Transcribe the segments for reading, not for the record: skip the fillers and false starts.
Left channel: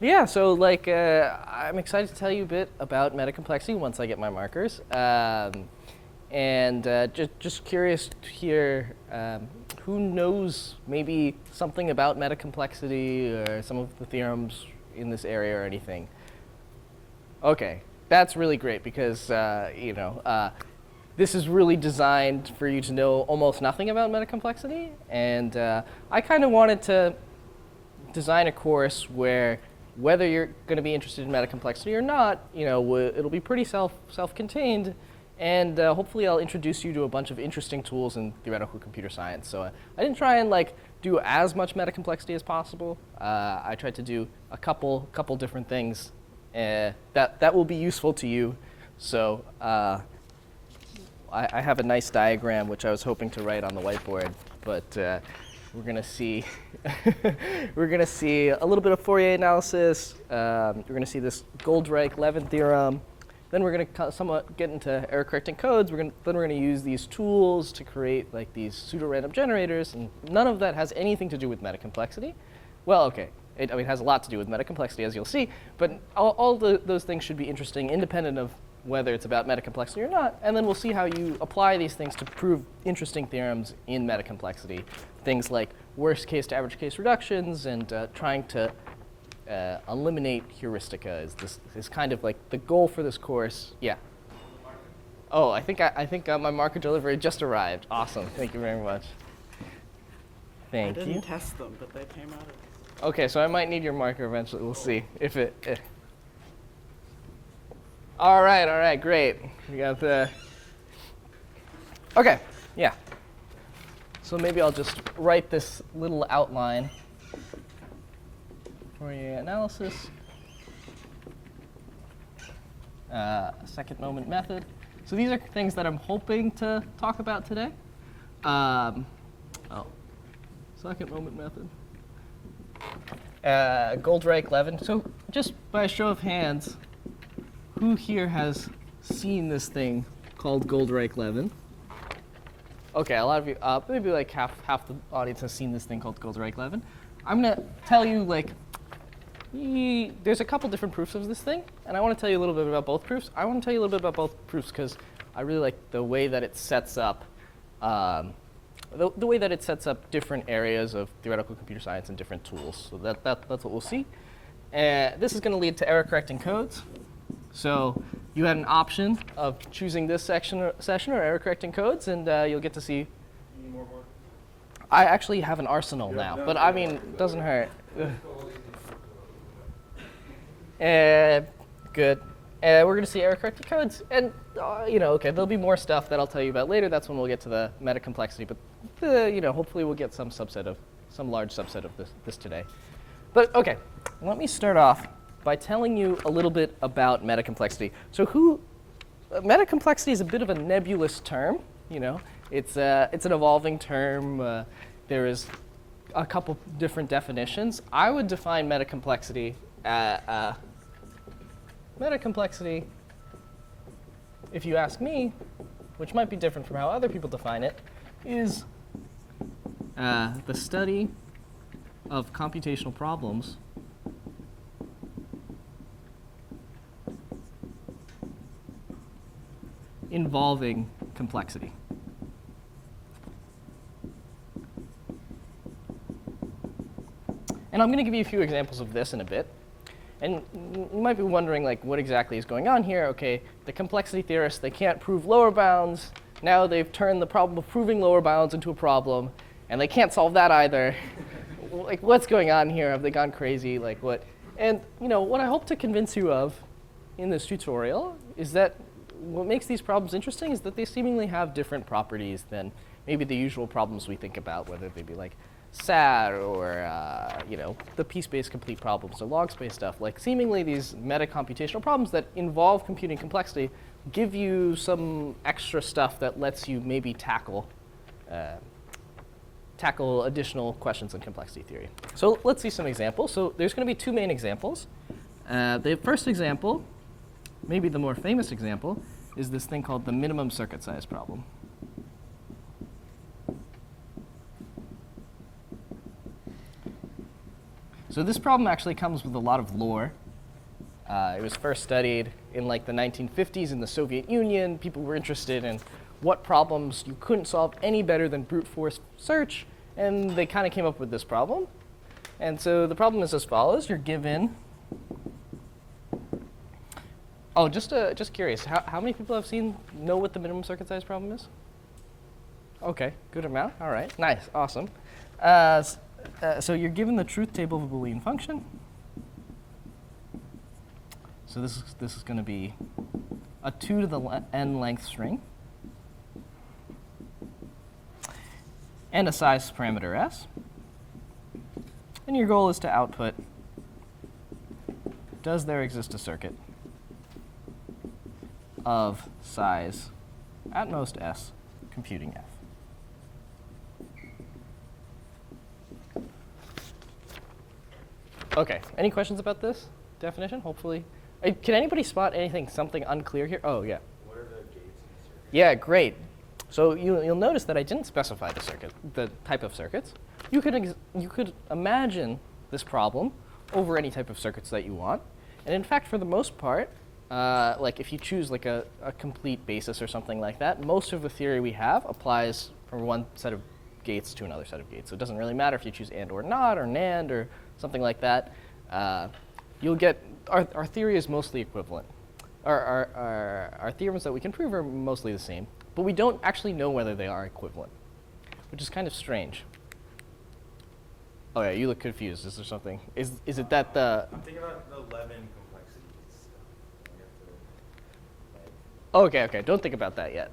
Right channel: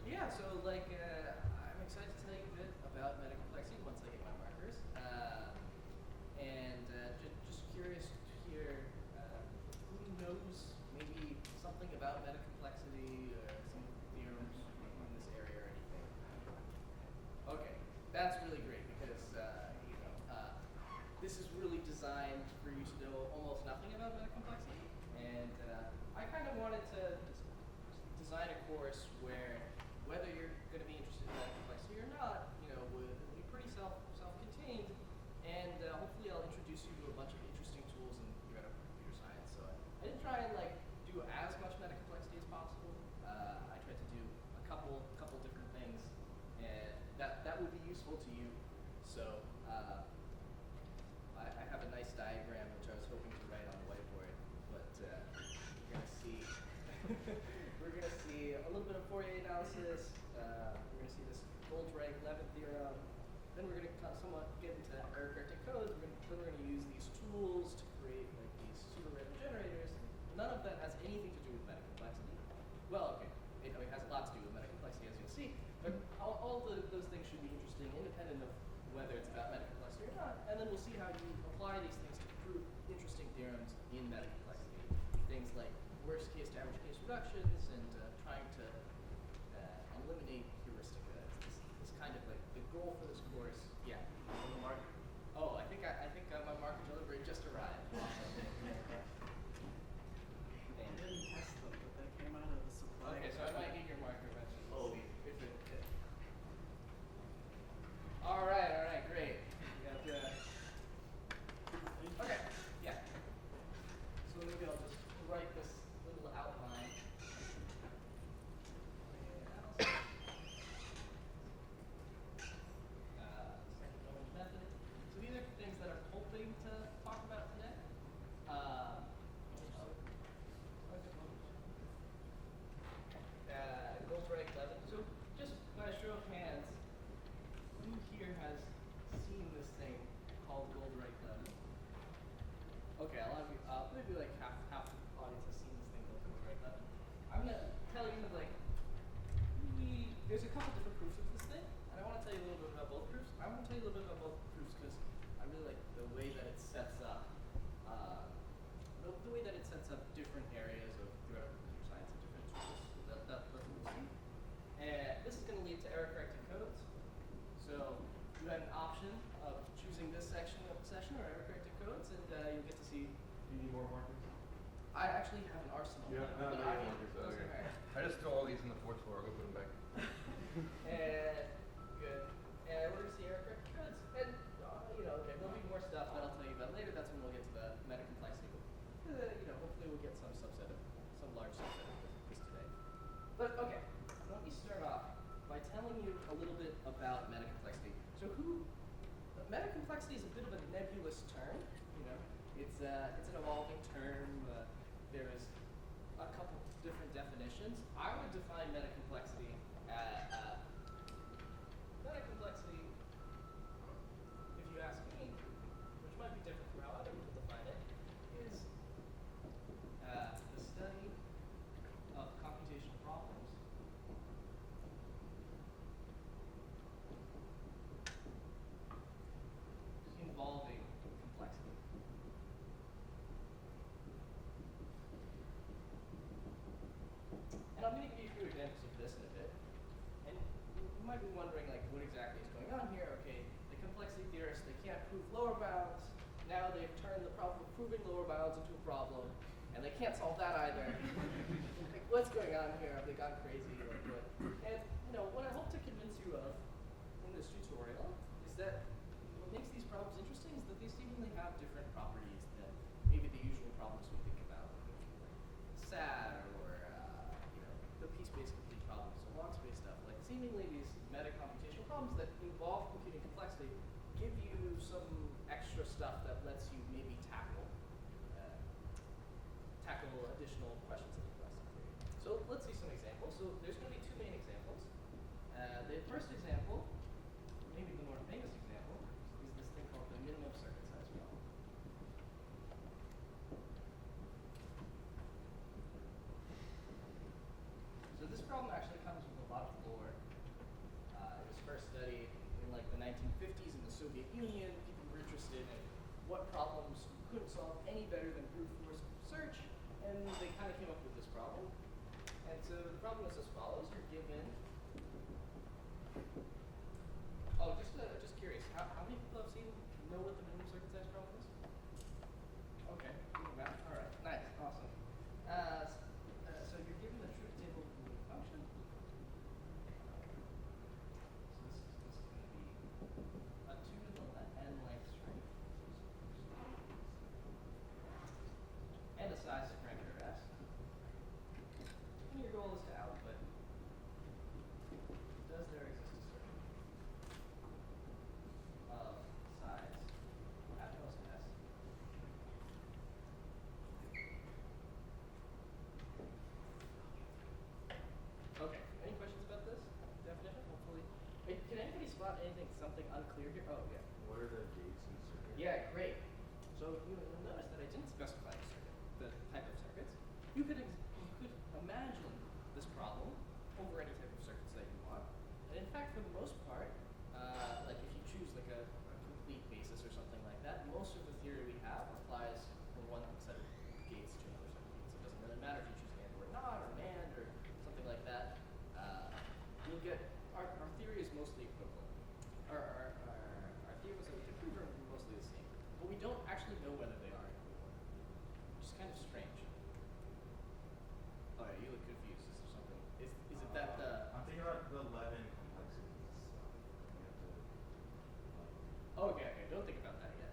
Yeah, so like I'm excited to tell you a bit about metacomplexity once I get my markers. And just curious to hear who knows maybe something about metacomplexity or some of the theorems in this area or anything. Okay, that's really great because this is really designed for you to know almost nothing about metacomplexity, and I kind of wanted to design a course where whether you're going to be interested in metacomplexity or not, it'll be pretty self-contained, and hopefully I'll introduce you to a bunch of interesting tools in theoretical computer science. So I didn't try and like do as much metacomplexity as possible. I tried to do a couple different things that will be useful to you. So I have a nice diagram which I was hoping to write on the whiteboard, but we're going to see we're going to see a little bit of Fourier analysis. We're going to see this Goldreich-Levin theorem. Then we're going to somewhat get into error-correcting codes. Then we're going to use these tools to create like these pseudo-random generators, and none of that has anything to do with metacomplexity. Well, okay, it has a lot to do with metacomplexity, as you'll see, but all those things should be interesting, independent of whether it's about metacomplexity or not, and then we'll see how you apply these things to prove interesting theorems in metacomplexity. Things like worst case to average case reductions and trying to eliminate heuristica is kind of like the goal for this course. Yeah. Oh, I think my marker delivery just arrived. Awesome. Thank you very much. Thank you. I didn't test them, but they came out of this. Okay, so I might need your marker eventually. We'll see if it. All right, great. We got the. Okay, yeah. So maybe I'll just write this little outline for your analysis. Second moment method. So these are things that I'm hoping to talk about today. Second moment method. Goldreich-Levin. So just by a show of hands, who here has seen this thing called Goldreich-Levin? Okay, a lot of you, maybe like half the audience has seen this thing called Goldreich-Levin. I'm going to tell you, like, there's a couple different proofs of this thing, and I want to tell you a little bit about both proofs. I want to tell you a little bit about both proofs because I really like the way that it sets up, the way that it sets up different areas of theoretical computer science and different tools. So that's what we'll see. This is going to lead to error-correcting codes. So you had an option of choosing this session or error-correcting codes, and you'll get to see. You need more markers? I actually have an arsenal now, but I mean, it doesn't hurt. Good. We're going to see error-corrected codes, and okay, there'll be more stuff that I'll tell you about later. That's when we'll get to the metacomplexity, but hopefully we'll get some large subset of this today. But okay, let me start off by telling you a little bit about metacomplexity. So metacomplexity is a bit of a nebulous term. It's an evolving term. There is a couple different definitions. I would define metacomplexity. Metacomplexity, if you ask me, which might be different from how other people define it, is the study of computational problems involving complexity. And I'm going to give you a few examples of this in a bit. And you might be wondering, like, what exactly is going on here? Okay, the complexity theorists, they can't prove lower bounds. Now they've turned the problem of proving lower bounds into a problem, and they can't solve that either. Like, what's going on here? Have they gone crazy? Like, what? And what I hope to convince you of in this tutorial is that what makes these problems interesting is that they seemingly have different properties than maybe the usual problems we think about, whether they be like SAT or the piece-based complete problems or log space stuff. Like, seemingly these meta-computational problems that involve computing complexity give you some extra stuff that lets you maybe tackle additional questions in complexity theory. So let's see some examples. So there's going to be two main examples. The first example, maybe the more famous example, is this thing called the minimum circuit size problem. So this problem actually comes with a lot of lore. It was first studied in like the 1950s in the Soviet Union. People were interested in what problems you couldn't solve any better than brute force search, and they kind of came up with this problem. And so the problem is as follows. You're given, oh, just curious, how many people know what the minimum circuit size problem is? Okay, good amount, all right, nice, awesome. So you're given the truth table of a Boolean function. So this is going to be a 2 to the n length string and a size parameter s. And your goal is to output, does there exist a circuit of size at most s computing f? Okay, any questions about this definition? Hopefully. Can anybody spot something unclear here? Oh, yeah. What are the gates in the circuit? Yeah, great. So you'll notice that I didn't specify the type of circuits. You could imagine this problem over any type of circuits that you want. And in fact, for the most part, like if you choose like a complete basis or something like that, most of the theory we have applies from one set of gates to another set of gates. So it doesn't really matter if you choose and or not or NAND or something like that. You'll get, our theory is mostly equivalent. Our theorems that we can prove are mostly the same, but we don't actually know whether they are equivalent, which is kind of strange. Oh yeah, you look confused. Is there something? Is it that the? I'm thinking about the Levin complexities. You have to, Okay. Don't think about that yet.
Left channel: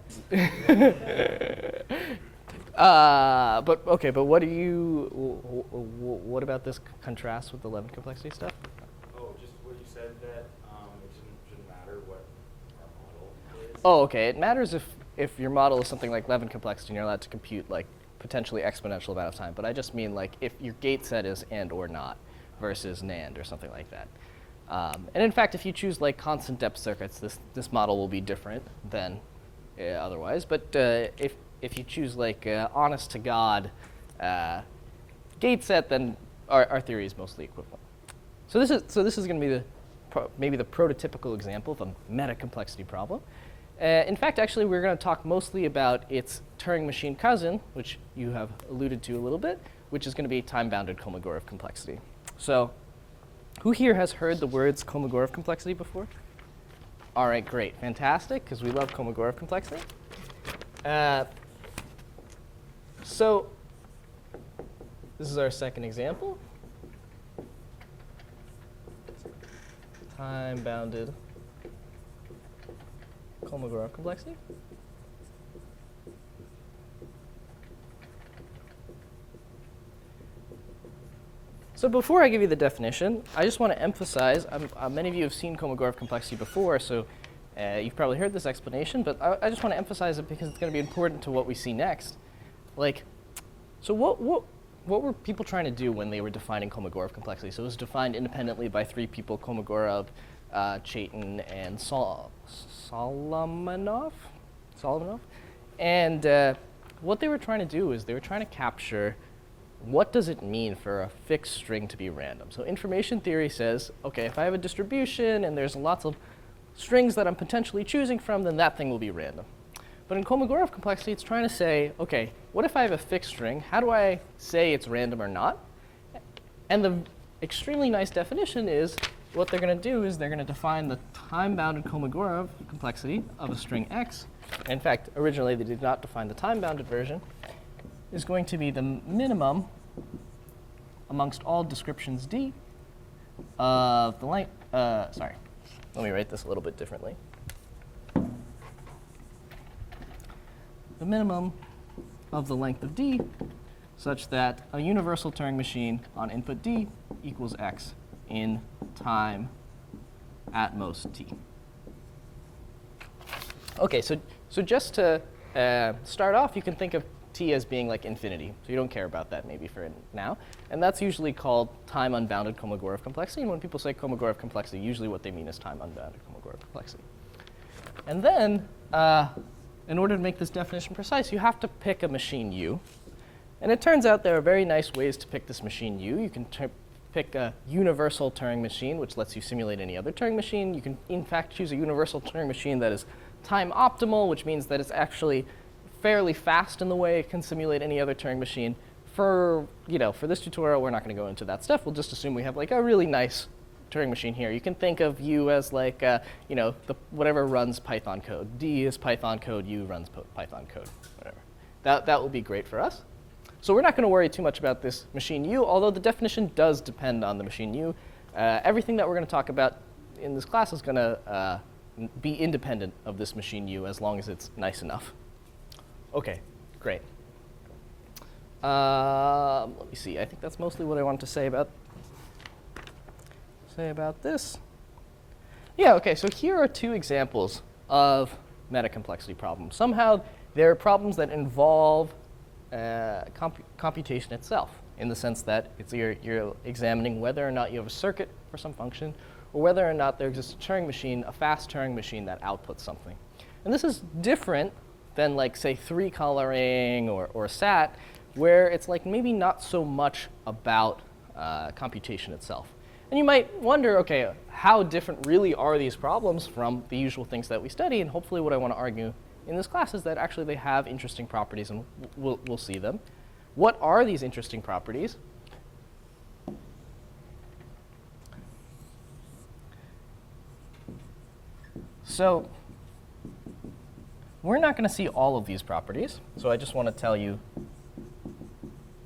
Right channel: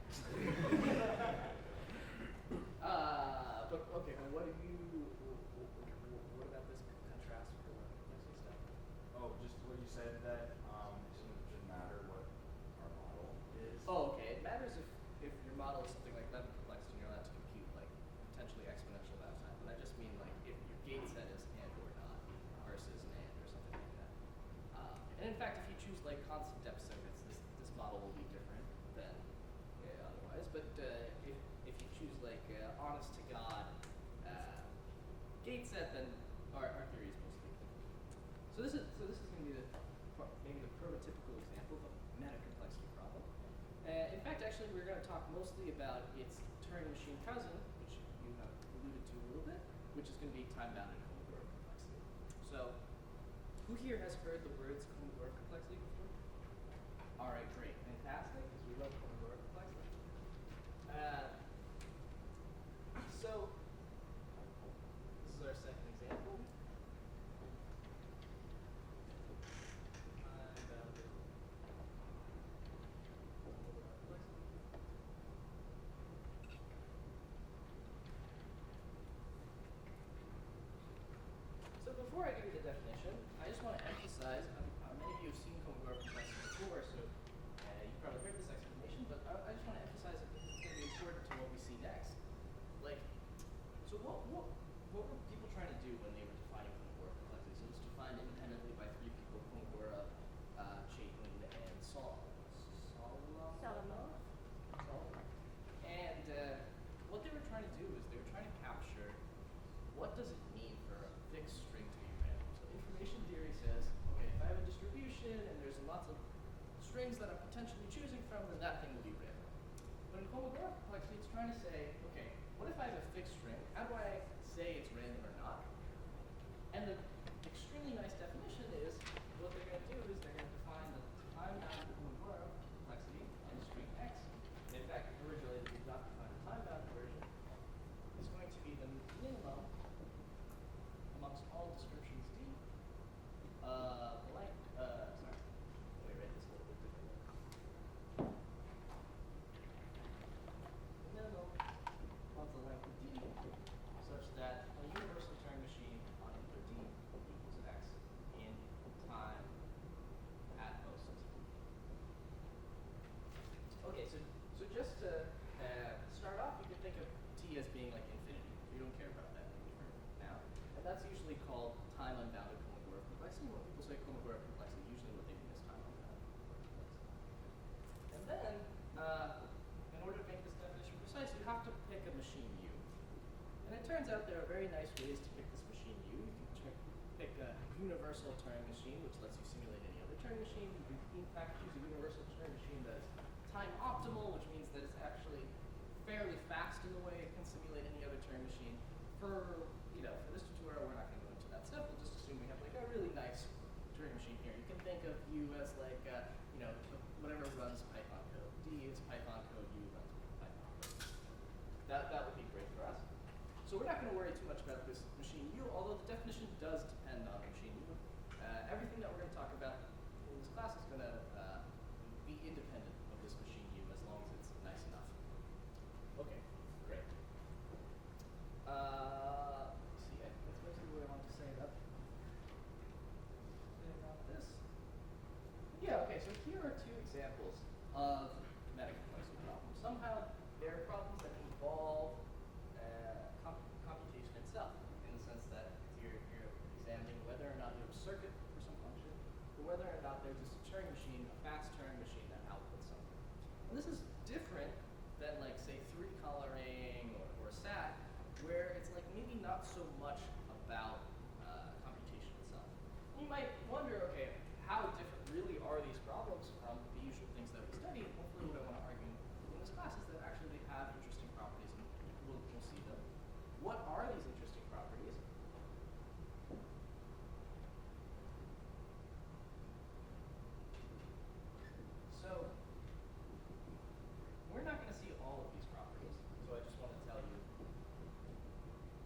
But what do you? What about this contrast with the Levin complexity stuff? oh, just what you said that it shouldn't matter what our model is. Oh, okay. It matters if your model is something like Levin complexity and you're allowed to compute like potentially exponential amount of time. But I just mean like if your gate set is and or not versus NAND or something like that. And in fact, if you choose like constant depth circuits, this model will be different than otherwise. But if you choose like honest to God gate set, then our theory is mostly equivalent. So this is going to be maybe the prototypical example of a meta-complexity problem. In fact, actually, we're going to talk mostly about its Turing machine cousin, which you have alluded to a little bit, which is going to be time-bounded Kolmogorov complexity. So who here has heard the words Kolmogorov complexity before? All right, great, fantastic, because we love Kolmogorov complexity. So this is our second example. Time-bounded Kolmogorov complexity. So before I give you the definition, I just want to emphasize, many of you have seen Kolmogorov complexity before, so you've probably heard this explanation, but I just want to emphasize it because it's going to be important to what we see next. Like, so what were people trying to do when they were defining Kolmogorov complexity? So it was defined independently by three people, Kolmogorov, Chaitin, and Solomonov. And what they were trying to do is they were trying to capture what does it mean for a fixed string to be random. So information theory says, okay, if I have a distribution and there's lots of strings that I'm potentially choosing from, then that thing will be random. But in Kolmogorov complexity, it's trying to say, okay, what if I have a fixed string? How do I say it's random or not? And the extremely nice definition is what they're going to do is they're going to define the time-bounded Kolmogorov complexity of a string x. In fact, originally they did not define the time-bounded version. Is going to be the minimum amongst all descriptions D of the length. Sorry, let me write this a little bit differently. The minimum of the length of D such that a universal Turing machine on input D equals x in time at most t. Okay, so just to start off, you can think of t as being like infinity. So you don't care about that maybe for now. And that's usually called time unbounded Kolmogorov complexity. And when people say Kolmogorov complexity, usually what they mean is time unbounded Kolmogorov complexity. And then, in order to make this definition precise, you have to pick a machine U. And it turns out there are very nice ways to pick this machine U. You can pick pick a universal Turing machine, which lets you simulate any other Turing machine. You can, in fact, choose a universal Turing machine that is time optimal, which means that it's actually fairly fast in the way it can simulate any other Turing machine. For this tutorial, we're not going to go into that stuff. We'll just assume we have like a really nice Turing machine here. You can think of U as like, whatever runs Python code. D is Python code, U runs Python code, whatever. That will be great for us. So we're not going to worry too much about this machine U, although the definition does depend on the machine U. Everything that we're going to talk about in this class is going to be independent of this machine U as long as it's nice enough. OK, great. Let me see. I think that's mostly what I wanted to say about this. Yeah, OK, so here are two examples of metacomplexity problems. Somehow, they're problems that involve computation itself, in the sense that you're examining whether or not you have a circuit for some function, or whether or not there exists a Turing machine, a fast Turing machine that outputs something. And this is different than, like, say, 3-coloring or SAT, where it's like maybe not so much about computation itself. And you might wonder, OK, how different really are these problems from the usual things that we study? And hopefully what I want to argue in this class is that actually they have interesting properties, and we'll see them. What are these interesting properties? So we're not going to see all of these properties. So I just want to tell you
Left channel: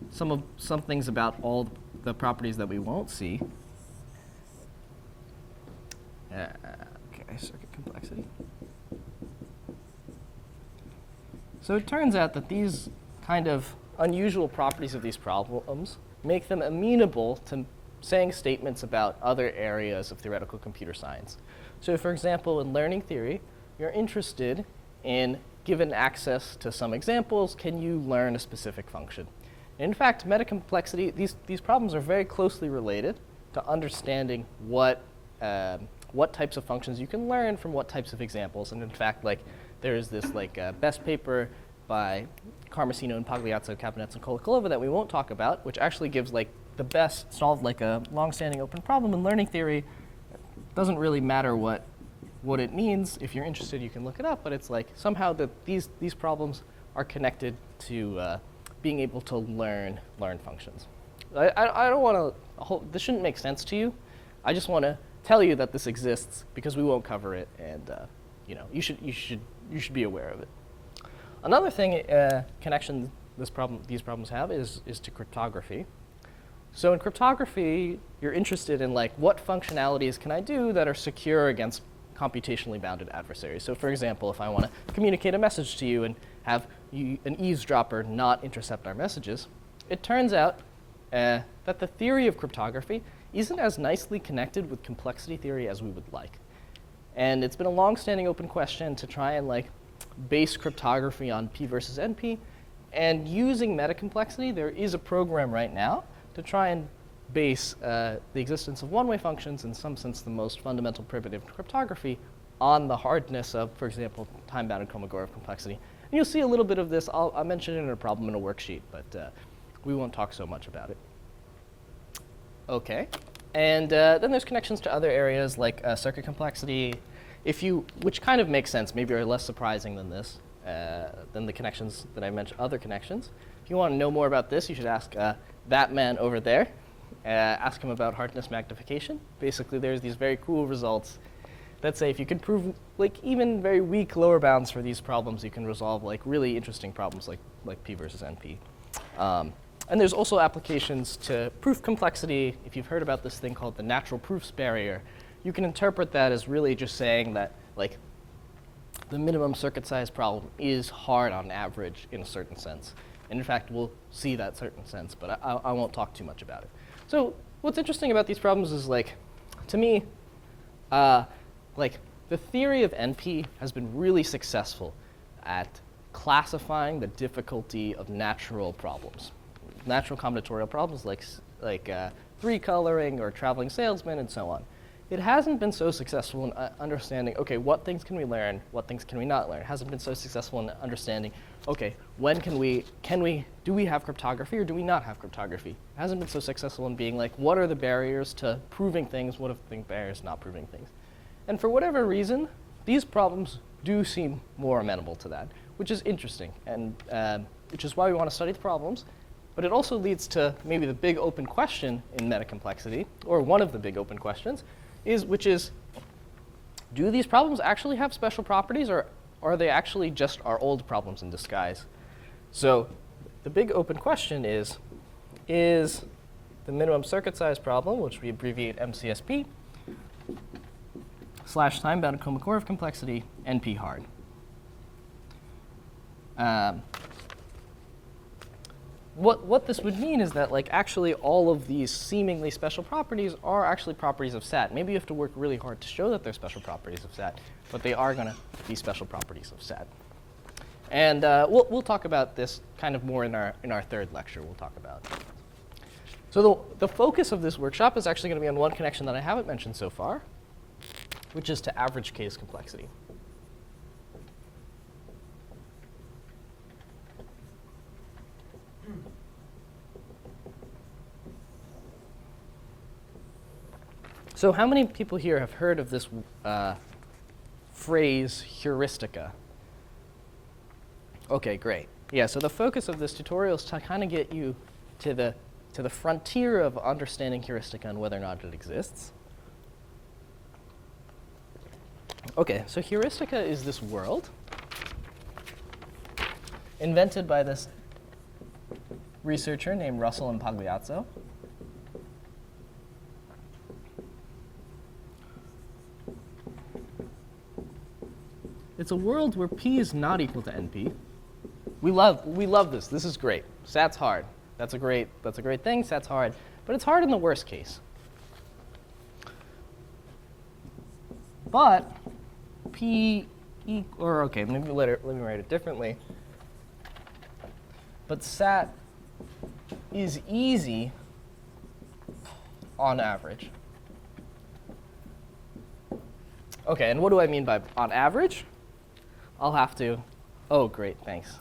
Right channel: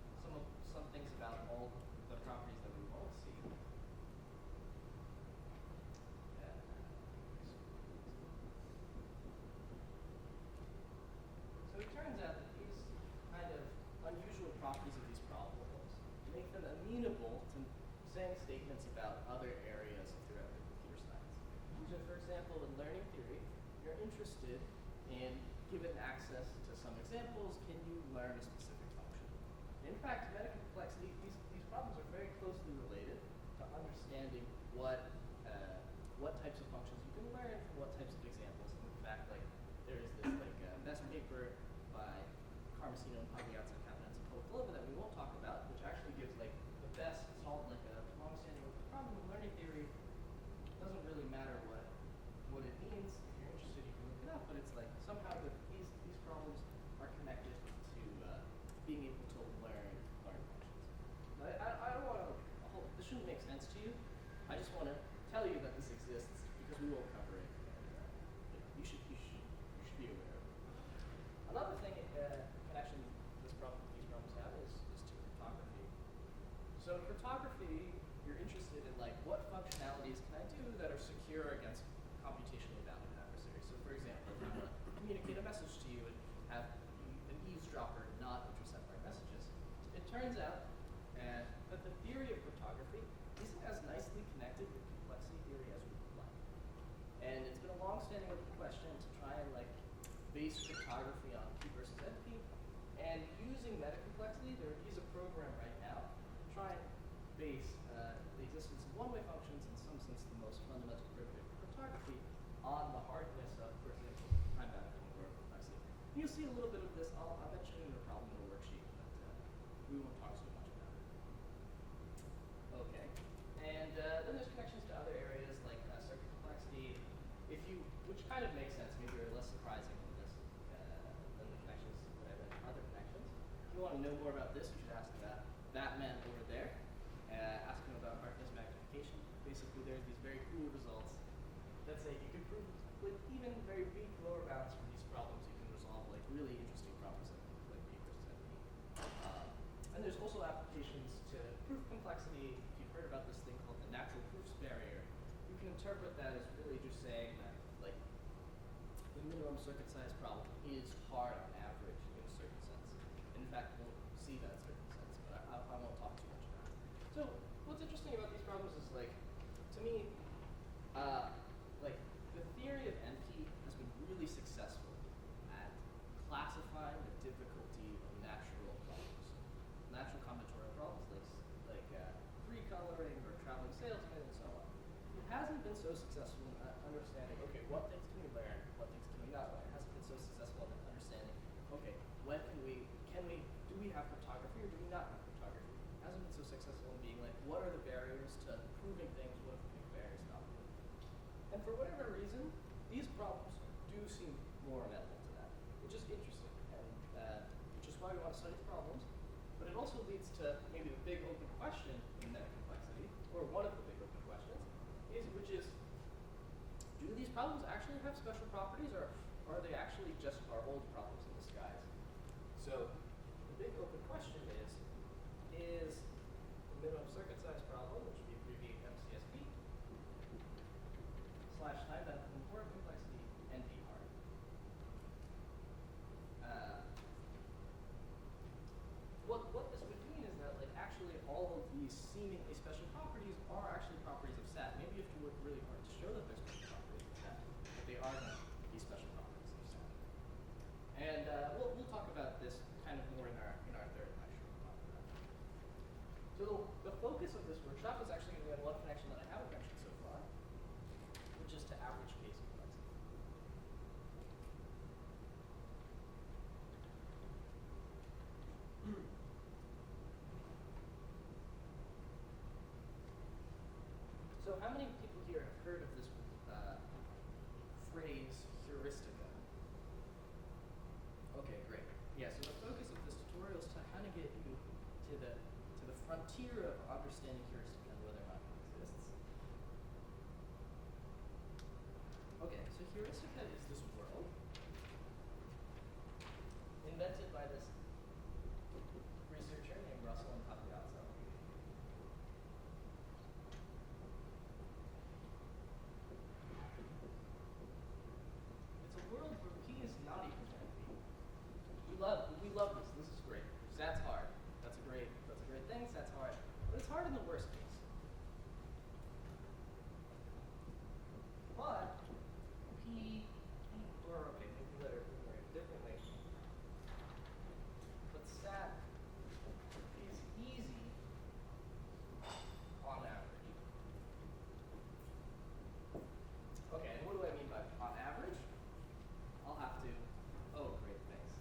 some things about all the properties that we won't see. OK, circuit complexity. So it turns out that these kind of unusual properties of these problems make them amenable to saying statements about other areas of theoretical computer science. So for example, in learning theory, you're interested in, given access to some examples, can you learn a specific function? And in fact, metacomplexity, these problems are very closely related to understanding what types of functions you can learn from what types of examples. And in fact, like, there is this best paper by Carmesino and Pagliazzo, Cabinets, and Kolokolova that we won't talk about, which actually gives the best, solved a long-standing open problem in learning theory. It doesn't really matter what it means. If you're interested, you can look it up. But it's like somehow that these problems are connected to being able to learn functions. I don't want to. This shouldn't make sense to you. I just want to tell you that this exists because we won't cover it, and you should be aware of it. Another thing connection these problems have is to cryptography. So in cryptography, you're interested in what functionalities can I do that are secure against computationally bounded adversaries. So for example, if I want to communicate a message to you and have an eavesdropper not intercept our messages, it turns out that the theory of cryptography isn't as nicely connected with complexity theory as we would like. And it's been a long-standing open question to try and base cryptography on P versus NP. And using metacomplexity, there is a program right now to try and base the existence of one-way functions, in some sense the most fundamental primitive cryptography, on the hardness of, for example, time-bounded Kolmogorov complexity. And you'll see a little bit of this. I'll mention it in a problem in a worksheet, but we won't talk so much about it. OK. And then there's connections to other areas like circuit complexity, which kind of makes sense, maybe are less surprising than this, than the connections that I mentioned, other connections. If you want to know more about this, you should ask that man over there. Ask him about hardness magnification. Basically, there's these very cool results that say if you can prove even very weak lower bounds for these problems, you can resolve really interesting problems like P versus NP. And there's also applications to proof complexity. If you've heard about this thing called the natural proofs barrier, you can interpret that as really just saying that the minimum circuit size problem is hard on average in a certain sense. And in fact, we'll see that certain sense, but I won't talk too much about it. So what's interesting about these problems is, to me, the theory of NP has been really successful at classifying the difficulty of natural problems, natural combinatorial problems like 3-coloring or traveling salesman and so on. it hasn't been so successful in understanding, okay, what things can we learn, what things can we not learn. It hasn't been so successful in understanding, okay, when do we have cryptography or do we not have cryptography? It hasn't been so successful in being like, what are the barriers to proving things, what are the barriers to not proving things? And for whatever reason, these problems do seem more amenable to that, which is interesting, and which is why we want to study the problems. But it also leads to maybe the big open question in metacomplexity, or one of the big open questions, which is, do these problems actually have special properties, or are they actually just our old problems in disguise? So the big open question is the minimum circuit size problem, which we abbreviate MCSP, / time-bound Kolmogorov complexity, NP hard. What this would mean is that, like, actually all of these seemingly special properties are actually properties of SAT. Maybe you have to work really hard to show that they're special properties of SAT, but they are going to be special properties of SAT. And we'll talk about this kind of more in our third lecture. We'll talk about. So the focus of this workshop is actually going to be on one connection that I haven't mentioned so far, which is to average case complexity. So how many people here have heard of this phrase, heuristica? Okay, great. Yeah, so the focus of this tutorial is to kind of get you to the frontier of understanding heuristica and whether or not it exists. Okay, so heuristica is this world invented by this researcher named Russell and Pagliazzo. It's a world where P is not equal to NP. We love this. This is great. SAT's hard. That's a great thing. SAT's hard, but it's hard in the worst case. But P or okay, let me write it differently. But SAT is easy on average. Okay, and what do I mean by on average? I'll have to, oh great, thanks.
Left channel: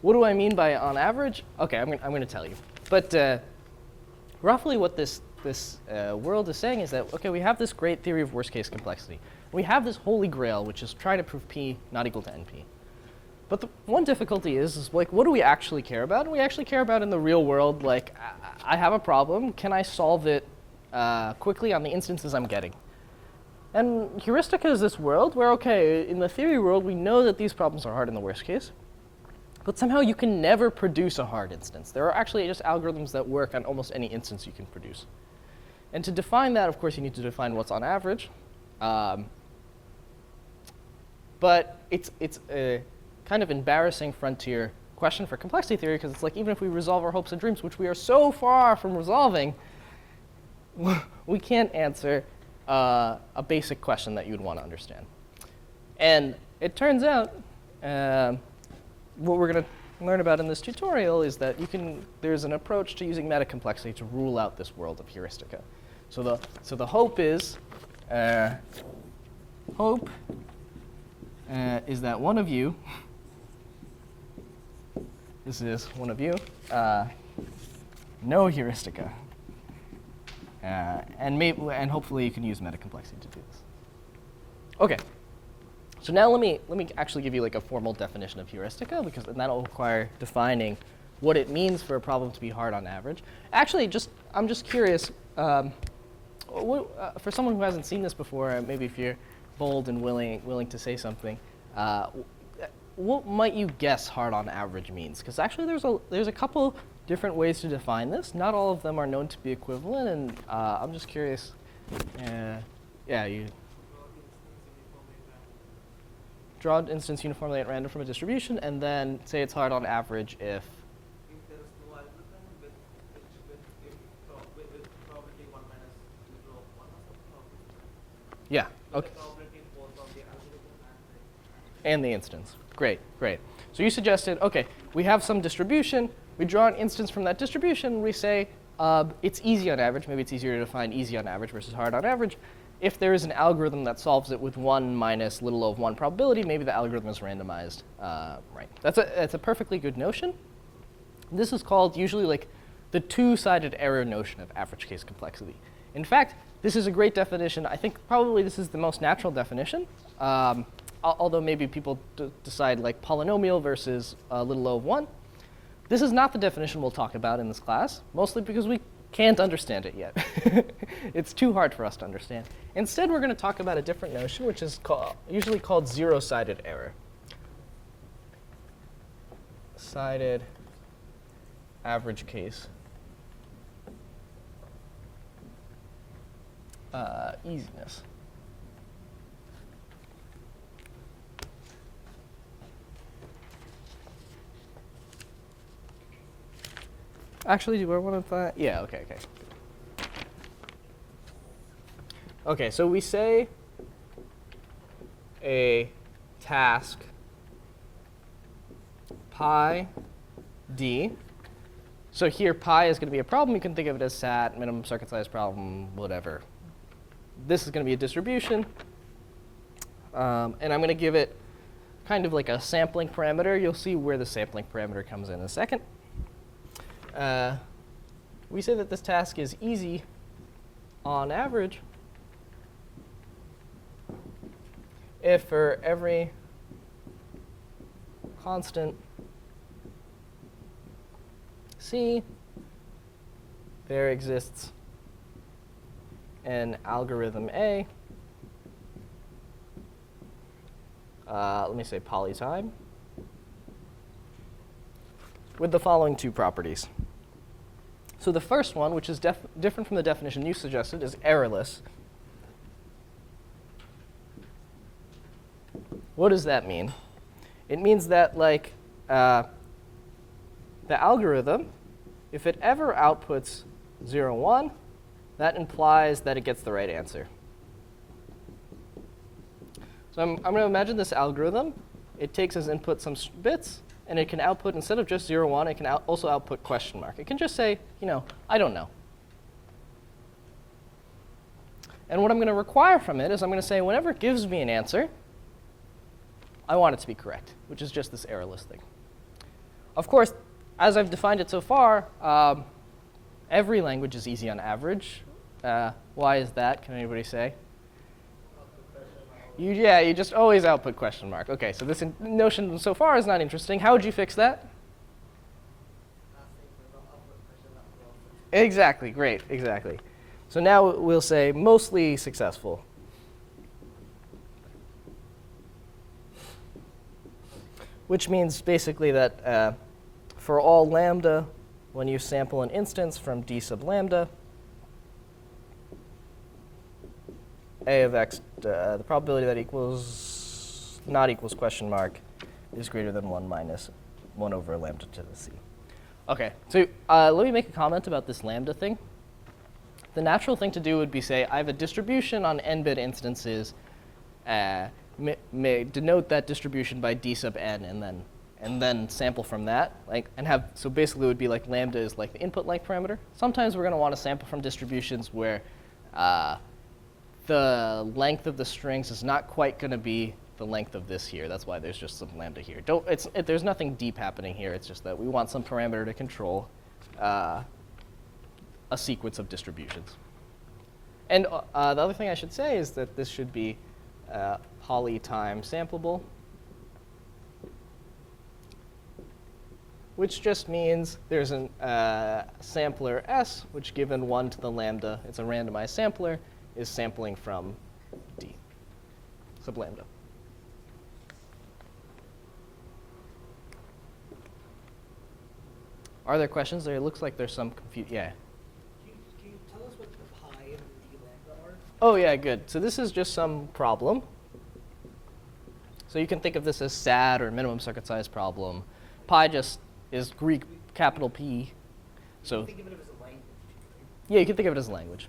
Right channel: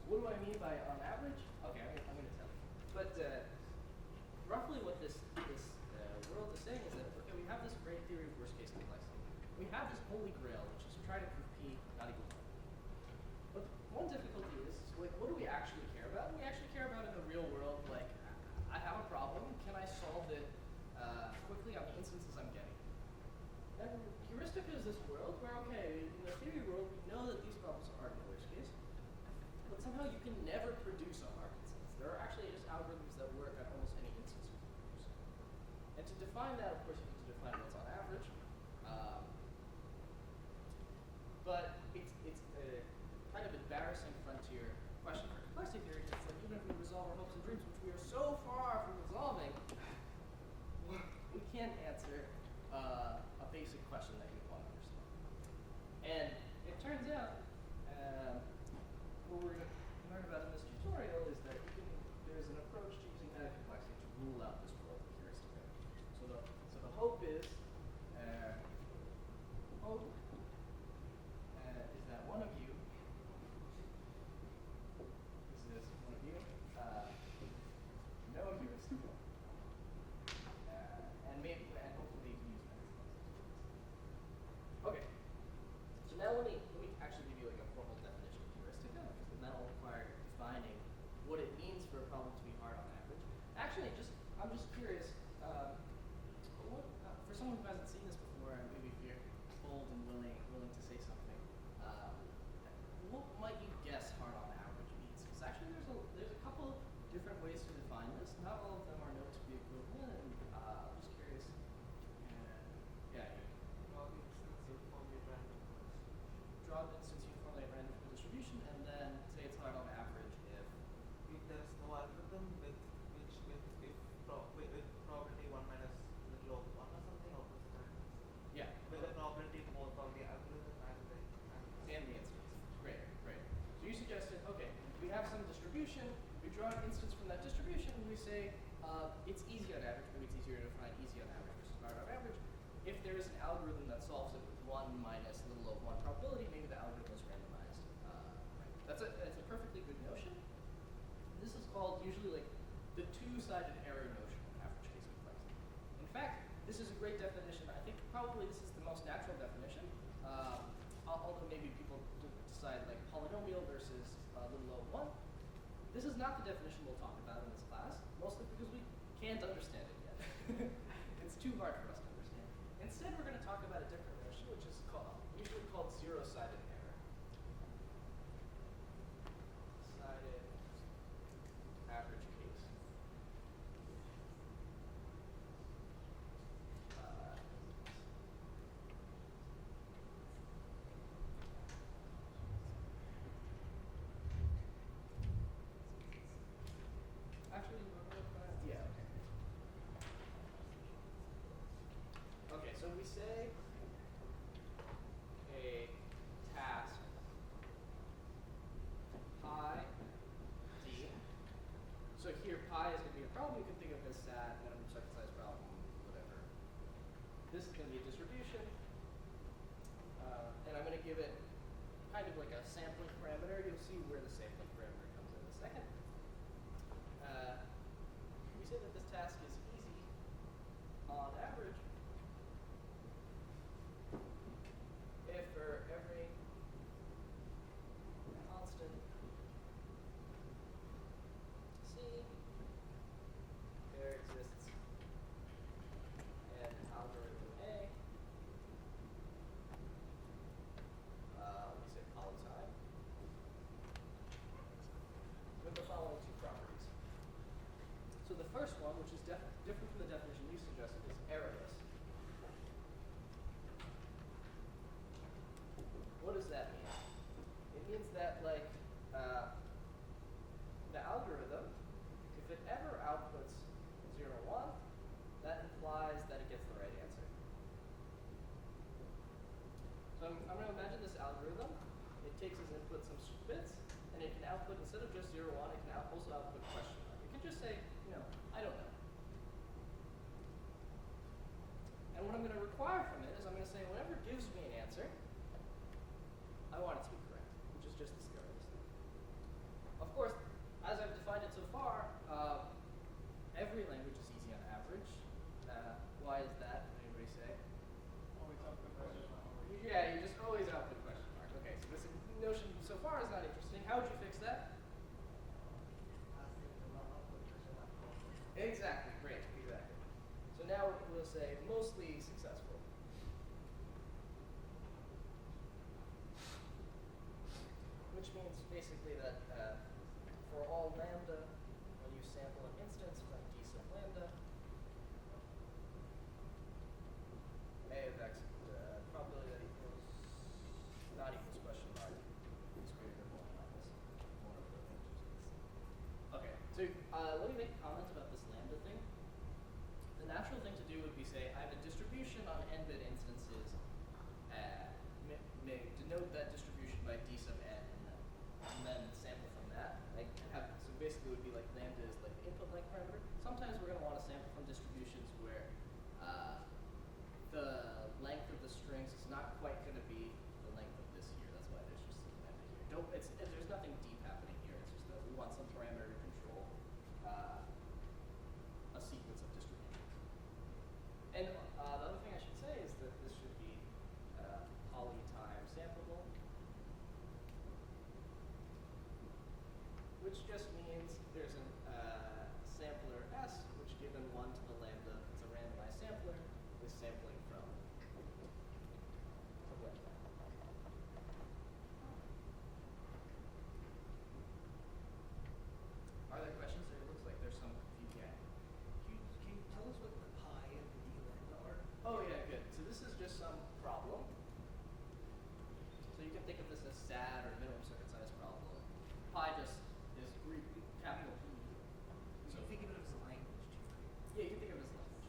What do I mean by on average? Okay, I'm going to tell you. But roughly what this world is saying is that, okay, we have this great theory of worst case complexity. We have this holy grail, which is try to prove P not equal to NP. But the one difficulty is like, what do we actually care about? And we actually care about in the real world, like, I have a problem. Can I solve it quickly on the instances I'm getting? And heuristica is this world where, okay, in the theory world, we know that these problems are hard in the worst case. But somehow you can never produce a hard instance. There are actually just algorithms that work on almost any instance you can produce. And to define that, of course, you need to define what's on average. But it's a kind of embarrassing frontier question for complexity theory, because it's like, even if we resolve our hopes and dreams, which we are so far from resolving, we can't answer a basic question that you'd want to understand. And it turns out, what we're going to learn about in this tutorial is that there's an approach to using metacomplexity to rule out this world of heuristica. So the hope is, is that one of you, this is one of you, know heuristica. And hopefully you can use metacomplexity to do this. Okay. So now let me actually give you like a formal definition of heuristica, because that'll require defining what it means for a problem to be hard on average. Actually, I'm just curious, for someone who hasn't seen this before, maybe if you're bold and willing to say something, what might you guess hard on average means? Because actually there's a couple different ways to define this. Not all of them are known to be equivalent, and I'm just curious. Yeah, you. Draw an instance uniformly at random from a distribution, and then say it's hard on average if. If there is no algorithm with probability 1 minus 0, 1 or something, or Yeah. Okay. probability in both of the algorithm And the instance. Great. So you suggested, okay, we have some distribution. We draw an instance from that distribution. We say It's easy on average. Maybe it's easier to define easy on average versus hard on average. If there is an algorithm that solves it with 1 minus little of 1 probability, maybe the algorithm is randomized. Right. That's a perfectly good notion. This is called usually like the two-sided error notion of average case complexity. In fact, this is a great definition. I think probably this is the most natural definition. Although maybe people decide like polynomial versus little o of 1. This is not the definition we'll talk about in this class, mostly because we can't understand it yet. It's too hard for us to understand. Instead, we're going to talk about a different notion, which is usually called zero-sided error. Sided average case easiness. Actually, do I want to? Yeah. Okay. Okay, so we say a task pi d. So here pi is going to be a problem. You can think of it as SAT, minimum circuit size problem, whatever. This is going to be a distribution. And I'm going to give it kind of like a sampling parameter. You'll see where the sampling parameter comes in a second. We say that this task is easy on average if for every constant C, there exists an algorithm A, let me say polytime, with the following two properties. So the first one, which is different from the definition you suggested, is errorless. What does that mean? It means that like the algorithm, if it ever outputs 0, 1, that implies that it gets the right answer. So I'm going to imagine this algorithm. It takes as input some bits, and it can output, instead of just 0, 1, it can also output question mark. It can just say, I don't know. And what I'm going to require from it is I'm going to say, whenever it gives me an answer, I want it to be correct, which is just this errorless thing. Of course, as I've defined it so far, every language is easy on average. Why is that? Can anybody say? You just always output question mark. OK, so this notion so far is not interesting. How would you fix that? Exactly, great, exactly. So now we'll say mostly successful. Which means basically that for all lambda, when you sample an instance from d sub lambda, a of x, the probability that not equals question mark is greater than 1 minus 1 over lambda to the c. OK, so let me make a comment about this lambda thing. The natural thing to do would be say, I have a distribution on n-bit instances. May denote that distribution by d sub n, and then sample from that, so basically it would be like lambda is like the input length parameter. Sometimes we're going to want to sample from distributions where the length of the strings is not quite going to be the length of this here. That's why there's just some lambda here. There's nothing deep happening here. It's just that we want some parameter to control a sequence of distributions. And the other thing I should say is that this should be polytime sampleable, which just means there's a sampler S, which given 1 to the lambda, it's a randomized sampler, is sampling from D sub lambda. Are there questions? There looks like there's some confusion. Yeah. Can you tell us what the pi and the d lambda are? Oh, yeah, good. So this is just some problem. So you can think of this as SAT or minimum circuit size problem. Pi just is Greek capital P. So Think of it as a language. yeah, you can think of it as a language.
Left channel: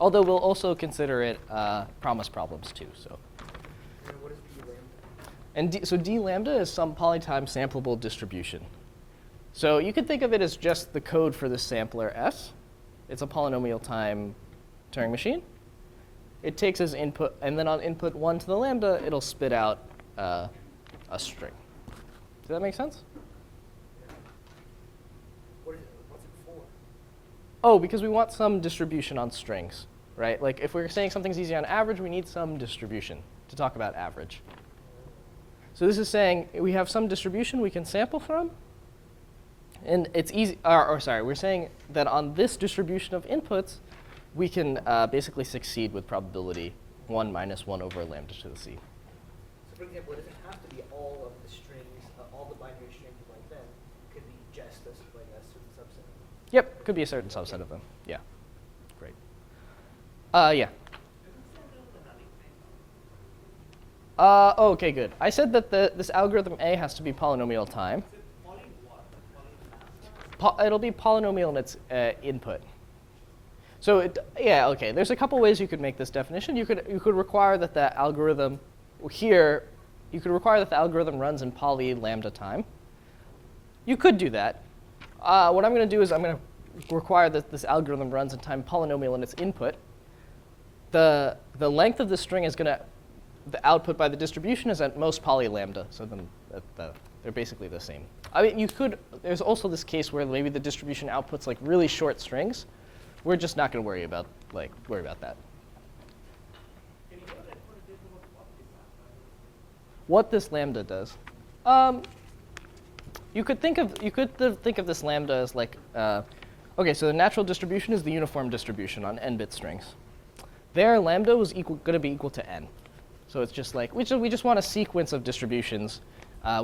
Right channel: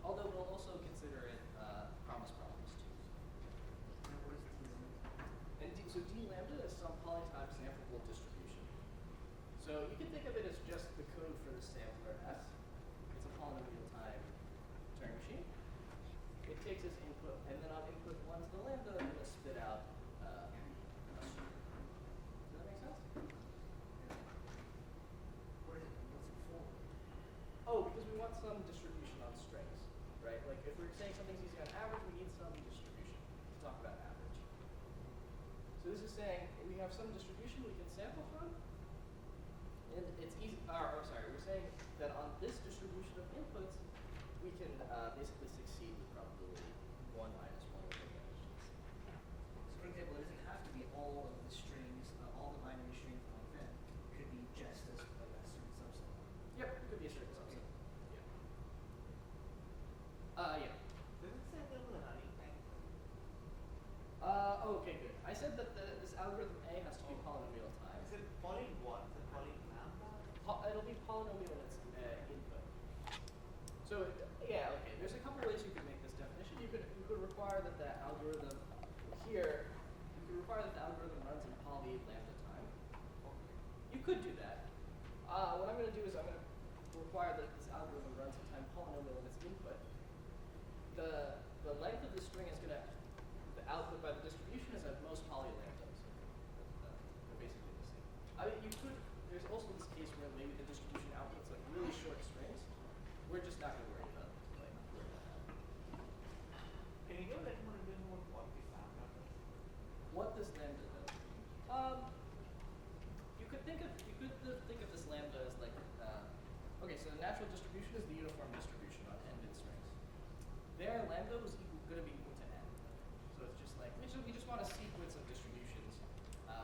Although we'll also consider it promise problems too. So And what is d lambda? and so d lambda is some polytime sampleable distribution. So you could think of it as just the code for the sampler S. It's a polynomial time Turing machine. It takes as input, and then on input 1 to the lambda, it'll spit out a string. Does that make sense? What's it for? Oh, because we want some distribution on strings, right? Like if we're saying something's easy on average, we need some distribution to talk about average. So this is saying we have some distribution we can sample from, and it's easy, or sorry, we're saying that on this distribution of inputs, we can basically succeed with probability 1 minus 1 over lambda to the c. So for example, it doesn't have to be all of the strings, all the binary strings like that. It could be just a, like a certain subset of them. Yep, could be a certain subset of them. Yeah, great. Yeah. Okay, good. I said that this algorithm A has to be polynomial time. It'll be polynomial in its input. So yeah, okay. There's a couple ways you could make this definition. You could require that the algorithm here. You could require that the algorithm runs in poly lambda time. You could do that. What I'm going to do is I'm going to require that this algorithm runs in time polynomial in its input. The length of the string is going to the output by the distribution is at most poly lambda. So then they're basically the same. I mean, you could. There's also this case where maybe the distribution outputs like really short strings. We're just not going to worry about that. Can you go ahead and give me what What this lambda does, you could think of this lambda as like, okay, so the natural distribution is the uniform distribution on n-bit strings. There, lambda was going to be equal to n. So it's just like we just want a sequence of distributions.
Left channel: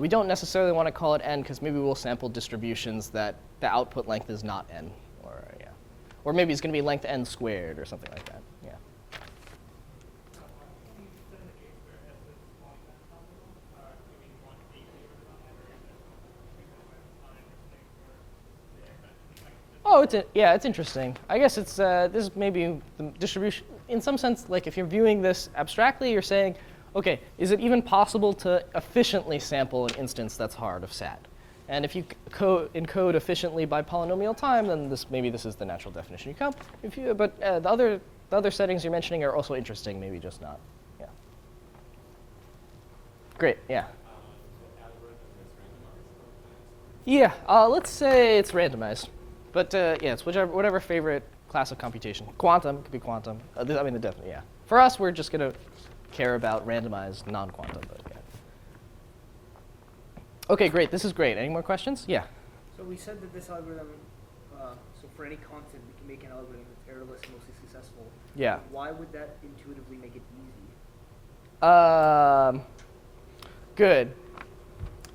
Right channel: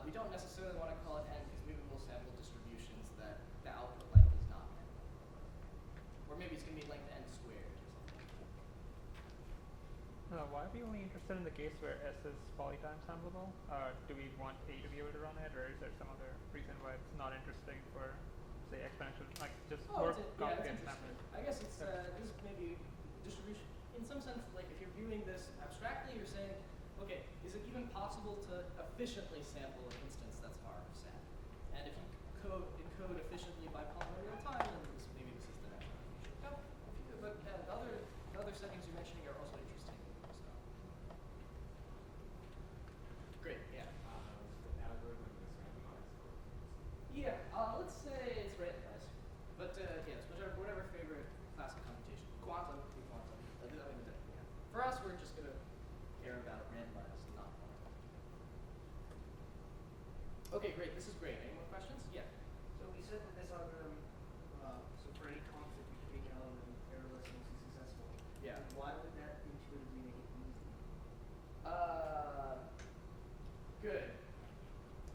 We don't necessarily want to call it n because maybe we'll sample distributions that the output length is not n. Or maybe it's going to be length n squared or something like that. Yeah. Why are we only interested in the case where S is polytime sampleable? Do we want A to be able to run it, or is there some other reason why it's not interesting for the exponential? Like just It's interesting. I guess it's this is maybe the distribution in some sense. Like if you're viewing this abstractly, you're saying, okay, is it even possible to efficiently sample an instance that's hard of SAT? And if you encode efficiently by polynomial time, then maybe this is the natural definition you come. But the other settings you're mentioning are also interesting, maybe just not. Yeah. Great. Yeah. Yeah. Let's say it's randomized, but yeah, it's whatever favorite class of computation. Quantum could be quantum. Yeah. For us, we're just gonna care about randomized non-quantum. But yeah. Okay, great. This is great. Any more questions? Yeah. So we said that this algorithm, so for any constant, we can make an algorithm that's errorless and mostly successful. Yeah. Why would that intuitively make it easy? Good.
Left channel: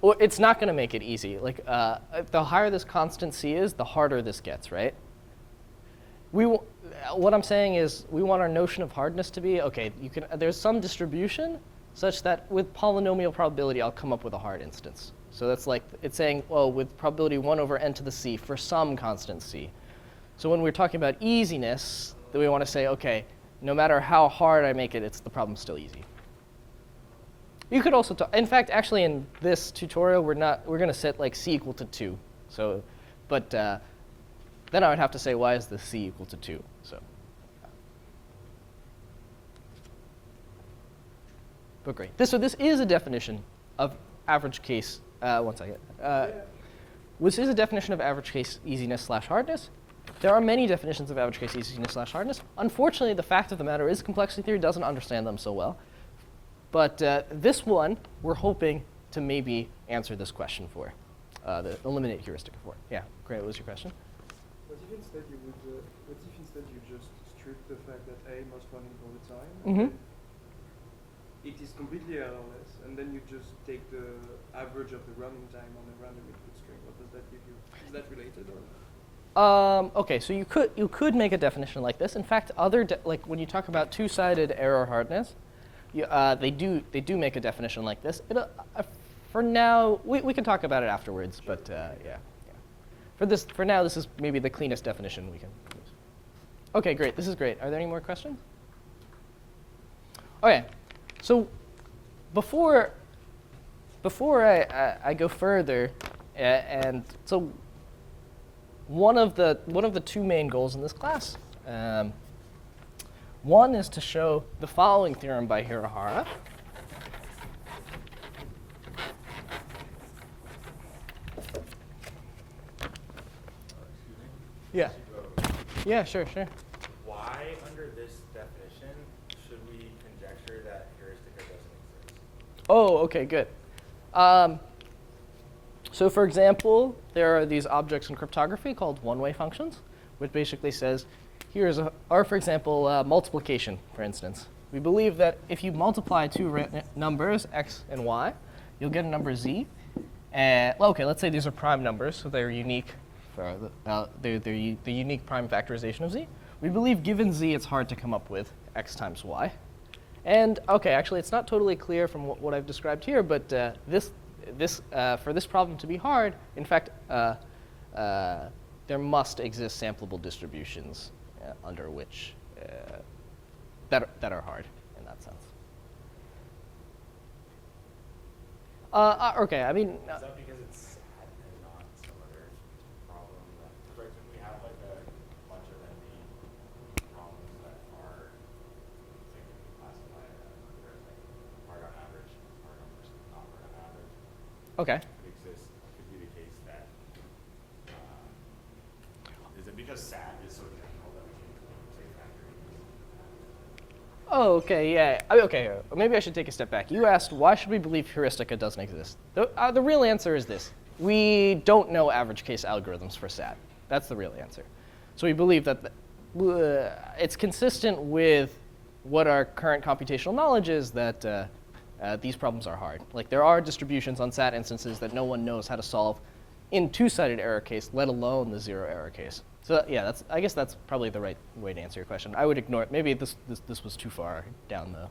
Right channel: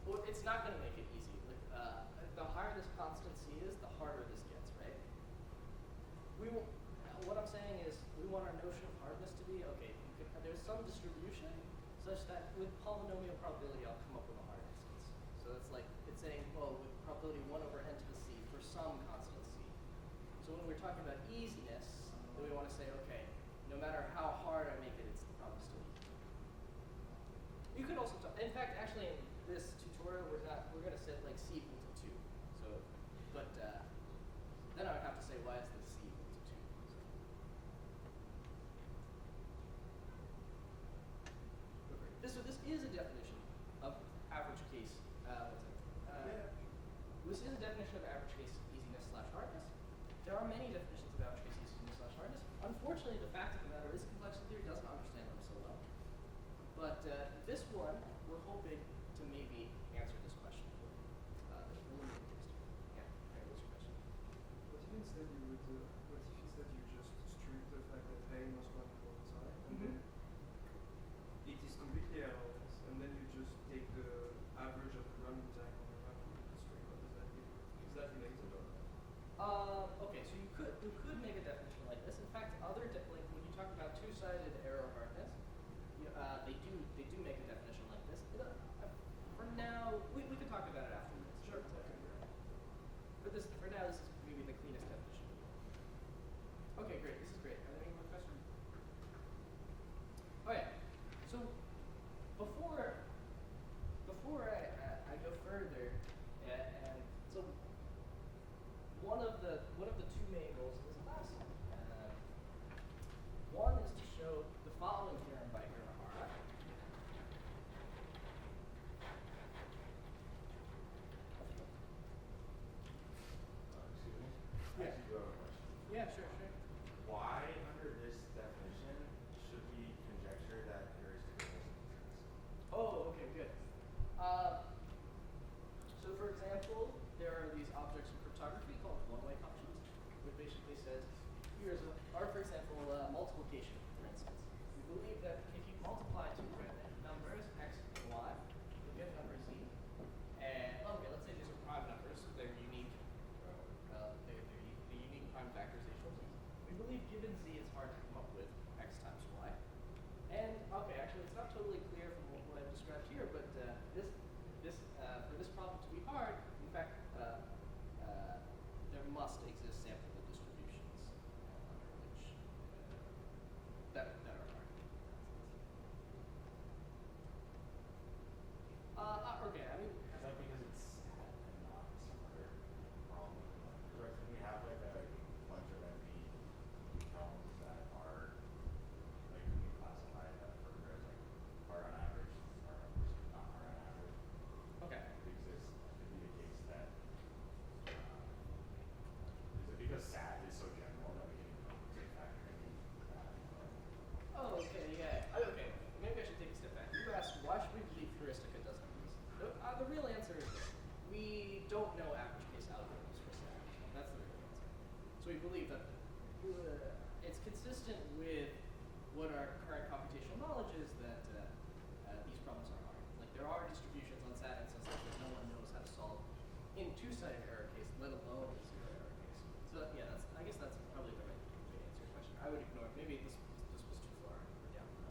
Well, it's not going to make it easy. Like, the higher this constant c is, the harder this gets, right? What I'm saying is we want our notion of hardness to be, okay, there's some distribution such that with polynomial probability, I'll come up with a hard instance. So that's like, it's saying, well, with probability 1 over n to the c for some constant c. So when we're talking about easiness, then we want to say, okay, no matter how hard I make it, the problem's still easy. You could also in fact, actually in this tutorial, we're going to set like c equal to 2. So, but then I would have to say, why is the c equal to 2? So. But great. So this is a definition of average case. One second. This is a definition of average case easiness/hardness. There are many definitions of average case easiness/hardness. Unfortunately, the fact of the matter is complexity theory doesn't understand them so well. But this one, we're hoping to maybe answer this question for, the eliminate heuristic for. Yeah, great. What was your question? What if instead you just strip the fact that A must run in all the time? Mm-hmm. It is completely errorless, and then you just take the average of the running time on the random input string. What does that give you? Is that related or? Okay, so you could make a definition like this. In fact, like when you talk about two-sided error hardness, they do make a definition like this. For now, we can talk about it afterwards. Sure. But yeah. For now, this is maybe the cleanest definition we can use. Okay, great. This is great. Are there any more questions? Okay. So before I go further, and so one of the two main goals in this class. One is to show the following theorem by Hirahara. Yeah. Yeah, sure. Why, under this definition, should we conjecture that heuristica doesn't exist? Oh, okay, good. So for example, there are these objects in cryptography called one-way functions, which basically says, for example, multiplication, for instance. We believe that if you multiply two numbers, x and y, you'll get a number z. And, well, okay, let's say these are prime numbers, so they're unique. They're the unique prime factorization of z. We believe given z, it's hard to come up with x times y. And okay, actually, it's not totally clear from what I've described here, but for this problem to be hard, in fact, there must exist sampleable distributions under which that are hard in that sense. Okay, I mean. Is that because it's sad and not some other problem? Like, can we have like a bunch of NP problems that are, like, can we classify as hard on average, hard on versus not hard on average? Okay. Could be the case that, is it because SAT is so general that we can say factoring? Oh, okay, yeah. Okay, maybe I should take a step back. You asked, why should we believe heuristica doesn't exist? The real answer is this. We don't know average case algorithms for SAT. That's the real answer. So we believe that it's consistent with what our current computational knowledge is that these problems are hard. Like, there are distributions on SAT instances that no one knows how to solve in two-sided error case, let alone the zero error case. So yeah, I guess that's probably the right way to answer your question. I would ignore it. Maybe this was too far down the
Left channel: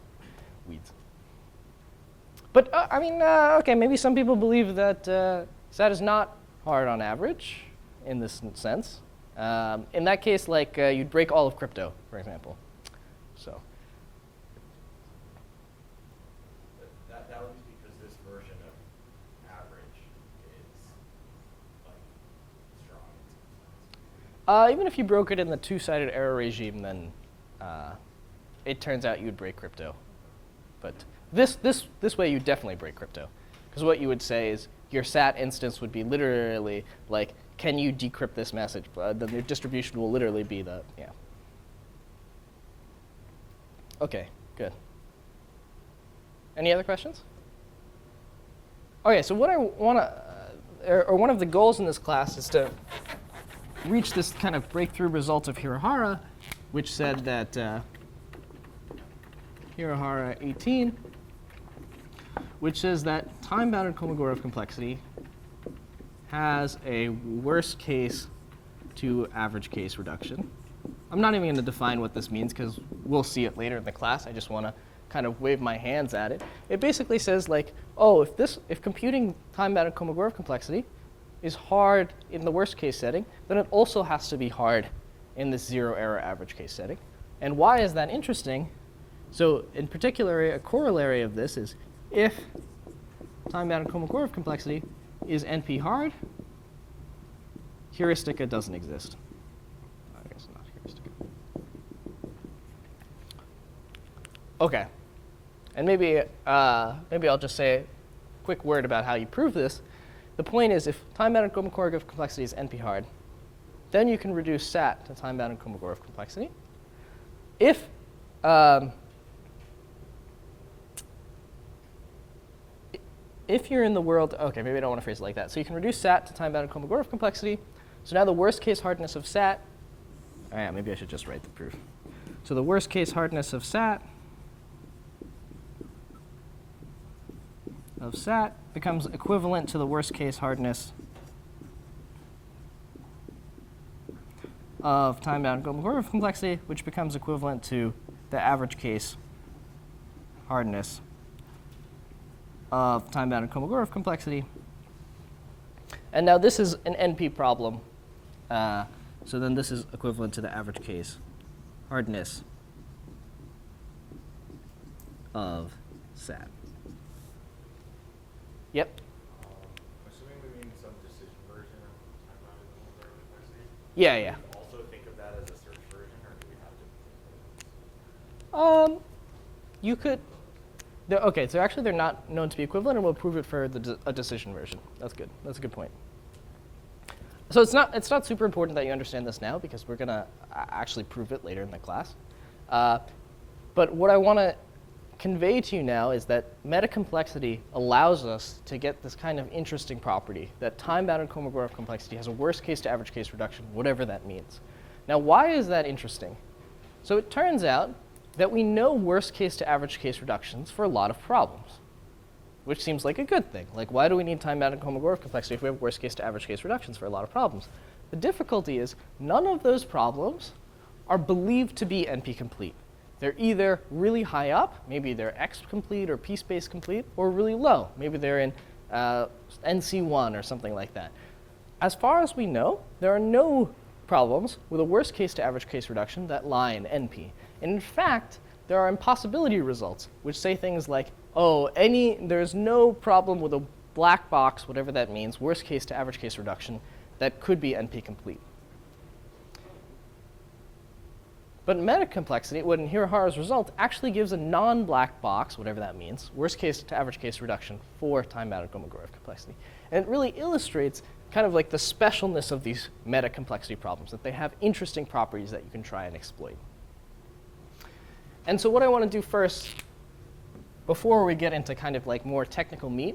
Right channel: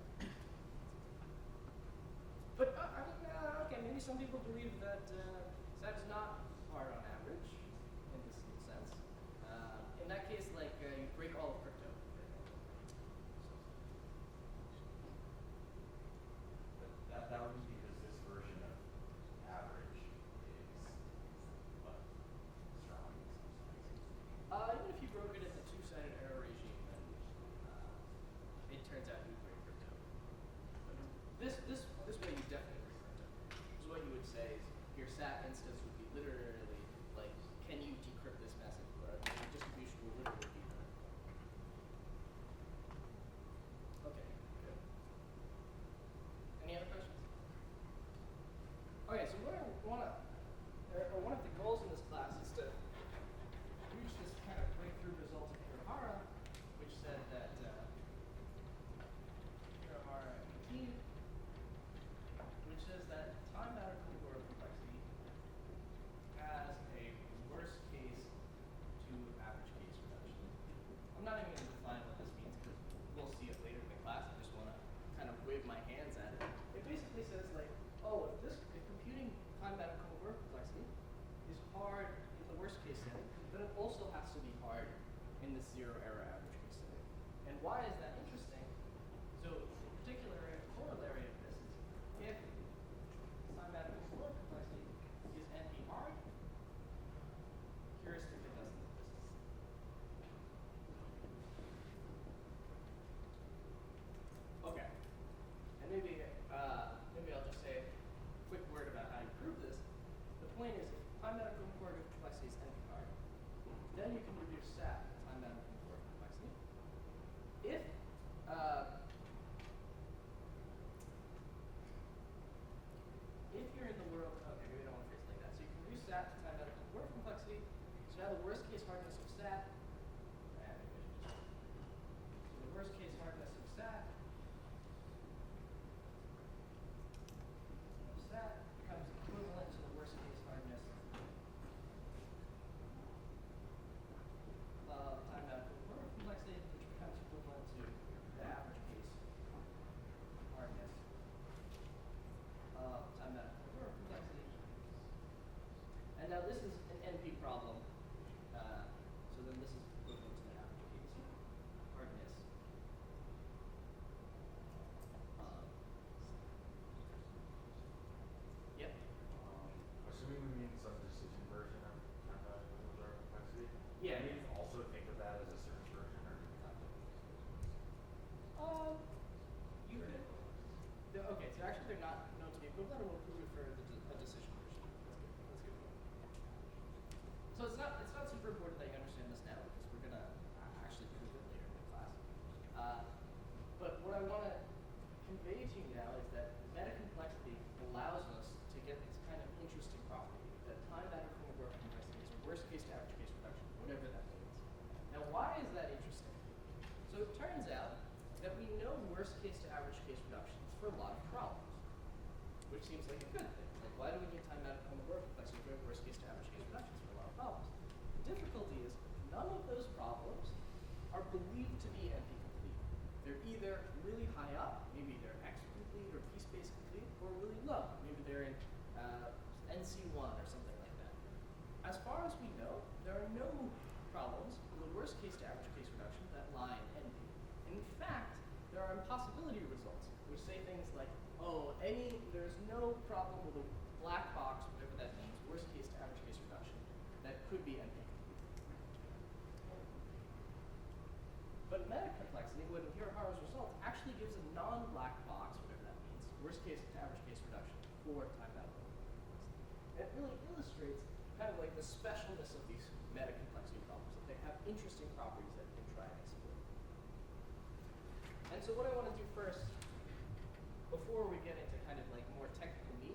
weeds. But I mean, okay, maybe some people believe that SAT is not hard on average in this sense. In that case, like you'd break all of crypto, for example. So. That would be because this version of average is like strong in some sense. Even if you broke it in the two-sided error regime, then it turns out you'd break crypto. But this way, you definitely break crypto, because what you would say is your SAT instance would be literally like, can you decrypt this message? Then your distribution will literally be the Okay, good. Any other questions? Okay, so what I want to, or one of the goals in this class is to reach this kind of breakthrough result of Hirahara, which said that Hirahara 18, which says that time-bounded Kolmogorov complexity has a worst case to average case reduction. I'm not even going to define what this means because we'll see it later in the class. I just want to kind of wave my hands at it. It basically says like, oh, if computing time-bounded Kolmogorov complexity is hard in the worst case setting, then it also has to be hard in this zero error average case setting. And why is that interesting? So in particular, a corollary of this is if time-bounded Kolmogorov complexity is NP hard, heuristica doesn't exist. I guess not heuristica. Okay. And maybe I'll just say a quick word about how you prove this. The point is, if time-bounded Kolmogorov complexity is NP hard, then you can reduce SAT to time-bounded Kolmogorov complexity. If you're in the world, okay, maybe I don't want to phrase it like that. So you can reduce SAT to time-bounded Kolmogorov complexity. So now the worst case hardness of SAT, oh yeah, maybe I should just write the proof. So the worst case hardness of SAT becomes equivalent to the worst case hardness of time-bound Kolmogorov complexity, which becomes equivalent to the average case hardness of time-bound Kolmogorov complexity. And now this is an NP problem. So then this is equivalent to the average case hardness of SAT. Yep. Assuming we mean some decision version of time-bounded Kolmogorov complexity, Yeah, Do yeah. we also think of that as a search version, or do we have to think You could. Okay, so actually they're not known to be equivalent, and we'll prove it for a decision version. That's good. That's a good point. So it's not super important that you understand this now, because we're gonna actually prove it later in the class. But what I want to convey to you now is that metacomplexity allows us to get this kind of interesting property that time-bounded Kolmogorov complexity has a worst case to average case reduction, whatever that means. Now, why is that interesting? So it turns out that we know worst case to average case reductions for a lot of problems, which seems like a good thing. Like, why do we need time-bounded Kolmogorov complexity if we have worst case to average case reductions for a lot of problems? The difficulty is none of those problems are believed to be NP complete. They're either really high up, maybe they're X complete or P space complete, or really low. Maybe they're in NC1 or something like that. As far as we know, there are no problems with a worst case to average case reduction that lie in NP. And in fact, there are impossibility results, which say things like, oh, there's no problem with a black box, whatever that means, worst case to average case reduction, that could be NP complete. But metacomplexity, what in Hirahara's result, actually gives a non-black box, whatever that means, worst case to average case reduction for time-bounded Kolmogorov complexity. And it really illustrates kind of like the specialness of these metacomplexity problems, that they have interesting properties that you can try and exploit. And so what I want to do first, before we get into kind of like more technical meat,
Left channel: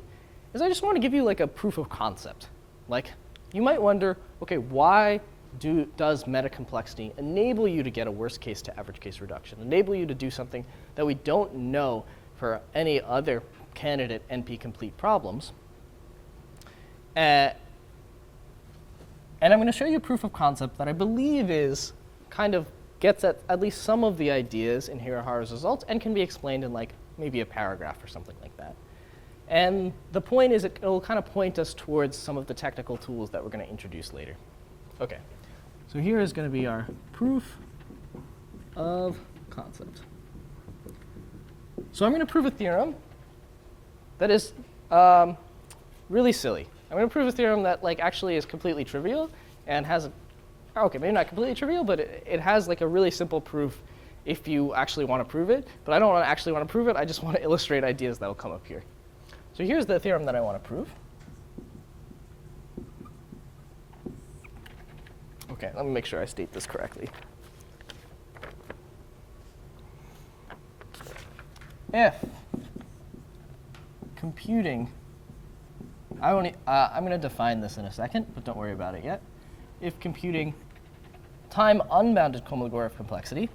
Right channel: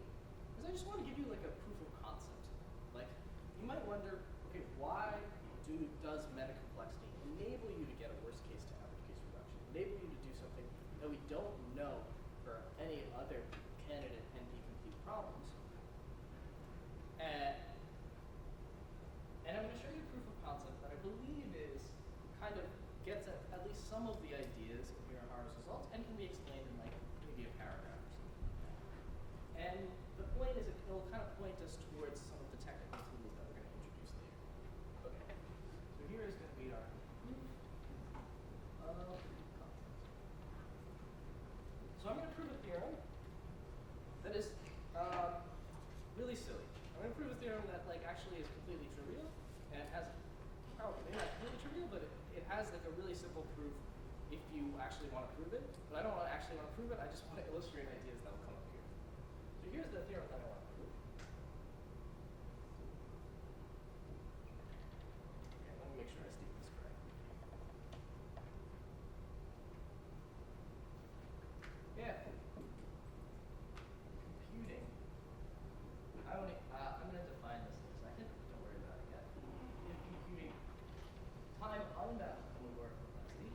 is I just want to give you like a proof of concept. Like, you might wonder, okay, why does metacomplexity enable you to get a worst case to average case reduction, enable you to do something that we don't know for any other candidate NP complete problems? And I'm going to show you a proof of concept that I believe is kind of gets at least some of the ideas in Hirahara's results and can be explained in like maybe a paragraph or something like that. And the point is it will kind of point us towards some of the technical tools that we're going to introduce later. Okay. So here is going to be our proof of concept. So I'm going to prove a theorem that is really silly. I'm going to prove a theorem that like actually is completely trivial and has okay, maybe not completely trivial, but it has like a really simple proof if you actually want to prove it. But I don't actually want to prove it. I just want to illustrate ideas that will come up here. So here's the theorem that I want to prove. Okay, let me make sure I state this correctly. If computing, I'm going to define this in a second, but don't worry about it yet. If computing time-unbounded Kolmogorov complexity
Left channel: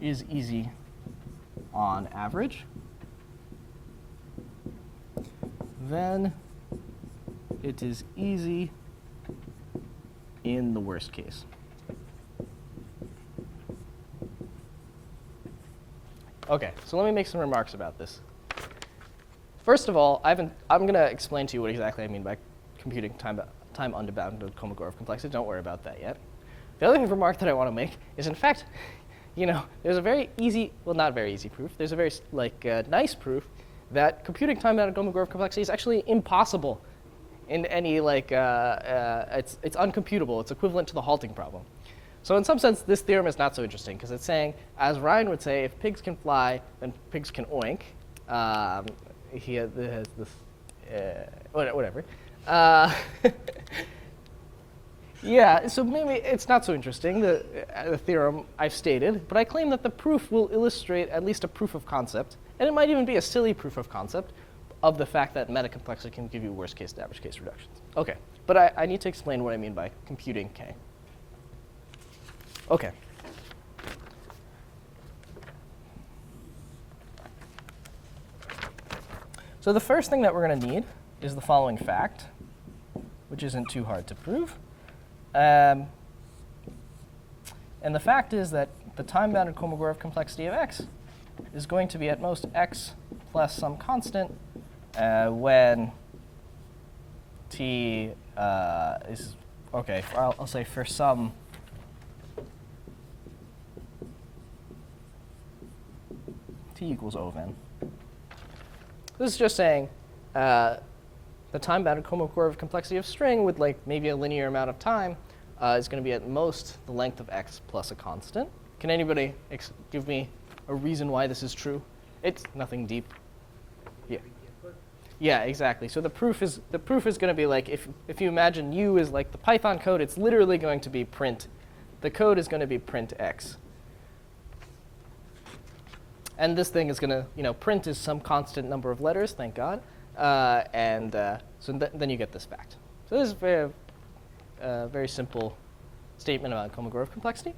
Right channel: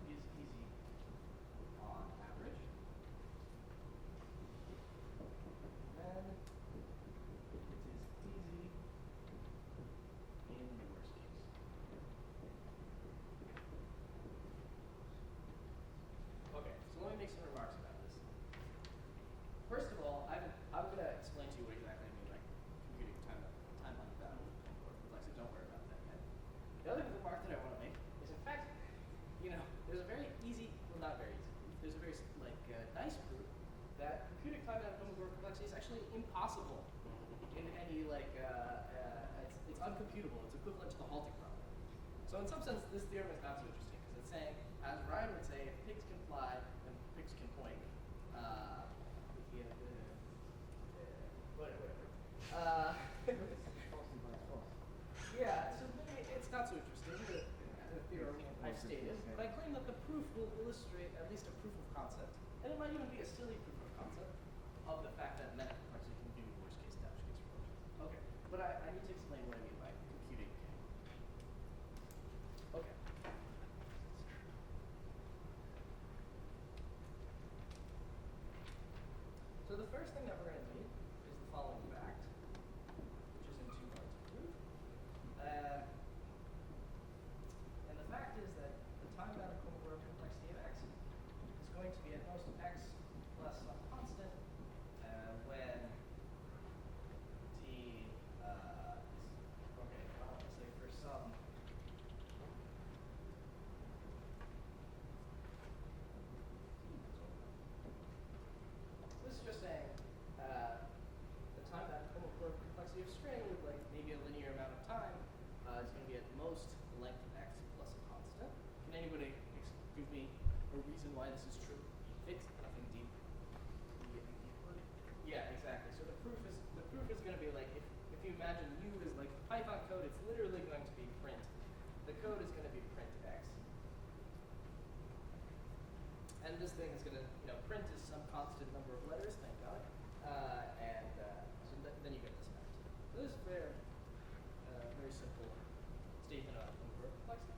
is easy on average, then it is easy in the worst case. Okay, so let me make some remarks about this. First of all, I'm going to explain to you what exactly I mean by computing time-unbounded Kolmogorov complexity. Don't worry about that yet. The other remark that I want to make is, in fact, there's a very easy, well, not very easy proof. There's a very nice proof that computing time-bounded Kolmogorov complexity is actually impossible in any it's uncomputable. It's equivalent to the halting problem. So in some sense, this theorem is not so interesting because it's saying, as Ryan would say, if pigs can fly, then pigs can oink. He has this, whatever. Yeah, so maybe it's not so interesting, the theorem I've stated, but I claim that the proof will illustrate at least a proof of concept, and it might even be a silly proof of concept of the fact that metacomplexity can give you worst case to average case reductions. Okay, but I need to explain what I mean by computing K. Okay. So the first thing that we're going to need is the following fact, which isn't too hard to prove. And the fact is that the time-bounded Kolmogorov complexity of X is going to be at most X plus some constant when T is, okay, I'll say for some T equals O of n. This is just saying the time-bounded Kolmogorov complexity of string with like maybe a linear amount of time is going to be at most the length of x plus a constant. Can anybody give me a reason why this is true? It's nothing deep. Yeah. Yeah, exactly. So the proof is going to be like if you imagine U is like the Python code, it's literally going to be print. The code is going to be print x. And this thing is going to, print is some constant number of letters, thank God. Then you get this fact. So this is a very simple statement about Kolmogorov complexity.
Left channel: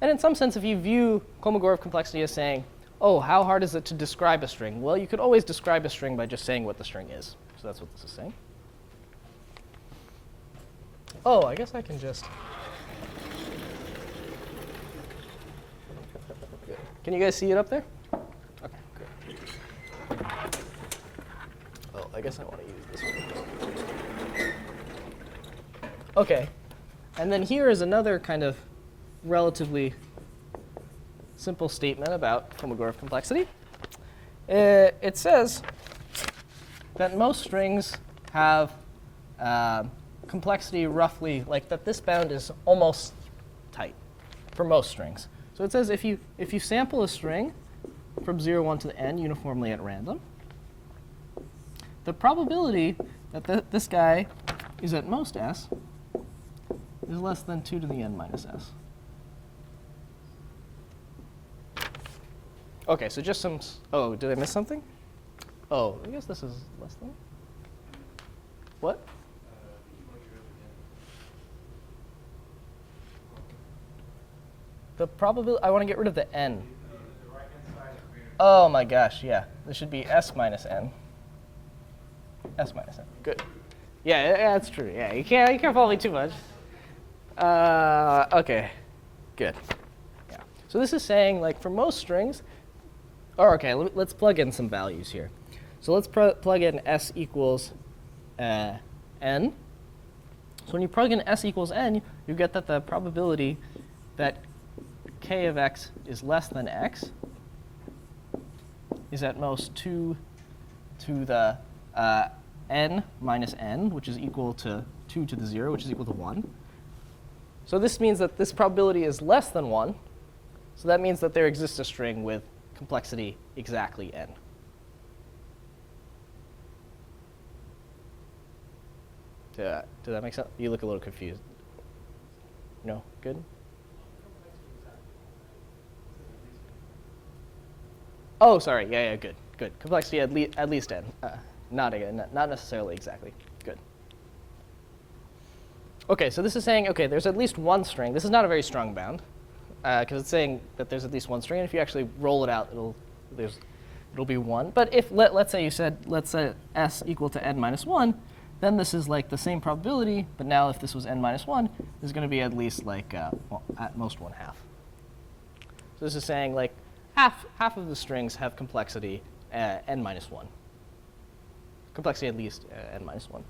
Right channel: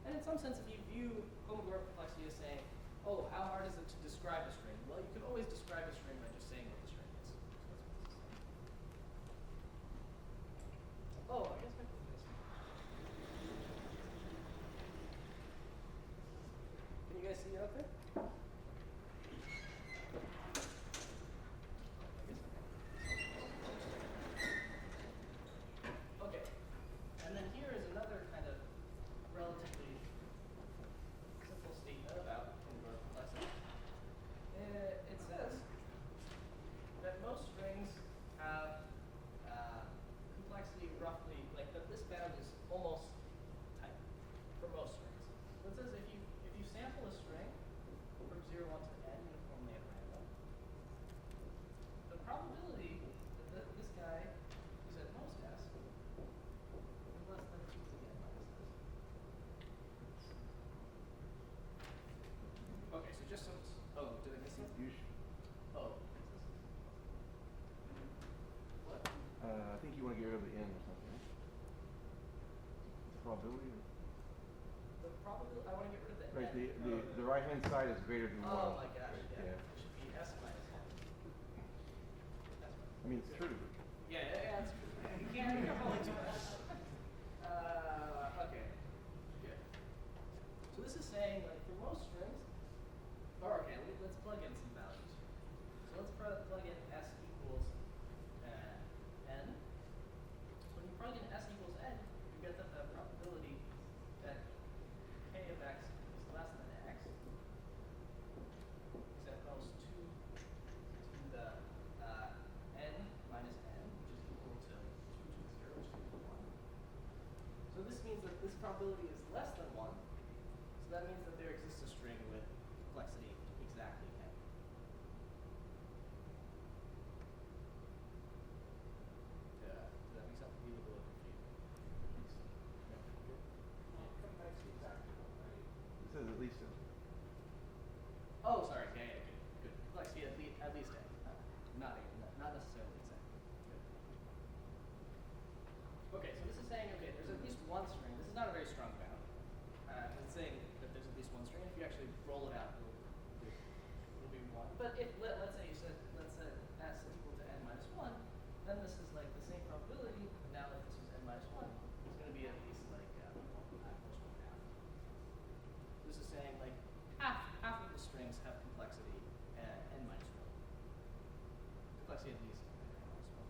And in some sense, if you view Kolmogorov complexity as saying, oh, how hard is it to describe a string? Well, you could always describe a string by just saying what the string is. So that's what this is saying. Oh, I guess I can just... Can you guys see it up there? Okay, great. Oh, I guess I want to use this one. Okay, and then here is another kind of relatively simple statement about Kolmogorov complexity. It says that most strings have complexity roughly like that. This bound is almost tight for most strings. So it says if you sample a string from 0, 1 to the n uniformly at random, the probability that this guy is at most s is less than 2 to the n minus s. Okay, so just some, oh, did I miss something? Oh, I guess this is less than. What? I think you want to get rid of the n. Probability. The probability, I want to get rid of the n. The right-hand side is greater than Oh my gosh, yeah. This should be s minus n. S minus n, good. Yeah, that's true. Yeah, you can't follow me too much. Okay, good. Yeah. So this is saying, like, for most strings, okay, let's plug in some values here. So let's plug in s equals n. So when you plug in s equals n, you get that the probability that k of x is less than x is at most 2 to the n minus n, which is equal to 2 to the 0, which is equal to 1. So this means that this probability is less than 1. So that means that there exists a string with complexity exactly n. Did that make sense? You look a little confused. No? Good? Oh, sorry. Yeah, good. Complexity at least n. Not necessarily exactly. Good. Okay, so this is saying, okay, there's at least one string. This is not a very strong bound, because it's saying that there's at least one string. And if you actually roll it out, it'll be 1. But if let's say s equal to n minus 1, then this is like the same probability. But now if this was n minus 1, this is going to be at least like at most 1/2. So this is saying like half of the strings have complexity n minus 1. Complexity at least n minus 1.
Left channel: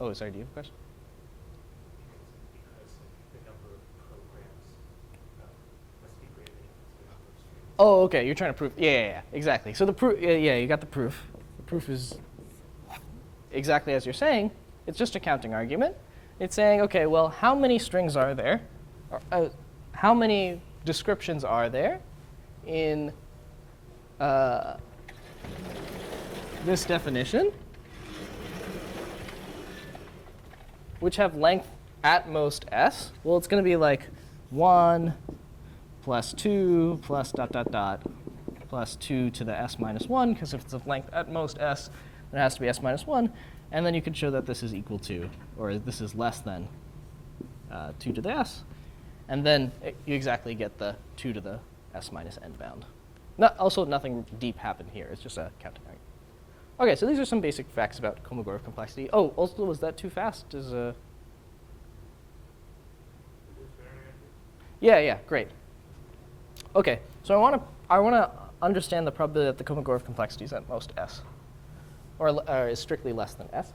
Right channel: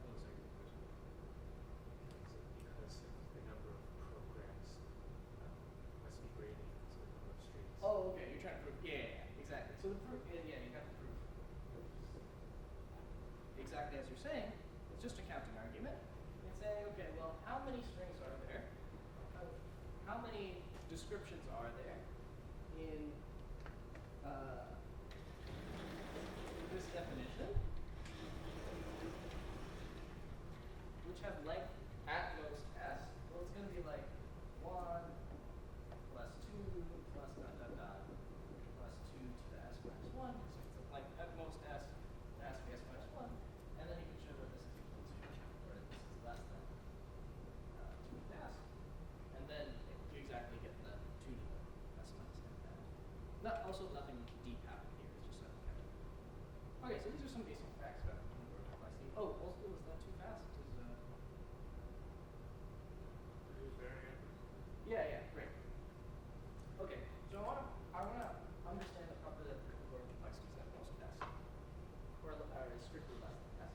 Oh, sorry, do you have a question? Because the number of programs must be greater than the number of strings. Oh, okay, you're trying to prove. Yeah, exactly. So the proof, yeah, you got the proof. The proof is exactly as you're saying. It's just a counting argument. It's saying, okay, well, how many strings are there? Or, how many descriptions are there in this definition, which have length at most s? Well, it's going to be like 1 plus 2 plus ... plus 2 to the s minus 1, because if it's of length at most s, it has to be s minus 1. And then you can show that this is equal to, or this is less than 2 to the s. And then you exactly get the 2 to the s minus n bound. Also, nothing deep happened here. It's just a counting argument. Okay, so these are some basic facts about Kolmogorov complexity. Oh, also, was that too fast? Yeah, great. Okay, so I want to understand the probability that the Kolmogorov complexity is at most s, or is strictly less than s.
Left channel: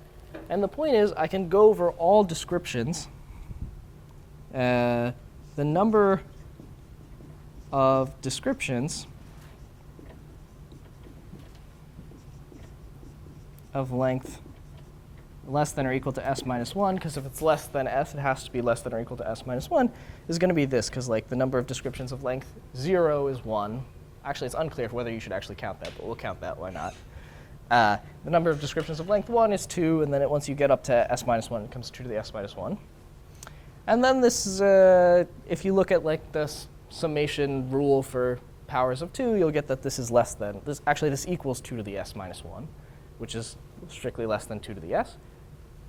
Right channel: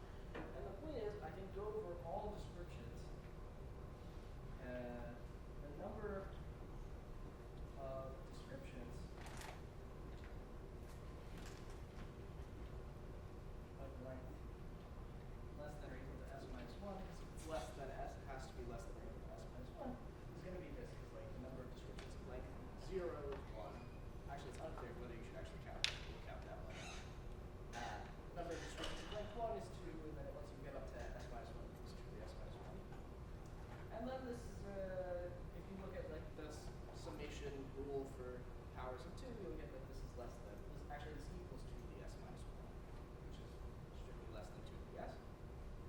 And the point is, I can go over all descriptions. The number of descriptions of length less than or equal to s minus 1, because if it's less than s, it has to be less than or equal to s minus 1, is going to be this, because like the number of descriptions of length 0 is 1. Actually, it's unclear whether you should actually count that, but we'll count that, why not? The number of descriptions of length 1 is 2, and then once you get up to s minus 1, it comes 2 to the s minus 1. And then this is, if you look at like the summation rule for powers of 2, you'll get that this is less than, this equals 2 to the s minus 1, which is strictly less than 2 to the s.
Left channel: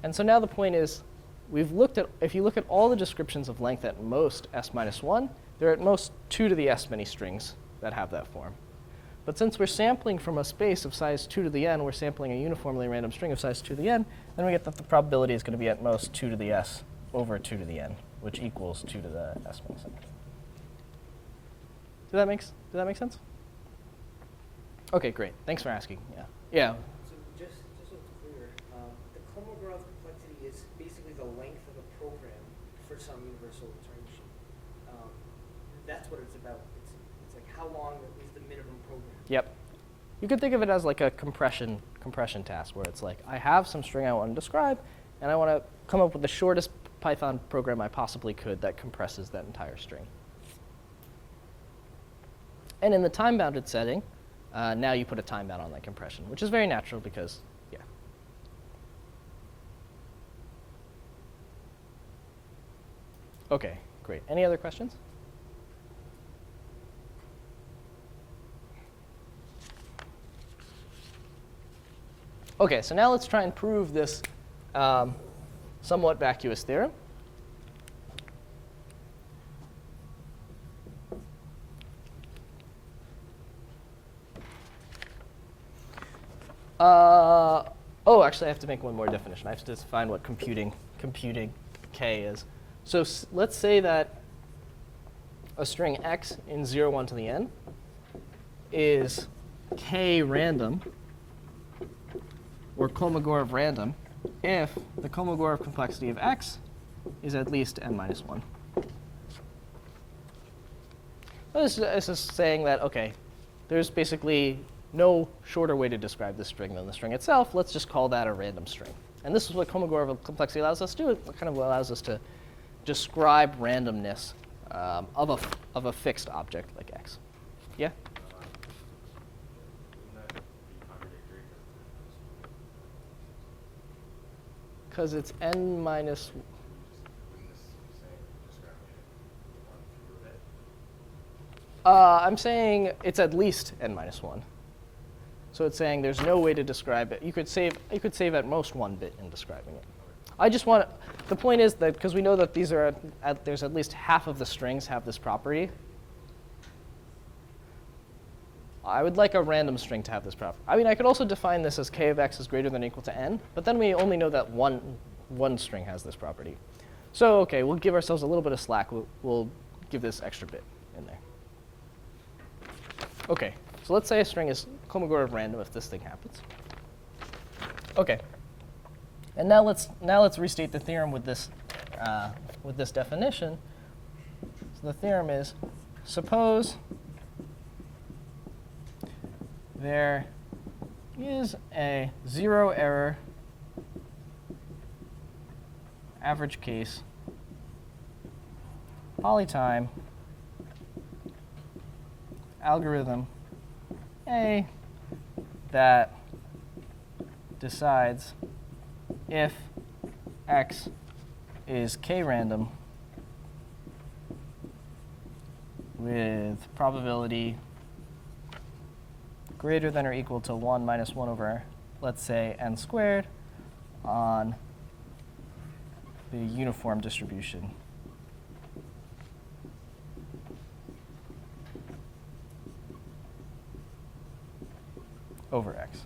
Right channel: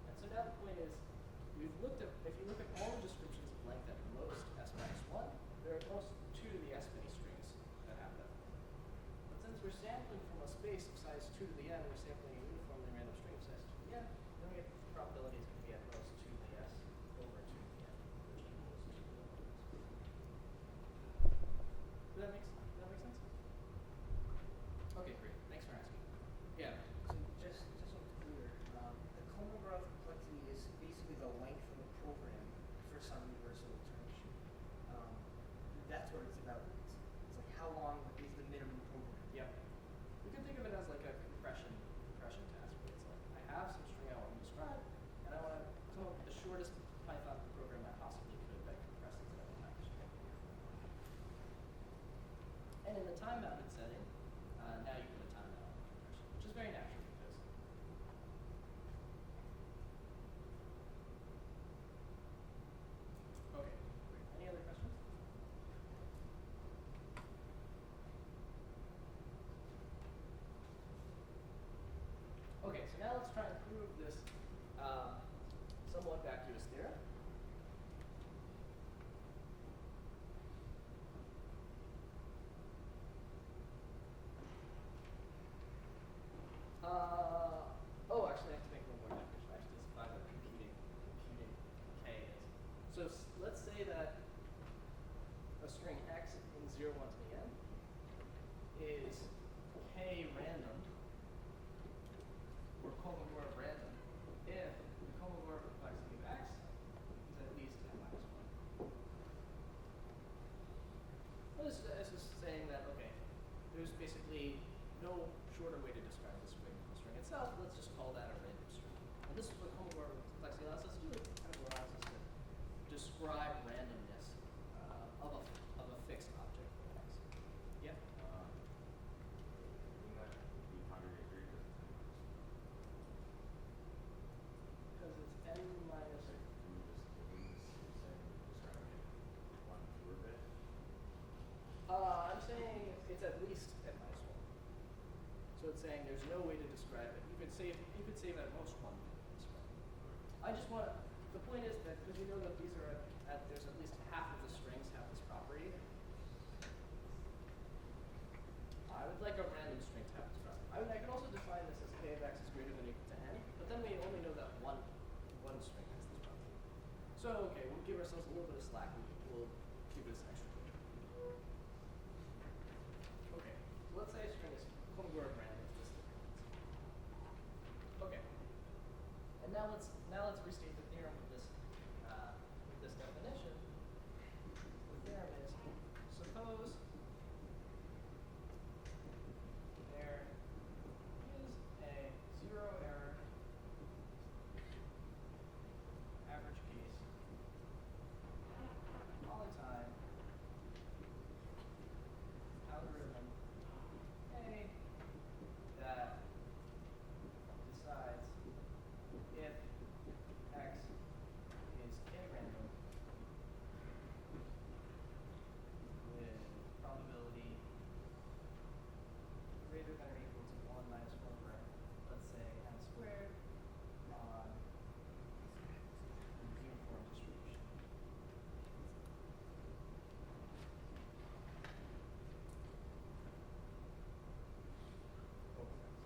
And so now the point is, if you look at all the descriptions of length at most s minus 1, there are at most 2 to the s many strings that have that form. But since we're sampling from a space of size 2 to the n, we're sampling a uniformly random string of size 2 to the n, then we get that the probability is going to be at most 2 to the s over 2 to the n, which equals 2 to the s minus n. Does that make sense? Okay, great. Thanks for asking. Yeah. Yeah. So just so it's clear, the Kolmogorov complexity is basically the length of a program for some universal iteration. That's what it's about. It's like how long is the minimum program. Yep. You could think of it as like a compression task, where it's like I have some string I want to describe, and I want to come up with the shortest Python program I possibly could that compresses that entire string. And in the time-bounded setting, now you put a time bound on that compression, which is very natural because, yeah. Okay, great. Any other questions? Okay, so now let's try and prove this somewhat vacuous theorem. Oh, actually, I have to make one more definition. I have to define what computing k is. So let's say that a string x in 0, 1 to the n is k random, or Kolmogorov random, if the Kolmogorov complexity of x is at least n minus 1. This is saying that, OK, there's basically no shorter way to describe this string than the string itself. Let's just call that a random string. And this is what Kolmogorov complexity allows us to do. It kind of allows us to describe randomness of a fixed object like x. Yeah? Because it's n minus. I'm saying it's at least n minus 1. So it's saying there's no way to describe it. You could save at most 1 bit in describing it. I just want the point is that because we know that these are there's at least half of the strings have this property. I would like a random string to have this property. I mean, I could also define this as k of x is greater than or equal to n, but then we only know that one string has this property. So okay, we'll give ourselves a little bit of slack. We'll give this extra bit in there. Okay, so let's say a string is Kolmogorov random if this thing happens. Okay, and now let's restate the theorem with this definition. So the theorem is: suppose there is a 0 error average case polytime algorithm A that decides if x is k-random with probability greater than or equal to 1 minus 1 over, let's say, n squared on the uniform distribution over x.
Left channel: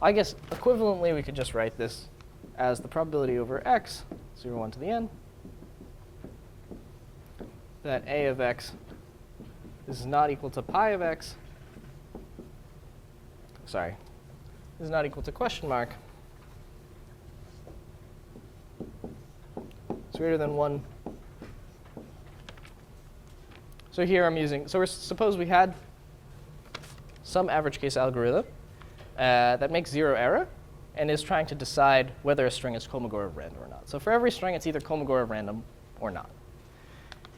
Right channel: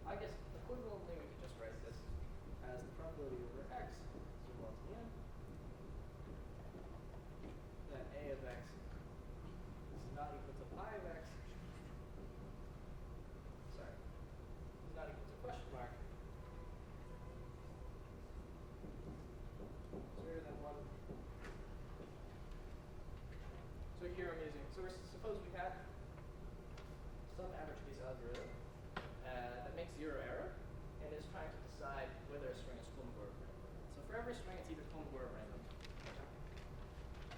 I guess equivalently we could just write this as the probability over x, 0, 1 to the n, that a of x is not equal to pi of x. Sorry, is not equal to question mark. It's greater than 1. So here I'm using, so suppose we had some average case algorithm that makes 0 error, and is trying to decide whether a string is Kolmogorov random or not. So for every string, it's either Kolmogorov random or not.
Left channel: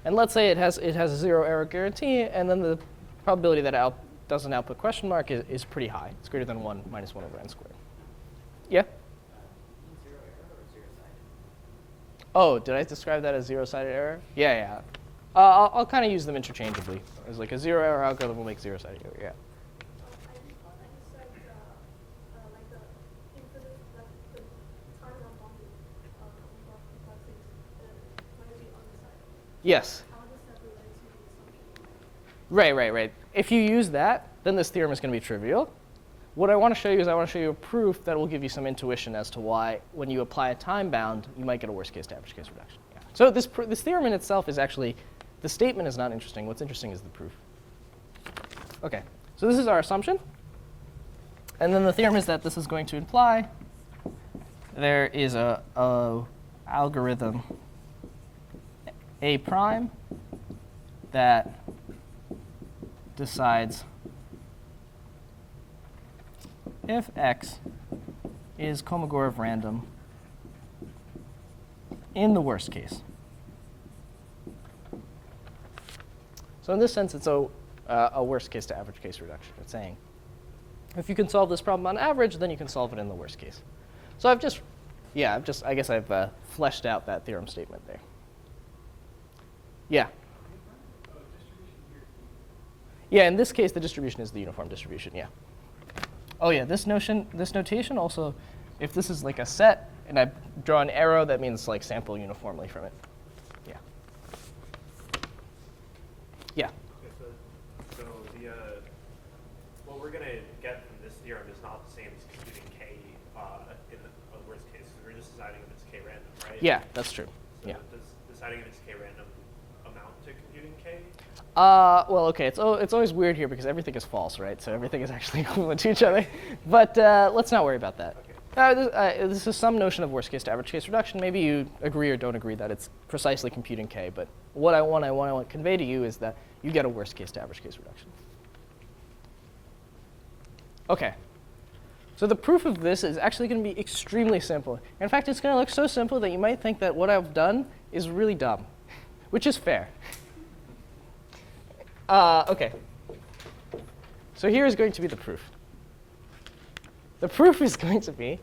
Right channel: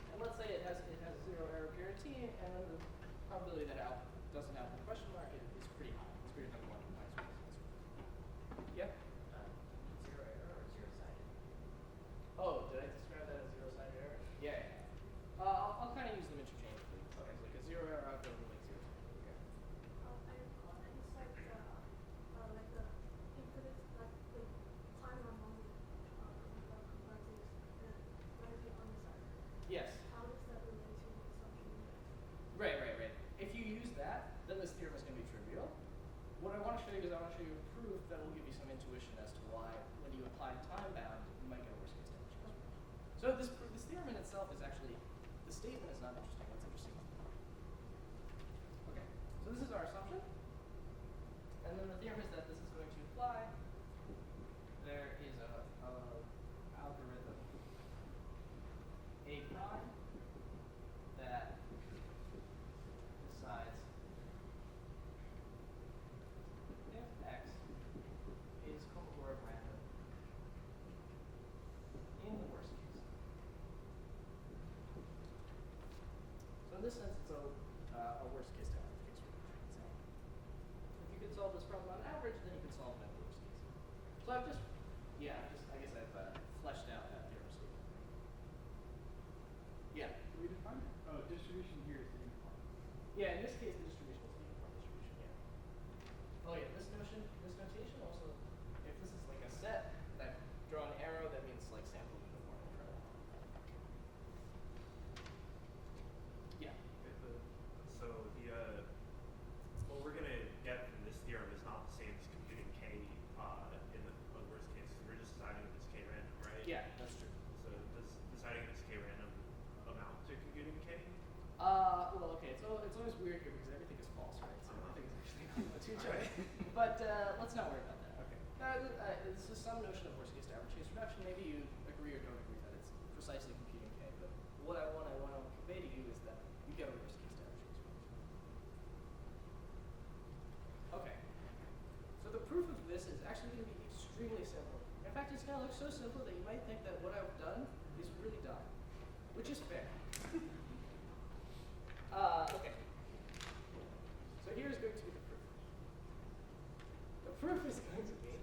And let's say it has a 0 error guarantee, and then the probability that it doesn't output question mark is pretty high. It's greater than 1 minus 1 over n squared. Yeah? Zero error or zero-sided? Oh, did I describe that as zero-sided error? Yeah, yeah. I'll kind of use them interchangeably. As like a 0 error algorithm will make zero-sided error, yeah. I recall that you said like the infinite, that the time that multi complexities might be undecided. Yes. How does that relate to the assumption? Right. If you use that, then this theorem is going to be trivial. What I want to show you is I want to show you a proof that will give you some intuition as to why, when you apply a time bound, you might get a worst case to average case reduction. Yeah. So this theorem in itself is actually, the statement is not interesting. What's interesting is the proof. OK, so this is our assumption. And then the theorem is that this is going to imply there is a algorithm A prime that decides if x is Kolmogorov random in the worst case. So in this sense, it's a worst case to average case reduction. It's saying if you can solve this problem on average, then you can solve it in the worst case. So I guess I've fleshed out that theorem statement there. Yeah. Yeah, in this case, the distribution is the uniform distribution, yeah. Oh yeah, this notation also, if this is like a set, and I draw an arrow, that means like sample uniformly from it. Yeah. Yeah. Okay, so what we're going to get from this theorem is not the same as computing k in the worst case. We're just deciding if it's k random, right? Yeah, that's true. So Yeah. does deciding if it's k random amount to computing k? Well, okay, it's always weird here because everything is false, right? So everything is actually equivalent to each other. But let's not worry about that. Okay. This is some notion of worst case to average case reduction. Maybe you agree or don't agree that it's precisely computing k. But what I want to convey to you is that you get a worst case to average case reduction. OK. So the proof of this is actually going to be extremely simple. In fact, it's going to look so simple that you might think that what I've done is really dumb, which is fair. OK. So here is going to be the proof. The proof is going to be,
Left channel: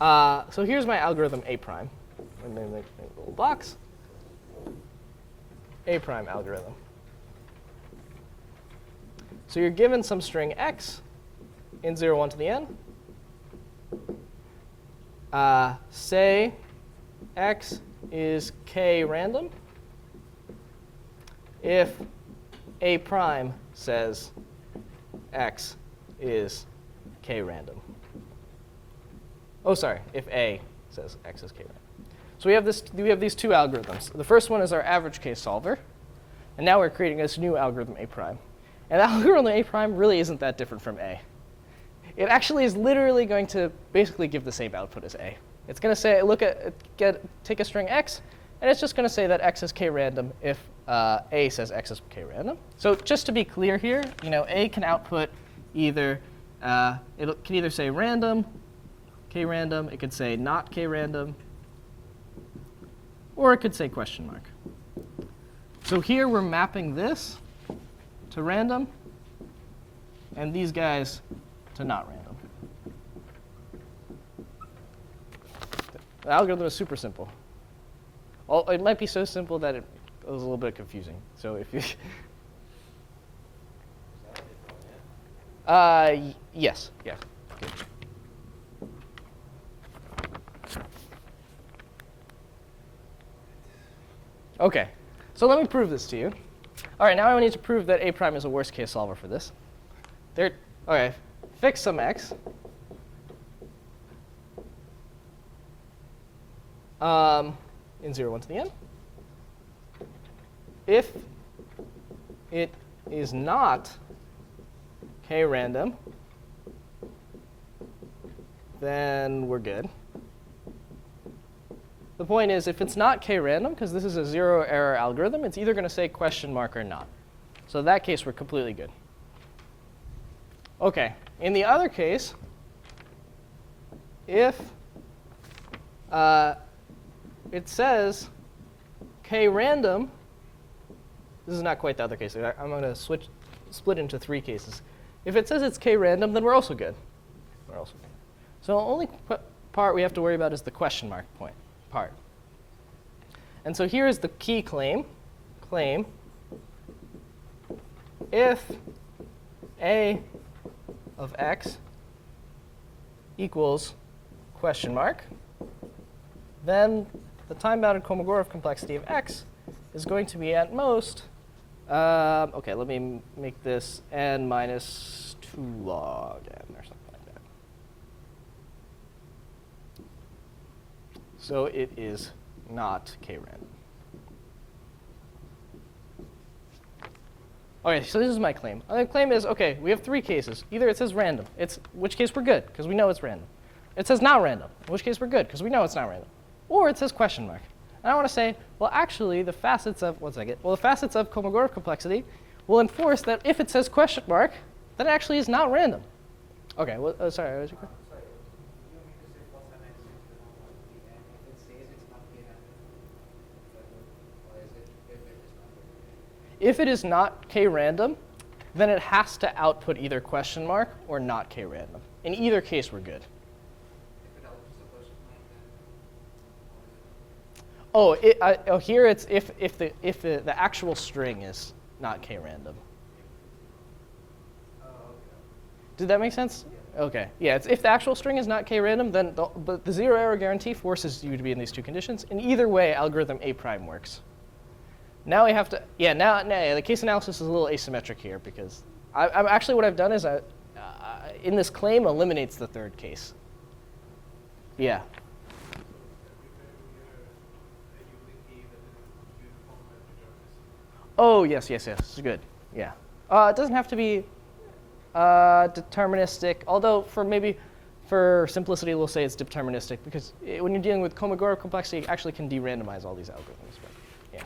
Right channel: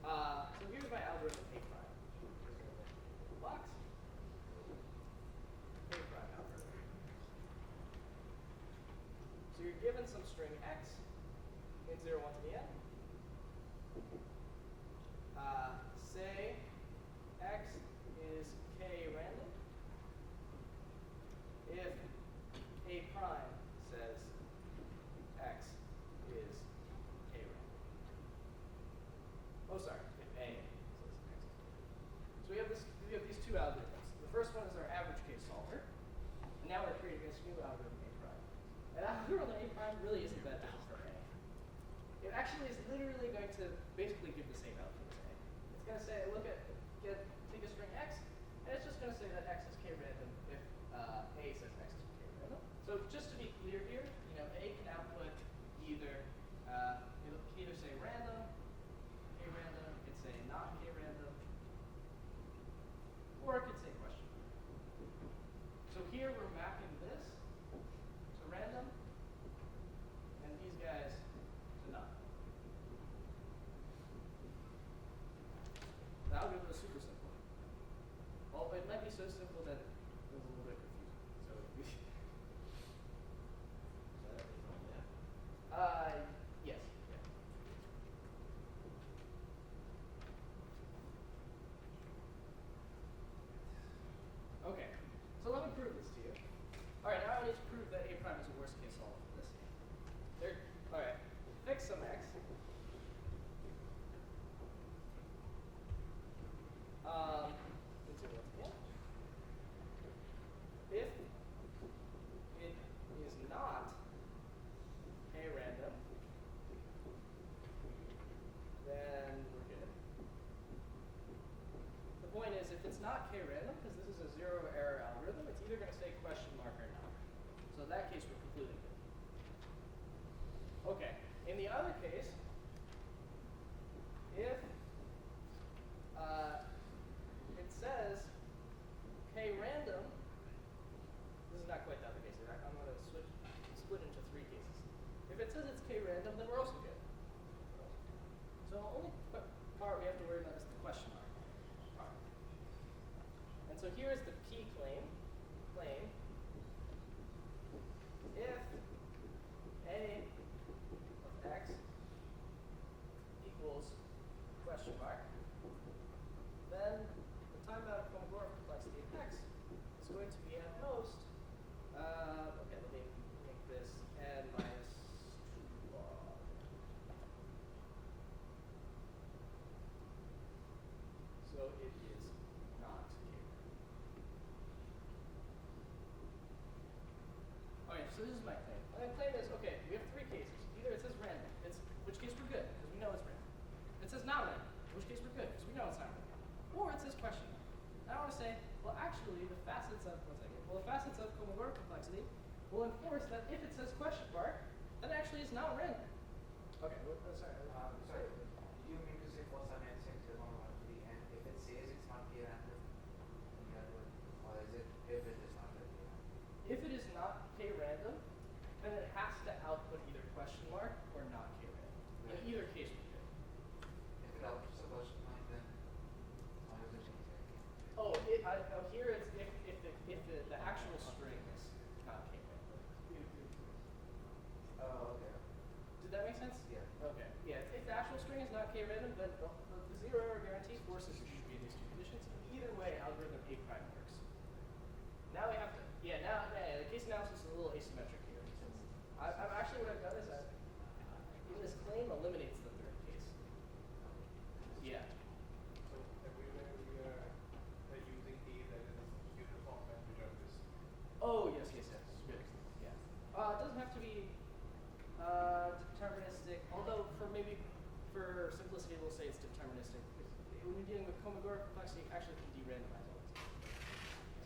so here's my algorithm A prime. Let me make a little box. A prime algorithm. So you're given some string x in 0, 1 to the n. Say x is k random if A prime says x is k random. Oh, sorry, if A says x is k random. So we have these two algorithms. The first one is our average case solver. And now we're creating this new algorithm A prime. And the algorithm A prime really isn't that different from A. It actually is literally going to basically give the same output as A. It's going to say, take a string x, and it's just going to say that x is k random if A says x is k random. So just to be clear here, A can output either, it can either say random, k random, it could say not k random, or it could say question mark. So here we're mapping this to random, and these guys to not random. The algorithm is super simple. Well, it might be so simple that it was a little bit confusing. So if you, yes, yeah. Good. OK, so let me prove this to you. All right, now I need to prove that A prime is a worst case solver for this. OK, fix some x. In 0, 1 to the n. If it is not k random, then we're good. The point is, if it's not k random, because this is a 0 error algorithm, it's either going to say question mark or not. So in that case, we're completely good. OK, in the other case, if it says k random, this is not quite the other case. I'm going to split into 3 cases. If it says it's k random, then we're also good. We're also good. So the only part we have to worry about is the question mark part. And so here is the key claim. If a of x equals question mark, then the time-bounded Kolmogorov complexity of x is going to be at most, okay, let me make this n minus 2 log n or something like that. So it is not k-random. Okay, so this is my claim. My claim is, okay, we have 3 cases. Either it says random, in which case we're good, because we know it's random. It says not random, in which case we're good, because we know it's not random. Or it says question mark. And I want to say, well, actually, the facets of, the facets of Kolmogorov complexity will enforce that if it says question mark, then it actually is not random. Okay, well, sorry, what was your question? Sorry, do you mean to say false dimension to the and if it says it's not k-random, or is it if it is not k-random? If it is not k-random, then it has to output either question mark or not k-random. In either case, we're good. If it outputs a question mark, then how is it okay? Oh, here it's if the actual string is not k-random. Oh, okay. Did that make sense? Okay. Yeah, it's if the actual string is not k-random, then but the zero error guarantee forces you to be in these 2 conditions. In either way, algorithm A prime works. Now we have to, now the case analysis is a little asymmetric here because I'm actually what I've done is in this claim eliminates the 3rd case. Yeah. Oh, yes, good. Yeah. It doesn't have to be deterministic, although for simplicity, we'll say it's deterministic because when you're dealing with Kolmogorov complexity, you actually can de-randomize all these algorithms. But, yeah.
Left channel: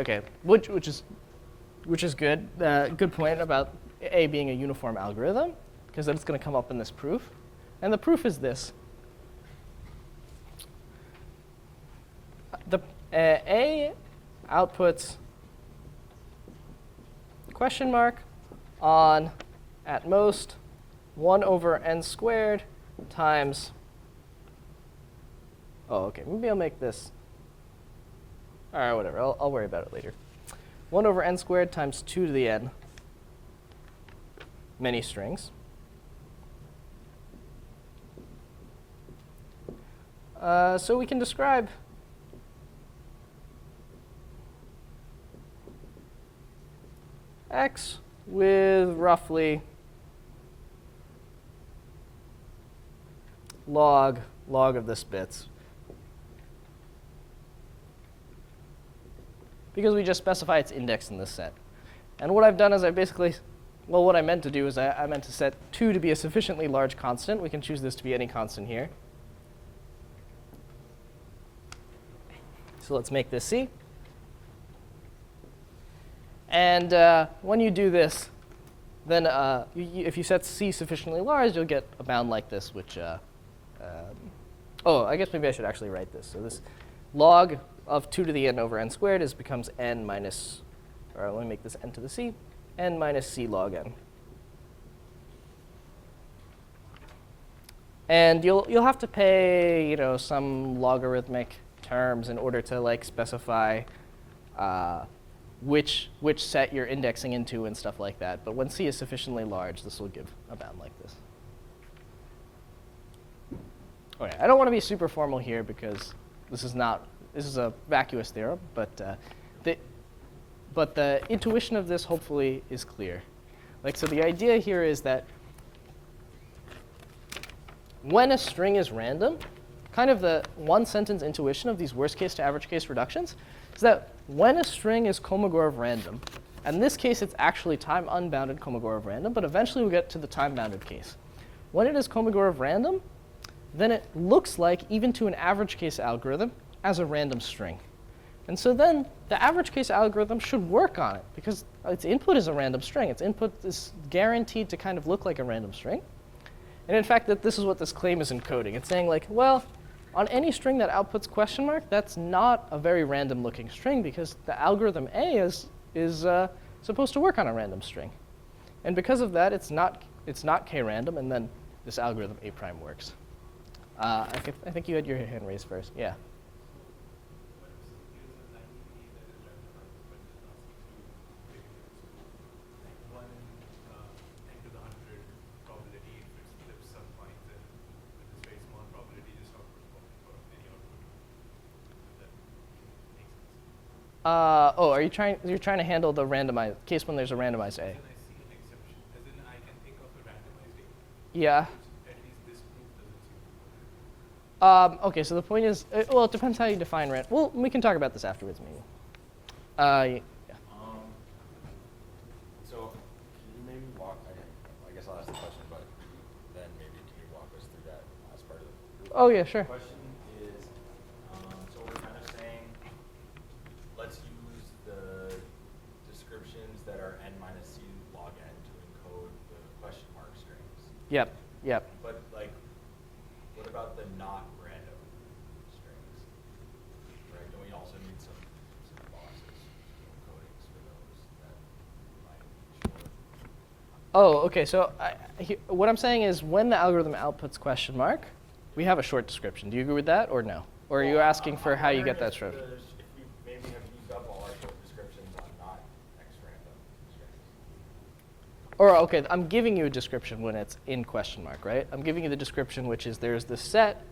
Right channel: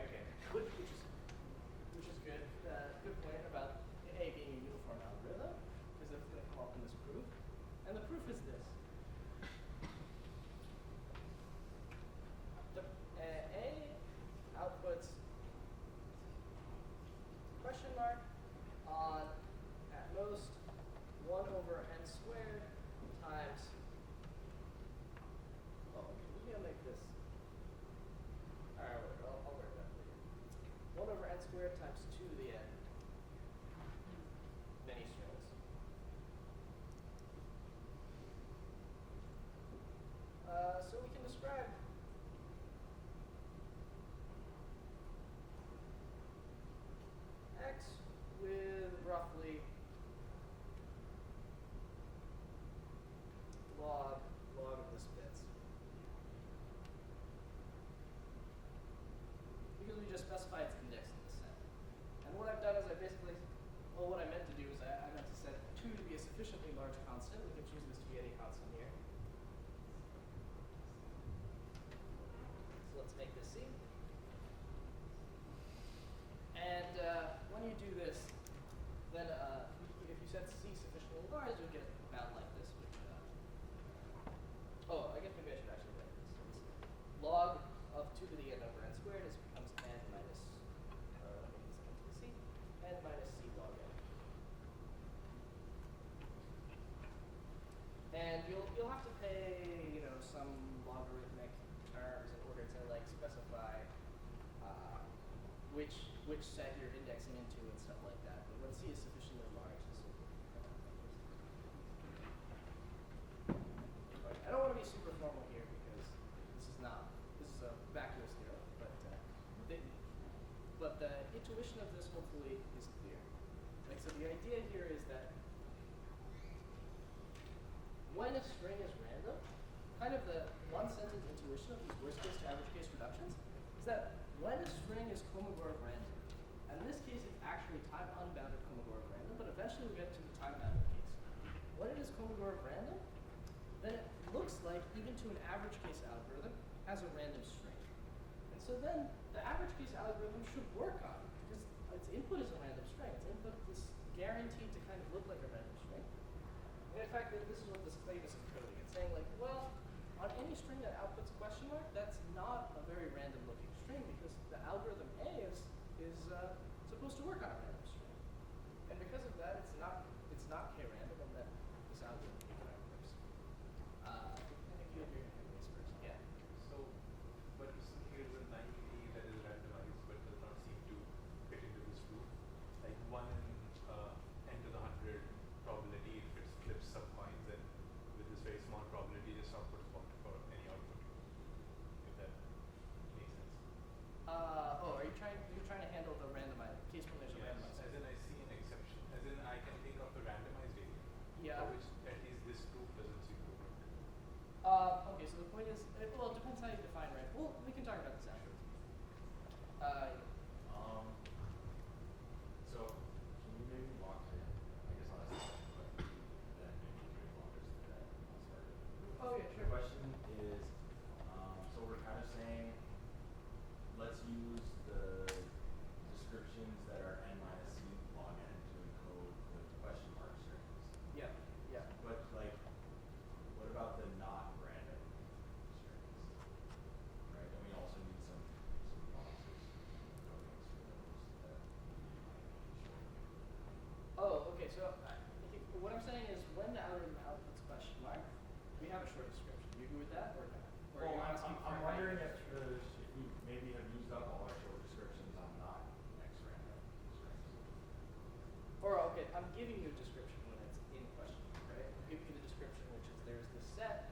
Okay. Which is good. Good point about A being a uniform algorithm because then it's going to come up in this proof. And the proof is this. A outputs question mark on, at most, 1 over n squared times, oh, okay, maybe I'll make this, all right, whatever, I'll worry about it later. 1 over n squared times 2 to the n, many strings. So we can describe x with roughly log of this bits. Because we just specify its index in this set. And what I've done is what I meant to do is I meant to set 2 to be a sufficiently large constant. We can choose this to be any constant here. So let's make this C. And when you do this, then if you set C sufficiently large, you'll get a bound like this, which, I guess maybe I should actually write this. So this log of 2 to the n over n squared becomes n minus, or let me make this n to the C, n minus C log n. And you'll have to pay, some logarithmic terms in order to specify which set you're indexing into and stuff like that. But when C is sufficiently large, this will give a bound like this. Okay, I don't want to be super formal here because this is a vacuous theorem, but the intuition of this hopefully is clear. So the idea here is that when a string is random, kind of the one sentence intuition of these worst case to average case reductions is that when a string is Kolmogorov random, and in this case it's actually time unbounded Kolmogorov random, but eventually we'll get to the time bounded case. When it is Kolmogorov random, then it looks like, even to an average case algorithm, as a random string. And so then the average case algorithm should work on it because its input is a random string. Its input is guaranteed to kind of look like a random string. And in fact, this is what this claim is encoding. It's saying like, well, on any string that outputs question mark, that's not a very random looking string because the algorithm A is supposed to work on a random string. And because of that, it's not k-random, and then this algorithm A prime works. I think you had your hand raised first. Yeah. So, but here's a 90 that is randomized, but does not seem to fit into this group. Like 1 n to the 100 probability, if it flips some coins, and with this very small probability, just outputs one for any output. If that makes sense. Oh, you're trying to handle the randomized case when there's a randomized A. Then I see an exception. As in, I can think of a randomized A. Yeah. Which at least this group doesn't seem to work. Okay, so the point is, well, it depends how you define random. Well, we can talk about this afterwards, maybe. Yeah. So can you maybe walk, I guess I'll ask the question, but then maybe can you walk us through that last part of the group? Oh, yeah, sure. The question is, so we're kind of saying, let's use the descriptions that are n minus c log n to encode the question mark strings. Yep, yep. But like, what about the not random strings? Right? Don't we also need some boxes, encodings for those that might be short? Oh, okay. So what I'm saying is when the algorithm outputs question mark, we have a short description. Do you agree with that or no? Or are you asking for how you get that short? If you maybe have used up all our short descriptions on not x-random strings. Or, okay, I'm giving you a description when it's in question mark, right? I'm giving you the description, which is there's this set,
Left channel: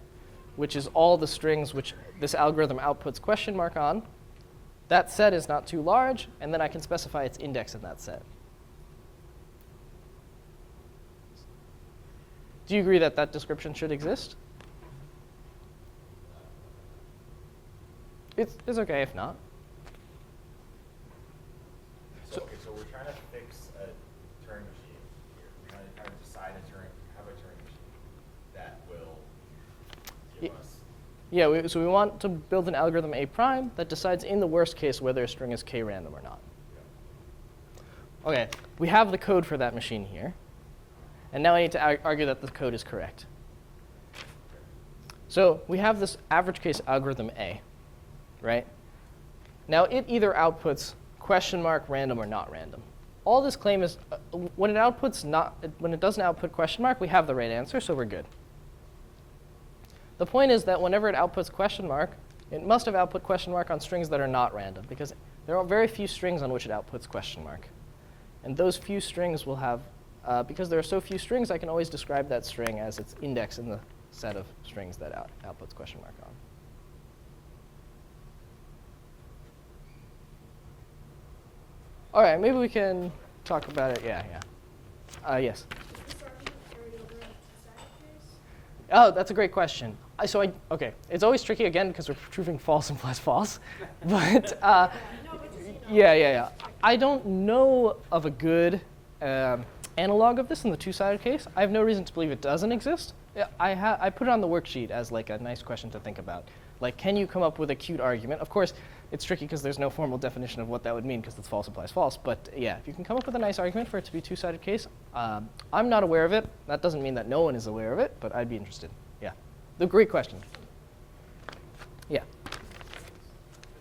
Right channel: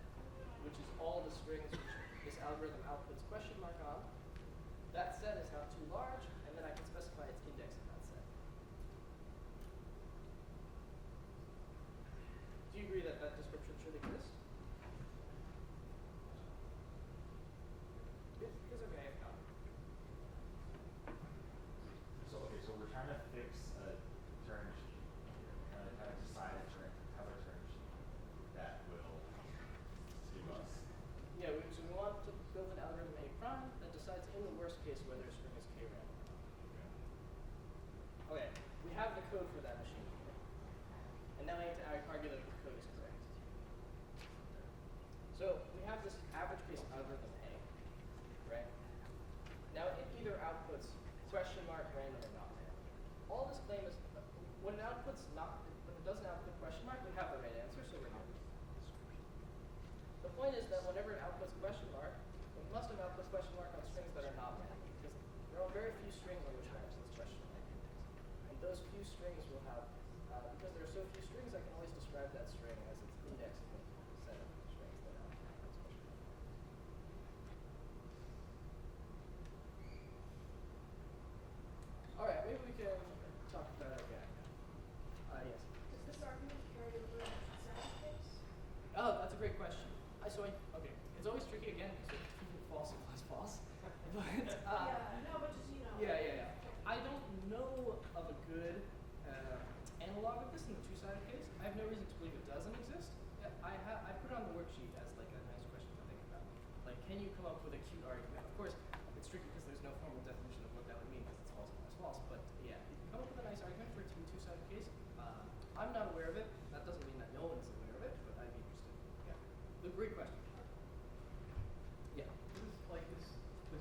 which is all the strings which this algorithm outputs question mark on. That set is not too large, and then I can specify its index in that set. Do you agree that that description should exist? It's okay if not. So, okay, so we're trying to fix a Turing machine here. We're trying to decide have a Turing machine that will give us. Yeah, so we want to build an algorithm A prime that decides in the worst case whether a string is k-random or not. Okay, we have the code for that machine here. And now I need to argue that the code is correct. So we have this average case algorithm A, right? Now it either outputs question mark random or not random. All this claim is when it doesn't output question mark, we have the right answer, so we're good. The point is that whenever it outputs question mark, it must have output question mark on strings that are not random, because there are very few strings on which it outputs question mark. And those few strings will have, because there are so few strings, I can always describe that string as its index in the set of strings that outputs question mark on. All right, maybe we can talk about it. Yeah. Yes. Is this argument carried over in the two-sided case? Oh, that's a great question. Okay, it's always tricky again because we're proving false implies false. But No, but you know. yeah. I don't know of a good analog of this in the two-sided case. I have no reason to believe it doesn't exist. I put it on the worksheet as like a nice question to think about. Like, can you come up with a cute argument? Of course, it's tricky because there's no formal definition of what that would mean because it's false implies false. But yeah, if you can come up with a nice argument for it to be a two-sided case, I'm not aware of it. That doesn't mean that no one is aware of it, but I'd be interested. Yeah, the great question. Yeah. This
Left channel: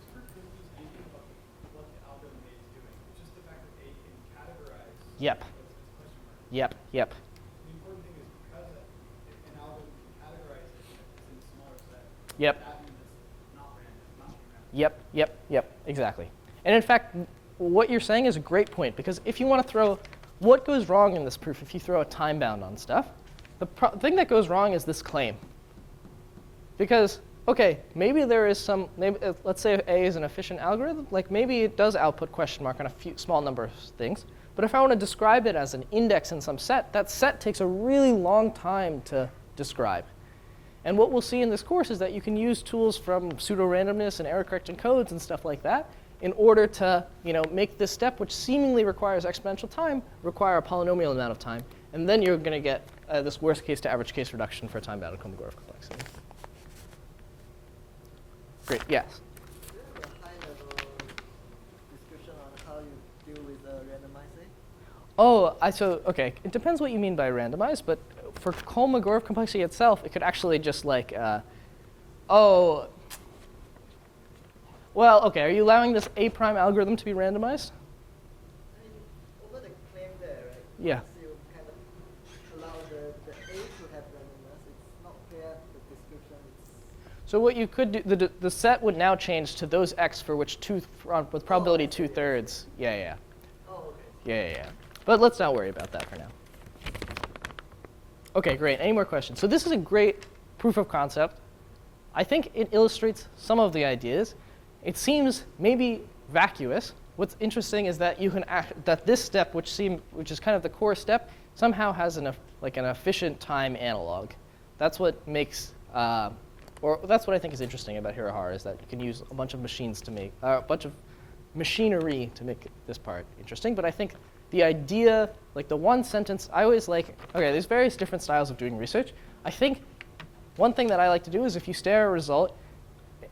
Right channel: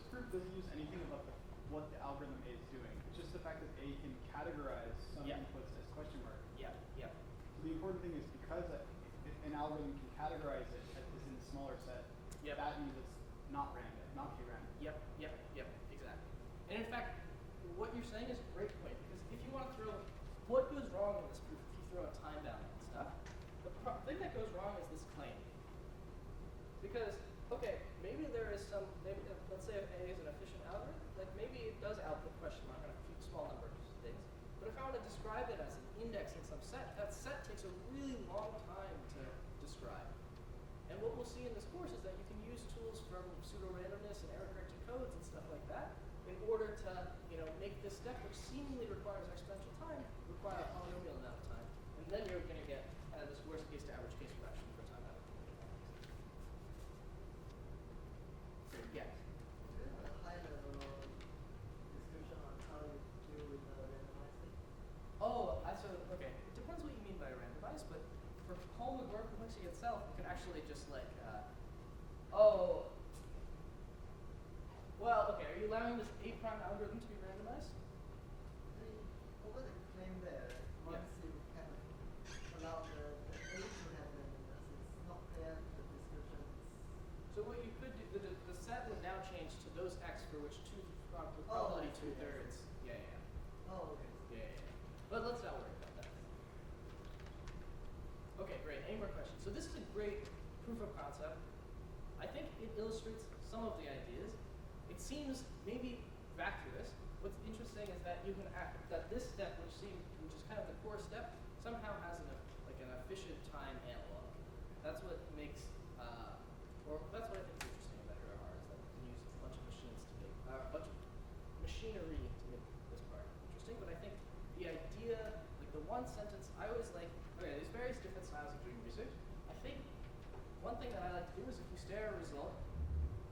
proof doesn't use anything about what the algorithm A is doing. It's just the fact that A can categorize Yep. inputs as question marks. Yep. So the important thing is because if an algorithm can categorize it as in a smaller set, Yep. that means it's not random, not k-random. Yep, exactly. And in fact, what you're saying is a great point, because if you want to throw, what goes wrong in this proof if you throw a time bound on stuff? The thing that goes wrong is this claim. Because, okay, maybe there is some, let's say if A is an efficient algorithm, like maybe it does output question mark on a small number of things. But if I want to describe it as an index in some set, that set takes a really long time to describe. And what we'll see in this course is that you can use tools from pseudo-randomness and error-correcting codes and stuff like that in order to make this step, which seemingly requires exponential time, require a polynomial amount of time. And then you're going to get this worst case to average case reduction for time-bounded Kolmogorov complexity. Great, yes? Do you have a high-level description on how you deal with randomizing? Oh, okay. It depends what you mean by randomized, but for Kolmogorov complexity itself, it could actually just like, well, okay, are you allowing this A prime algorithm to be randomized? I mean, over the claim there, Yeah. once you kind of allow the A to have randomness, it's not there, the description is. So what you could do, the set would now change to those x for which with probability 2/3. Yeah. Oh, okay. Yeah. But let's not worry about that for now. Okay, great. Any more questions? So this is a great proof of concept. I think it illustrates some of the ideas. It seems maybe vacuous. What's interesting is that you can that this step, which is kind of the core step, somehow has an efficient time analog. That's what makes, or that's what I think is interesting about Hirahara, is that you can use a bunch of machines to make a bunch of machinery to make this part interesting. But I think the idea, like the one sentence, I always like. Okay, there's various different styles of doing research. I think one thing that I like to do is if you stare at a result,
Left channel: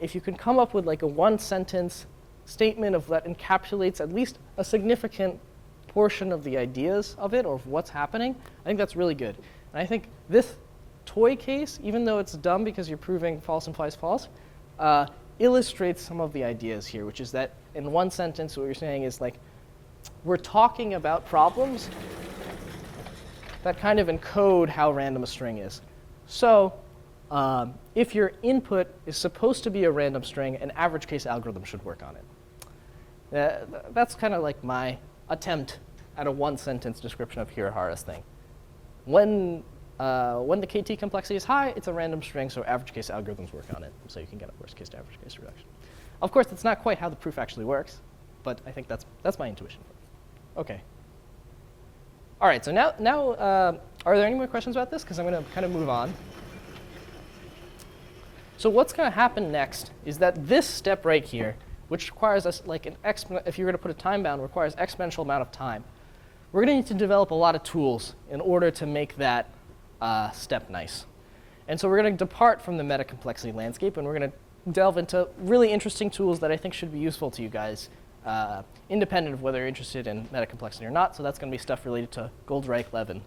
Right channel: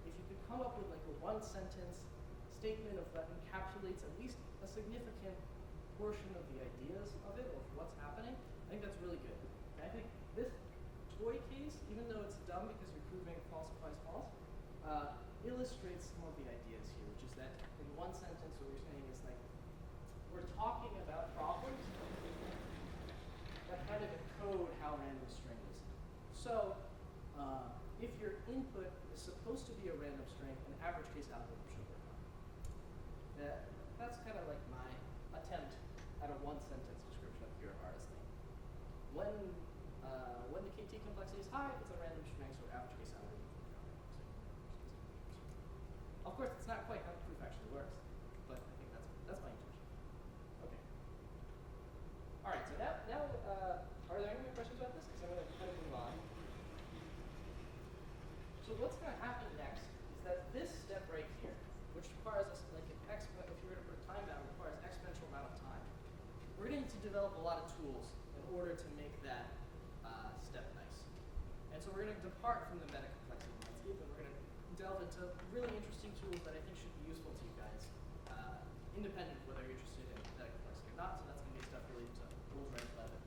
if you can come up with like a one-sentence statement of that encapsulates at least a significant portion of the ideas of it or of what's happening, I think that's really good. And I think this toy case, even though it's dumb because you're proving false implies false, illustrates some of the ideas here, which is that in one sentence what you're saying is like, we're talking about problems that kind of encode how random a string is. So if your input is supposed to be a random string, an average case algorithm should work on it. That's kind of like my attempt at a one-sentence description of Hirahara's thing. When the KT complexity is high, it's a random string, so average case algorithms work on it, so you can get a worst case to average case reduction. Of course, that's not quite how the proof actually works, but I think that's my intuition. Okay. All right, so now are there any more questions about this? Because I'm going to kind of move on. So what's going to happen next is that this step right here, which requires us like if you're going to put a time bound, requires exponential amount of time. We're going to need to develop a lot of tools in order to make that step nice. And so we're going to depart from the metacomplexity landscape, and we're going to delve into really interesting tools that I think should be useful to you guys, independent of whether you're interested in metacomplexity or not. So that's going to be stuff related to Goldreich-Levin.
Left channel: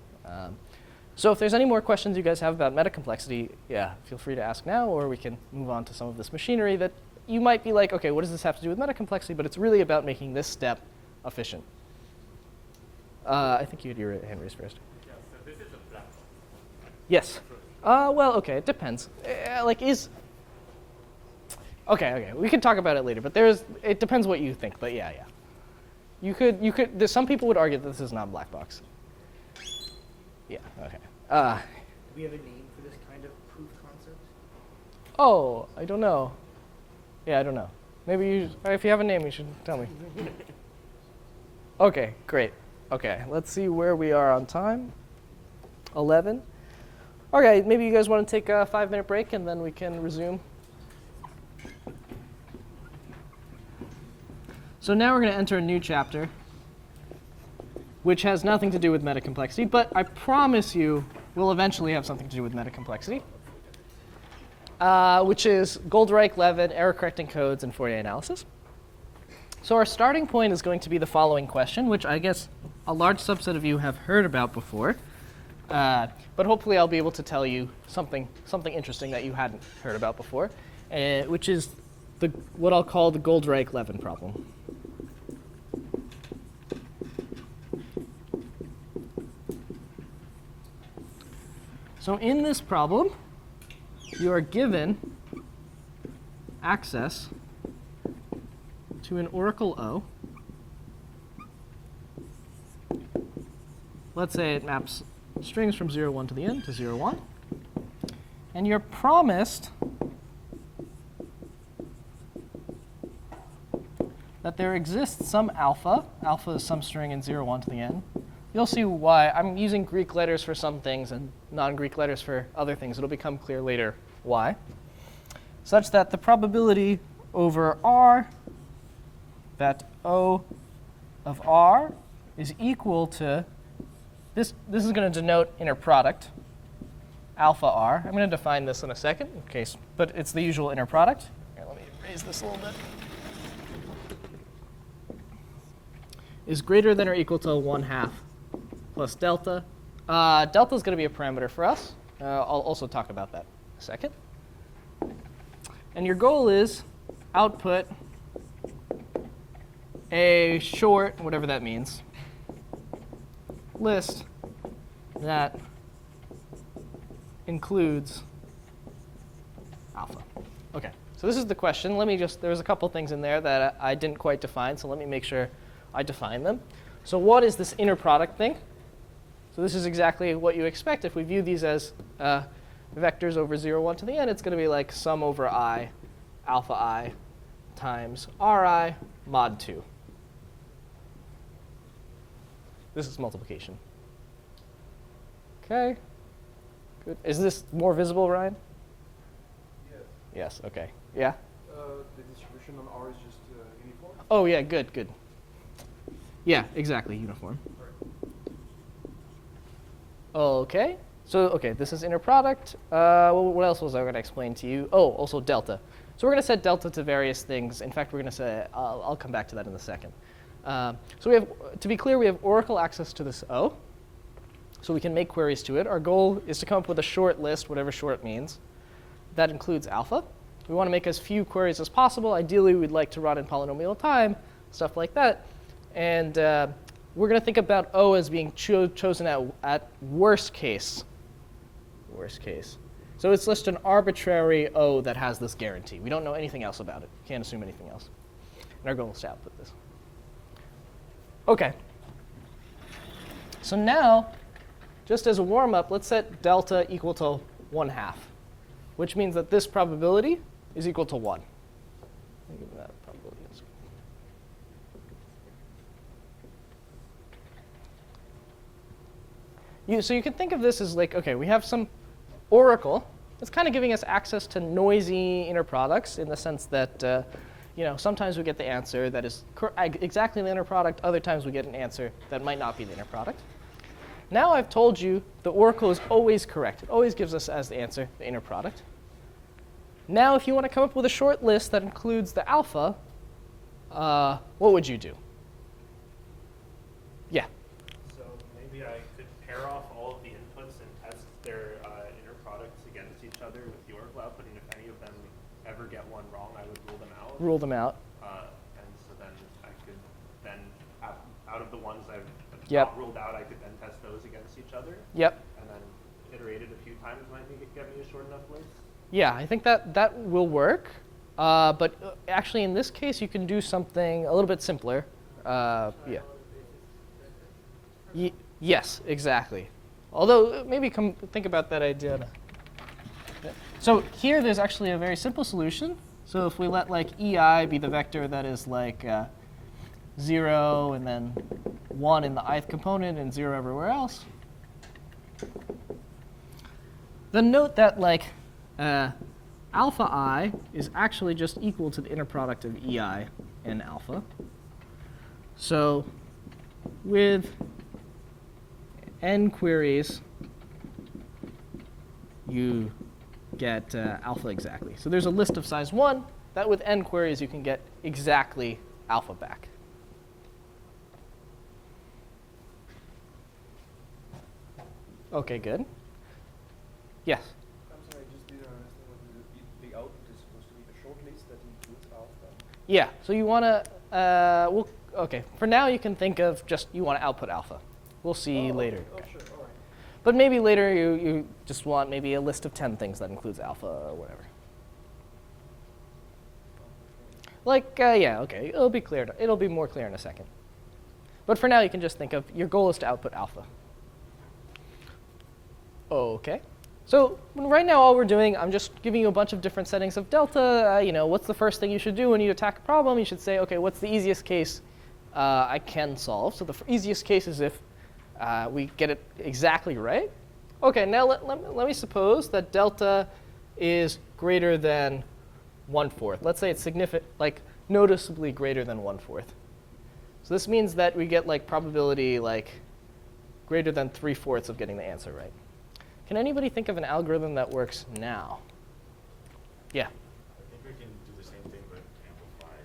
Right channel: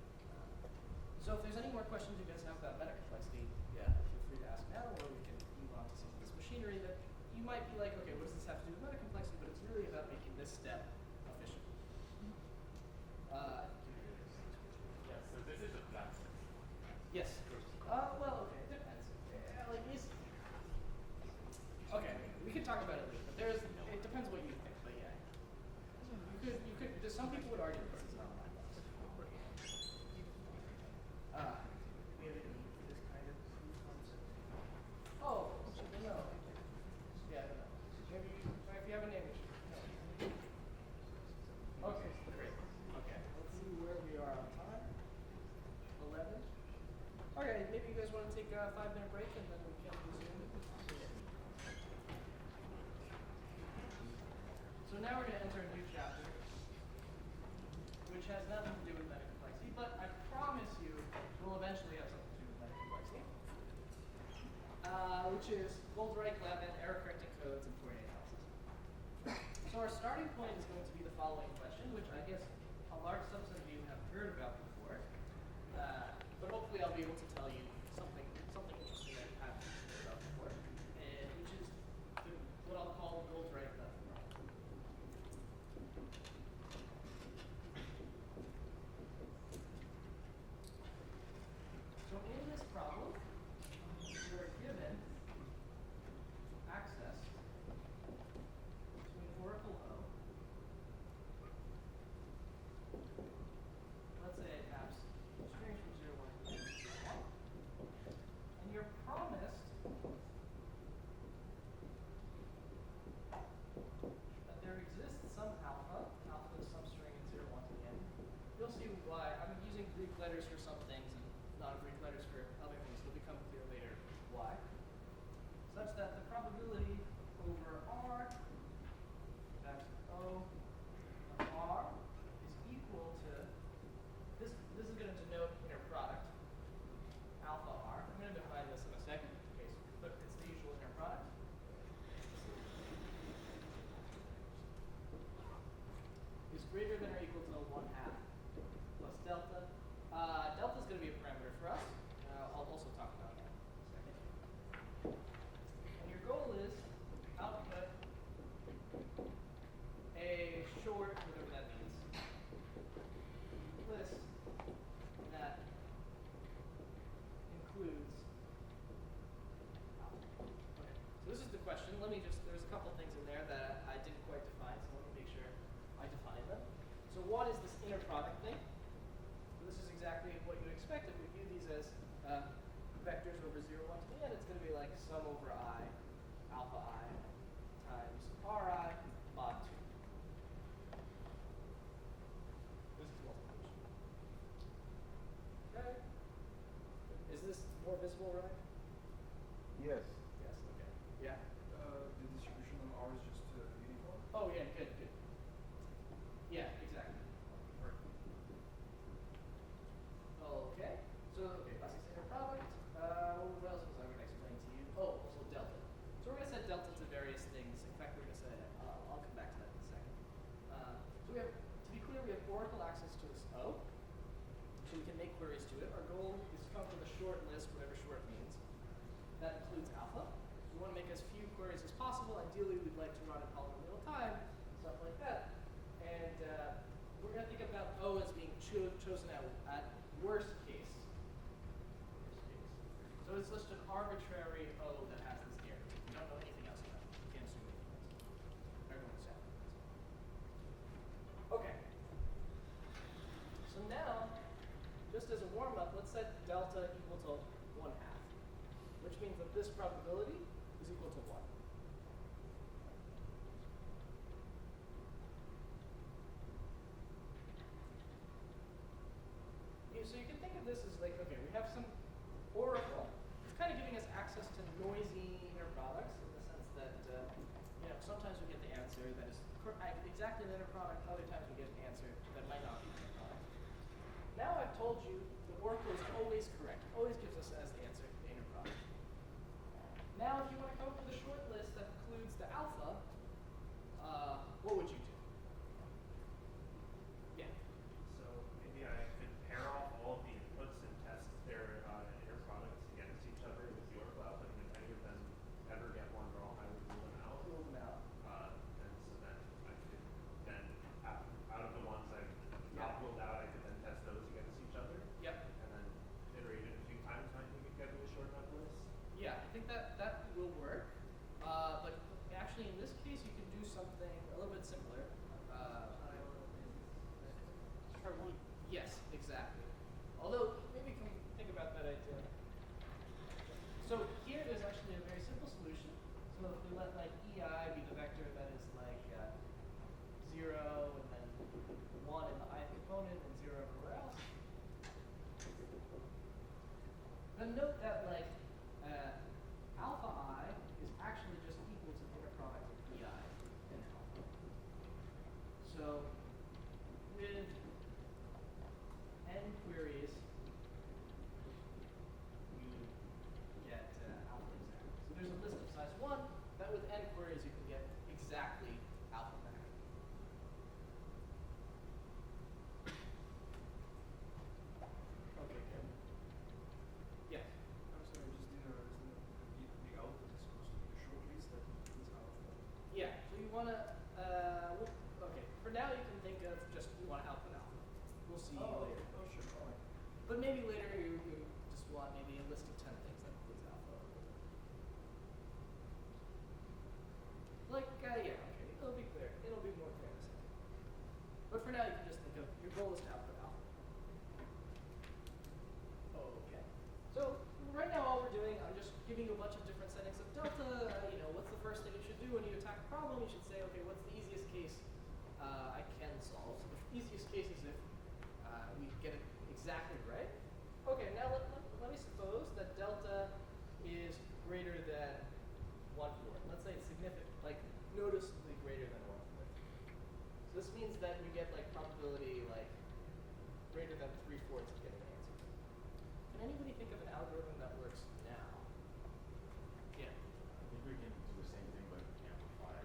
So if there's any more questions you guys have about metacomplexity, yeah, feel free to ask now, or we can move on to some of this machinery that you might be like, okay, what does this have to do with metacomplexity? But it's really about making this step efficient. I think you had your hand raised first. Yeah, so this is a black box. Yes. Well, okay, it depends. Okay, we can talk about it later, but it depends what you think, but yeah. Some people would argue that this is not a black box. Yeah, okay. We have a name for this kind of proof concept? Oh, I don't know. Yeah, I don't know. Maybe if you have a name, you should tell me. Okay, great. Okay, let's see where we are on time. 11. Okay, maybe you guys want to take a 5-minute break and then we can resume. So now we're going to enter a new chapter, which has nothing to do with metacomplexity, but I promise you will eventually have something to do with metacomplexity, which is Goldreich-Levin, error-correcting codes, and Fourier analysis. So our starting point is going to be the following question, which I guess a large subset of you have heard about before, but hopefully I'll be able to tell you something interesting that you hadn't heard about before, which is what I'll call the Goldreich-Levin problem. So in this problem, you are given access to an oracle O. Let's say it maps strings from 0, 1 to the end to 0, 1. And you're promised that there exists some alpha. Alpha is some string in 0, 1 to the end. You'll see why. I'm using Greek letters for some things and non-Greek letters for other things. It'll become clear later why. Such that the probability over R that O of R is equal to, this is going to denote inner product, alpha R. I'm going to define this in a second, but it's the usual inner product. Here, let me raise this a little bit. Is greater than or equal to 1/2 plus delta delta is going to be a parameter for us. I'll also talk about that in a second. And your goal is output a short, whatever that means, list that includes alpha. OK, so this is the question. Let me just, there's a couple things in there that I didn't quite define, so let me make sure I define them. So what is this inner product thing? So this is exactly what you expect. If we view these as vectors over 0, 1 to the n, it's going to be like sum over I, alpha I, times Ri mod 2. This is multiplication. OK. Good. Is this more visible, Ryan? Yes. Yes, OK. Yeah? The distribution on R is just uniform. Oh, yeah, good, good. Yeah, exactly, uniform. OK. So, OK, this is inner product. What else was I going to explain to you? Oh, also delta. So we're going to set delta to various things. In fact, we're going to say, I'll come back to that in a second. So we have, to be clear, we have oracle access to this O. So we can make queries to it. Our goal is to come up with a short list, whatever short means. That includes alpha. We want to make as few queries as possible. Ideally, we'd like to run in polynomial time, stuff like that. And we're going to think about O as being chosen at worst case. Worst case. So it's just an arbitrary O that has this guarantee. We don't know anything else about it. Can't assume anything else. And our goal is to output this. OK. So now, just as a warm-up, let's set delta equal to 1/2, which means that this probability is equal to 1. So you can think of this as like, OK, we have some oracle. It's kind of giving us access to noisy inner products in the sense that sometimes we get the answer that is exactly the inner product. Other times we get an answer that might not be the inner product. Now I've told you the oracle is always correct. It always gives us as the answer the inner product. Now if you want to come up with a short list that includes the alpha, what would you do? Yeah. So maybe I could pair off all of the inputs and test their inner products against each other with the oracle output, and if any of them ever get one wrong, I would rule them out. Rule them out. And so then I could then, out of the ones I've Yep. not ruled out, I could then test those against each other. Yep. And then iterate it a few times might get me a short enough list. Yeah, I think that will work. But actually, in this case, you can do something a little bit simpler. Yeah. Yes, exactly. Although, maybe think about that idea. So here, there's actually a very simple solution. So if we let like EI be the vector that is like 0 and then 1 in the ith component and 0 everywhere else, then note that like alpha I is actually just equal to the inner product of EI and alpha. So with n queries, you get alpha exactly. So there's a list of size 1 that with n queries you can get exactly alpha back. OK, good. Yes? I'm sorry, I just didn't understand the output is supposed to be the short list that includes alpha. Yeah, so you want to, OK, for now you can think of just you want to output alpha. We'll see later. Oh, sure, all right. But maybe later you just want maybe a list of 10 things that includes alpha or whatever. Like, yeah, OK, it'll be clear. It'll be more clear in a second. But for now, you can just think of your goal is to output alpha. OK. So right now, all we're doing, I'm just giving you a bunch of different settings of delta. What's the first thing you should do when you attack a problem? You should say, OK, what's the easiest case I can solve? So the easiest case is if we get it exactly right. OK, now let me suppose that delta is greater than 1/4. Let's say it's like noticeably greater than 1/4. So this means that we get like probability like greater than 3/4 of getting the answer right. Can anybody think of an algorithm that works now? Yeah. I think we can do the same thing but amplify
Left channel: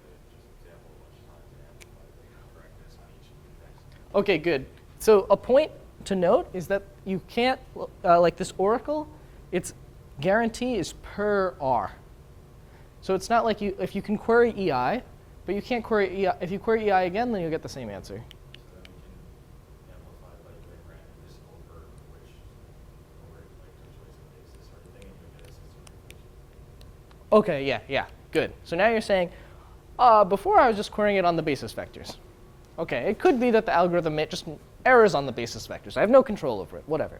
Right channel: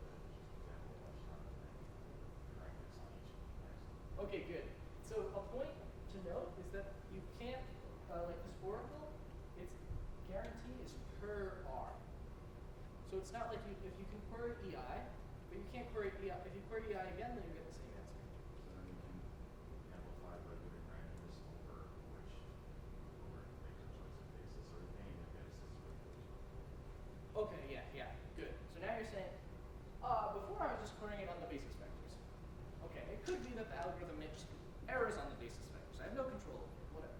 just example much times and amplify the correctness on each of the text. OK, good. So a point to note is that you can't, like this oracle, its guarantee is per R. So it's not like if you can query EI, but you can't query EI. If you query EI again, then you'll get the same answer. So then we can amplify by way of randomness over which, over like two choice of basis sort of thing, and you'll get a system proof. Okay, yeah, good. So now you're saying, before I was just querying it on the basis vectors. Okay, it could be that the algorithm just errors on the basis vectors. I have no control over it, whatever.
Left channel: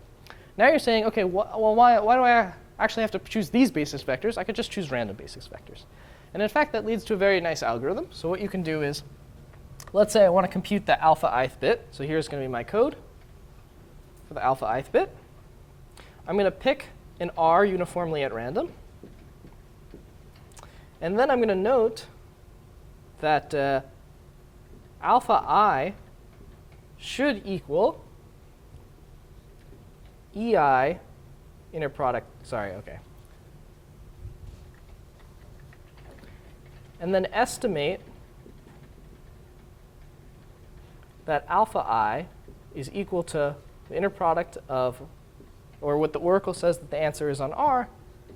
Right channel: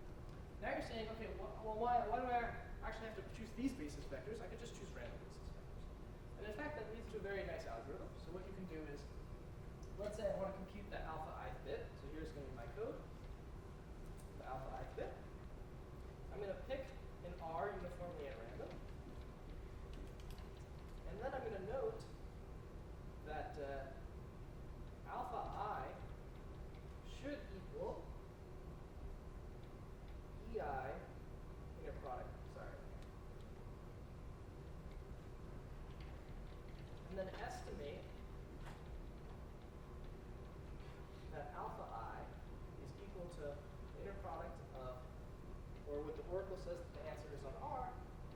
Now you're saying, okay, well, why do I actually have to choose these basis vectors? I could just choose random basis vectors. And in fact, that leads to a very nice algorithm. So what you can do is, let's say I want to compute the alpha ith bit. So here's going to be my code for the alpha ith bit. I'm going to pick an R uniformly at random. And then I'm going to note that alpha I should equal EI inner product. Sorry, okay. And then estimate that alpha I is equal to the inner product of, or what the oracle says that the answer is on R,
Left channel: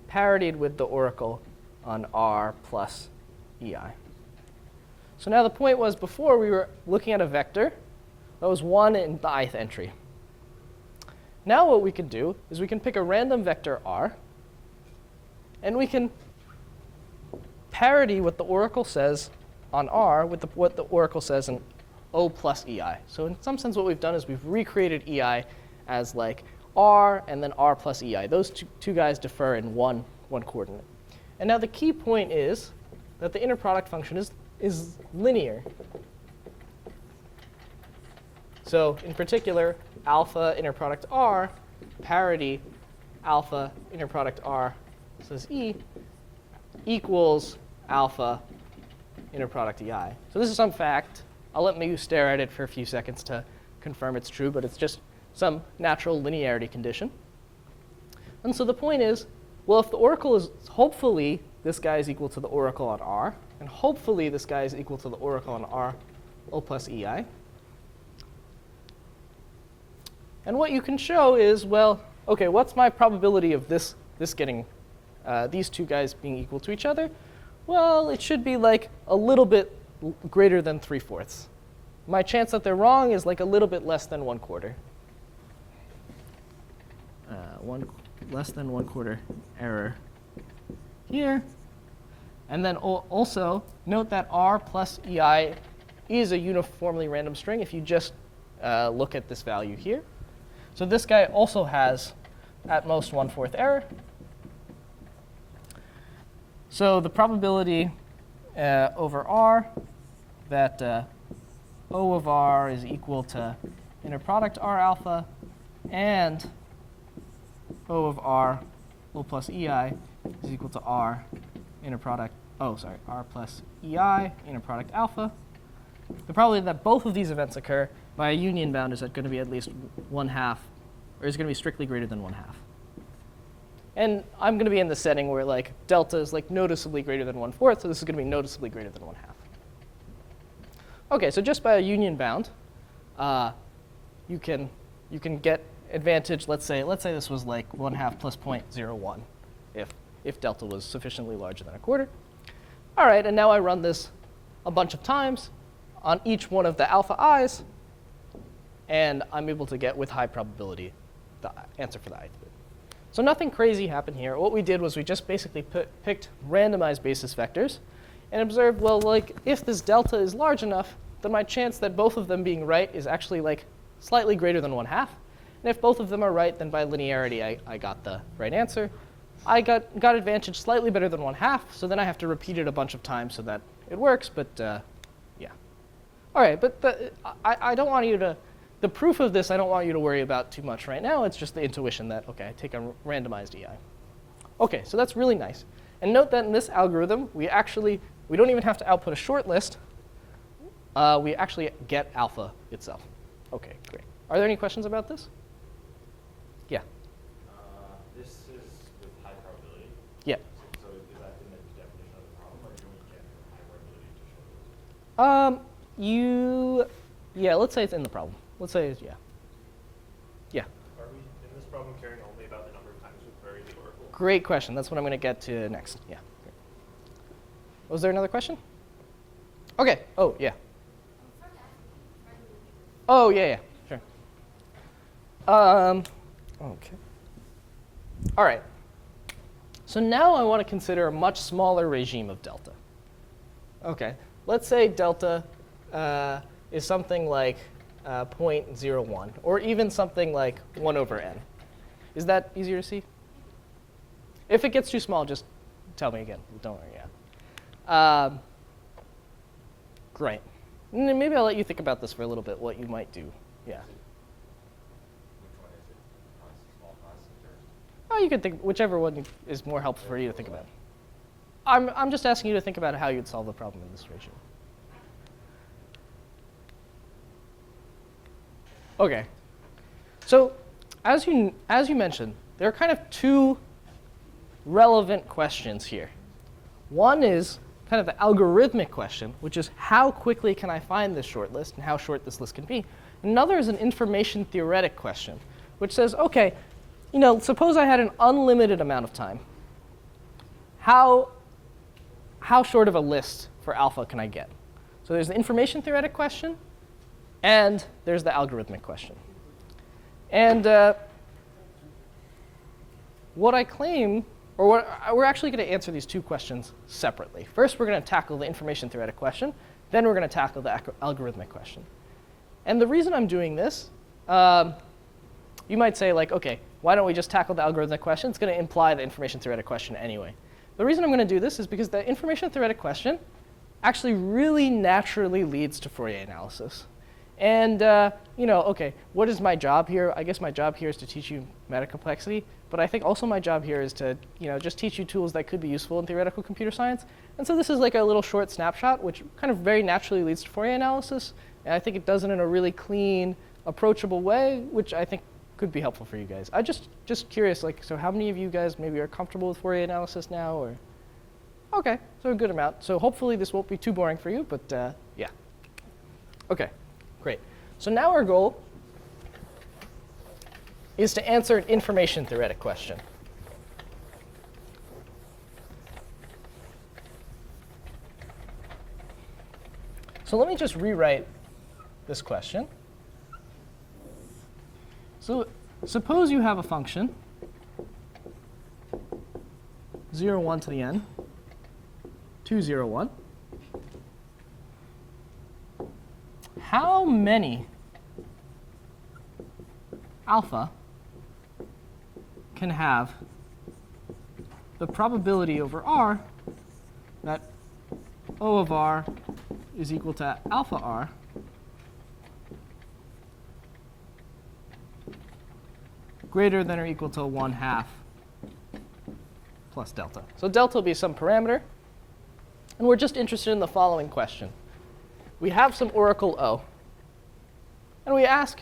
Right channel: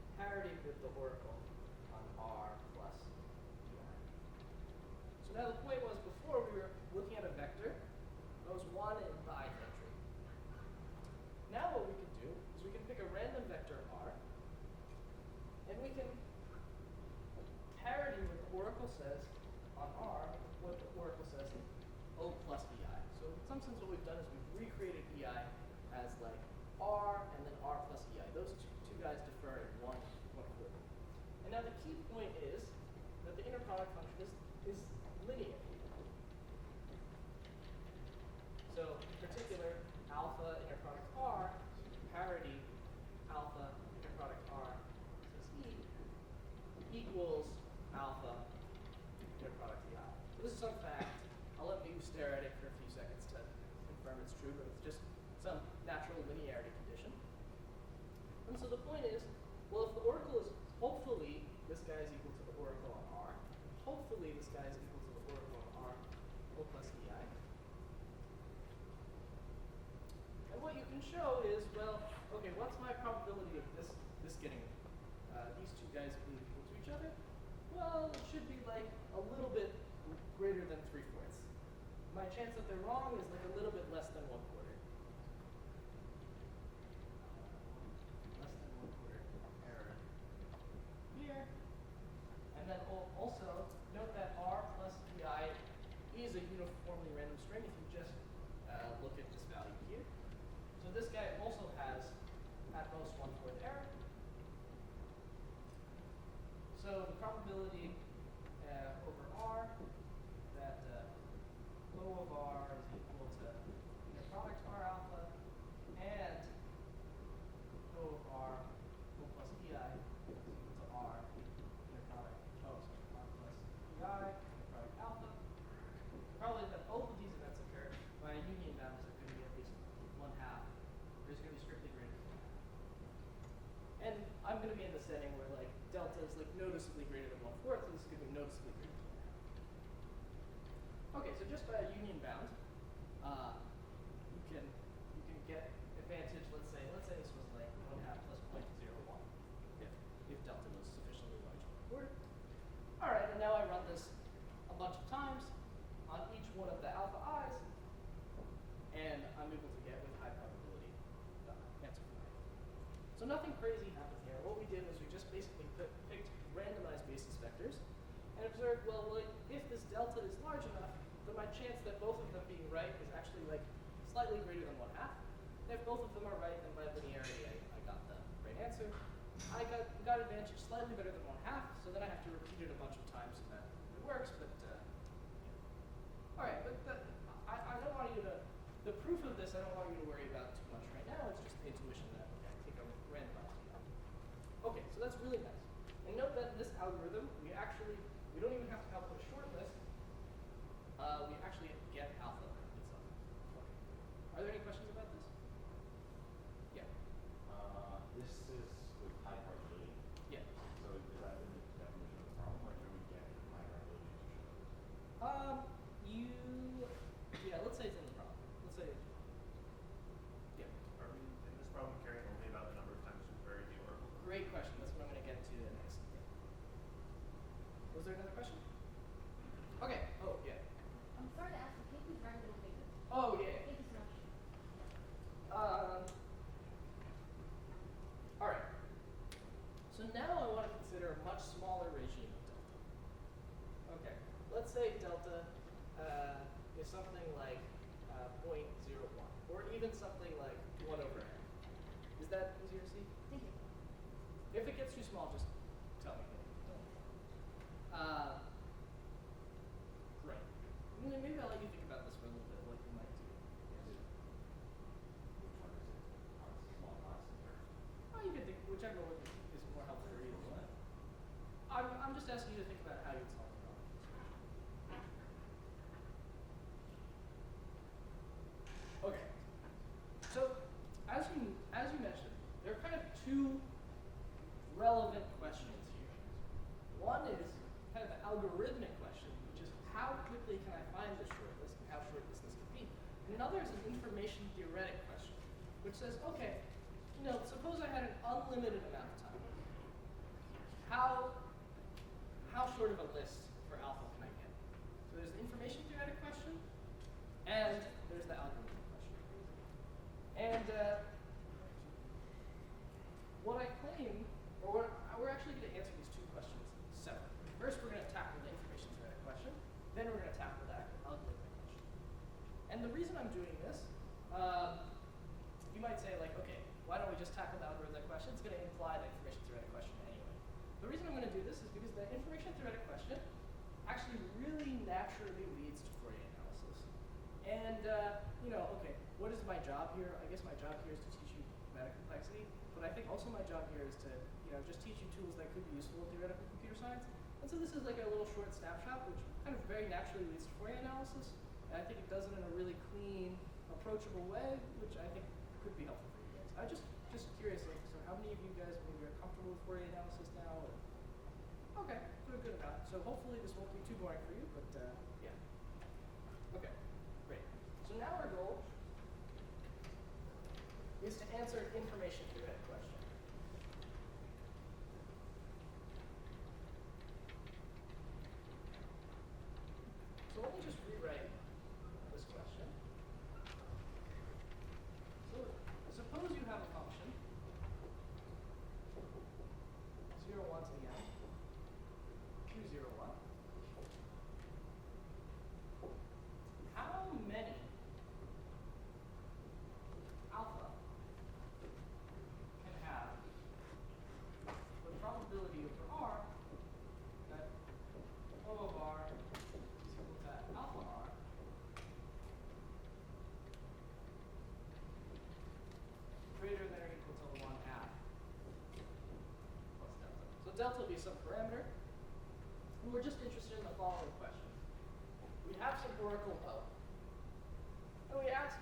parodied with the oracle on R plus EI. So now the point was, before we were looking at a vector that was 1 in the ith entry. Now what we can do is we can pick a random vector R, and we can parody what the oracle says on R with what the oracle says in O plus EI. So in some sense, what we've done is we've recreated EI as like R and then R plus EI. Those two guys differ in one coordinate. And now the key point is that the inner product function is linear. So in particular, alpha inner product R parity alpha inner product R says E equals alpha inner product EI. So this is some fact. I'll let you stare at it for a few seconds to confirm it's true, but it's just some natural linearity condition. And so the point is, well, if the oracle is, hopefully this guy is equal to the oracle on R, and hopefully this guy is equal to the oracle on R O plus EI. And what you can show is, well, okay, what's my probability of this getting, these two guys being equal to each other? Well, it should be like a little bit greater than 3/4. My chance that they're wrong is like a little bit less than 1/4. Less than 1/4 error here. And then also note that R plus EI is a uniformly random string if you just look at this value here. So this guy also has at most 1/4 error. So the probability over R that O of R is equal to inner product R alpha and O of R O plus EI is equal to R inner product, R plus EI inner product alpha. The probability that both of these events occur by a union bound is going to be at least 1/2, or is going to be strictly greater than 1/2. And I'm going to be in the setting where like delta is like noticeably greater than 1/4, so this is going to be noticeably greater than 1/2. Okay, so just by a union bound, you can get advantage. Let's say this was like 1/2 plus 0.01, if delta was sufficiently larger than 1/4. All right, and now I run this a bunch of times on each one of the alpha i's, and I'm able to get with high probability the answer for the ith bit. So nothing crazy happened here. What we did was we just basically picked randomized basis vectors and observed, well, like if this delta is large enough, then my chance that both of them being right is actually like slightly greater than 1/2. And if both of them are right, then by linearity, I got the right answer. I got advantage slightly better than 1/2, so then I have to repeat it a bunch of times so that it works, but yeah. All right, but I don't want you to, the proof of this I don't want you to worry about too much right now. It's just the intuition that, okay, I take a randomized EI. Okay, so that's really nice. And note that in this algorithm, we don't even have to output a short list. We actually get alpha itself. Okay, great. Are there any questions about this? Yeah. This is with high probability. Yeah. So is that in the definition of the problem, or do you get high probability to show this? Yeah, let's say it's in the problem. Let's say, yeah. great question. That's what I'm going to get to next. Yeah. Was there another question? Okay. Oh, yeah. Oh, yeah, sure. Okay. All right. So now I want to consider a much smaller regime of delta. Okay. Let's say delta is something like 0.01, or even something like 1 over n. Is that easier to see? If it gets too small, just tell me again. Don't worry. Yeah. Great. And then maybe I'll let you think about this for a little bit, what you might do. Yeah. Which one is it? Small, constant, Oh, you could think whichever one is more helpful for you to think about. I'm just asking you to think about how you'd solve the problem in this regime. Okay. So as you mentioned, there are kind of two relevant questions here. One is kind of the algorithmic question, which is how quickly can I find this short list and how short this list can be. Another is an information theoretic question, which says, okay, suppose I had an unlimited amount of time. How short of a list for alpha can I get? So there's the information theoretic question, and there's the algorithmic question. And what I claim, or we're actually going to answer these two questions separately. First, we're going to tackle the information theoretic question. Then we're going to tackle the algorithmic question. And the reason I'm doing this, you might say, like, OK, why don't we just tackle the algorithmic question? It's going to imply the information theoretic question anyway. The reason I'm going to do this is because the information theoretic question actually really naturally leads to Fourier analysis. And OK, what is my job here? I guess my job here is to teach you metacomplexity. But I think also my job here is to just teach you tools that could be useful in theoretical computer science. And so this is like a little short snapshot, which kind of very naturally leads to Fourier analysis. And I think it does it in a really clean, approachable way, which I think could be helpful for you guys. I'm just curious, like, so how many of you guys maybe are comfortable with Fourier analysis now? Or OK, so a good amount. So hopefully this won't be too boring for you, but yeah. OK, great. So now our goal is to answer an information theoretic question. So let me just rewrite this question. So suppose you have a function, 0, 1 to the n, 2, 0, 1. How many alpha can have the probability over r that O of r is equal to alpha r greater than or equal to 1/2 plus delta. So delta will be some parameter. And we're just interested in the following question. We have some oracle O. And we ask,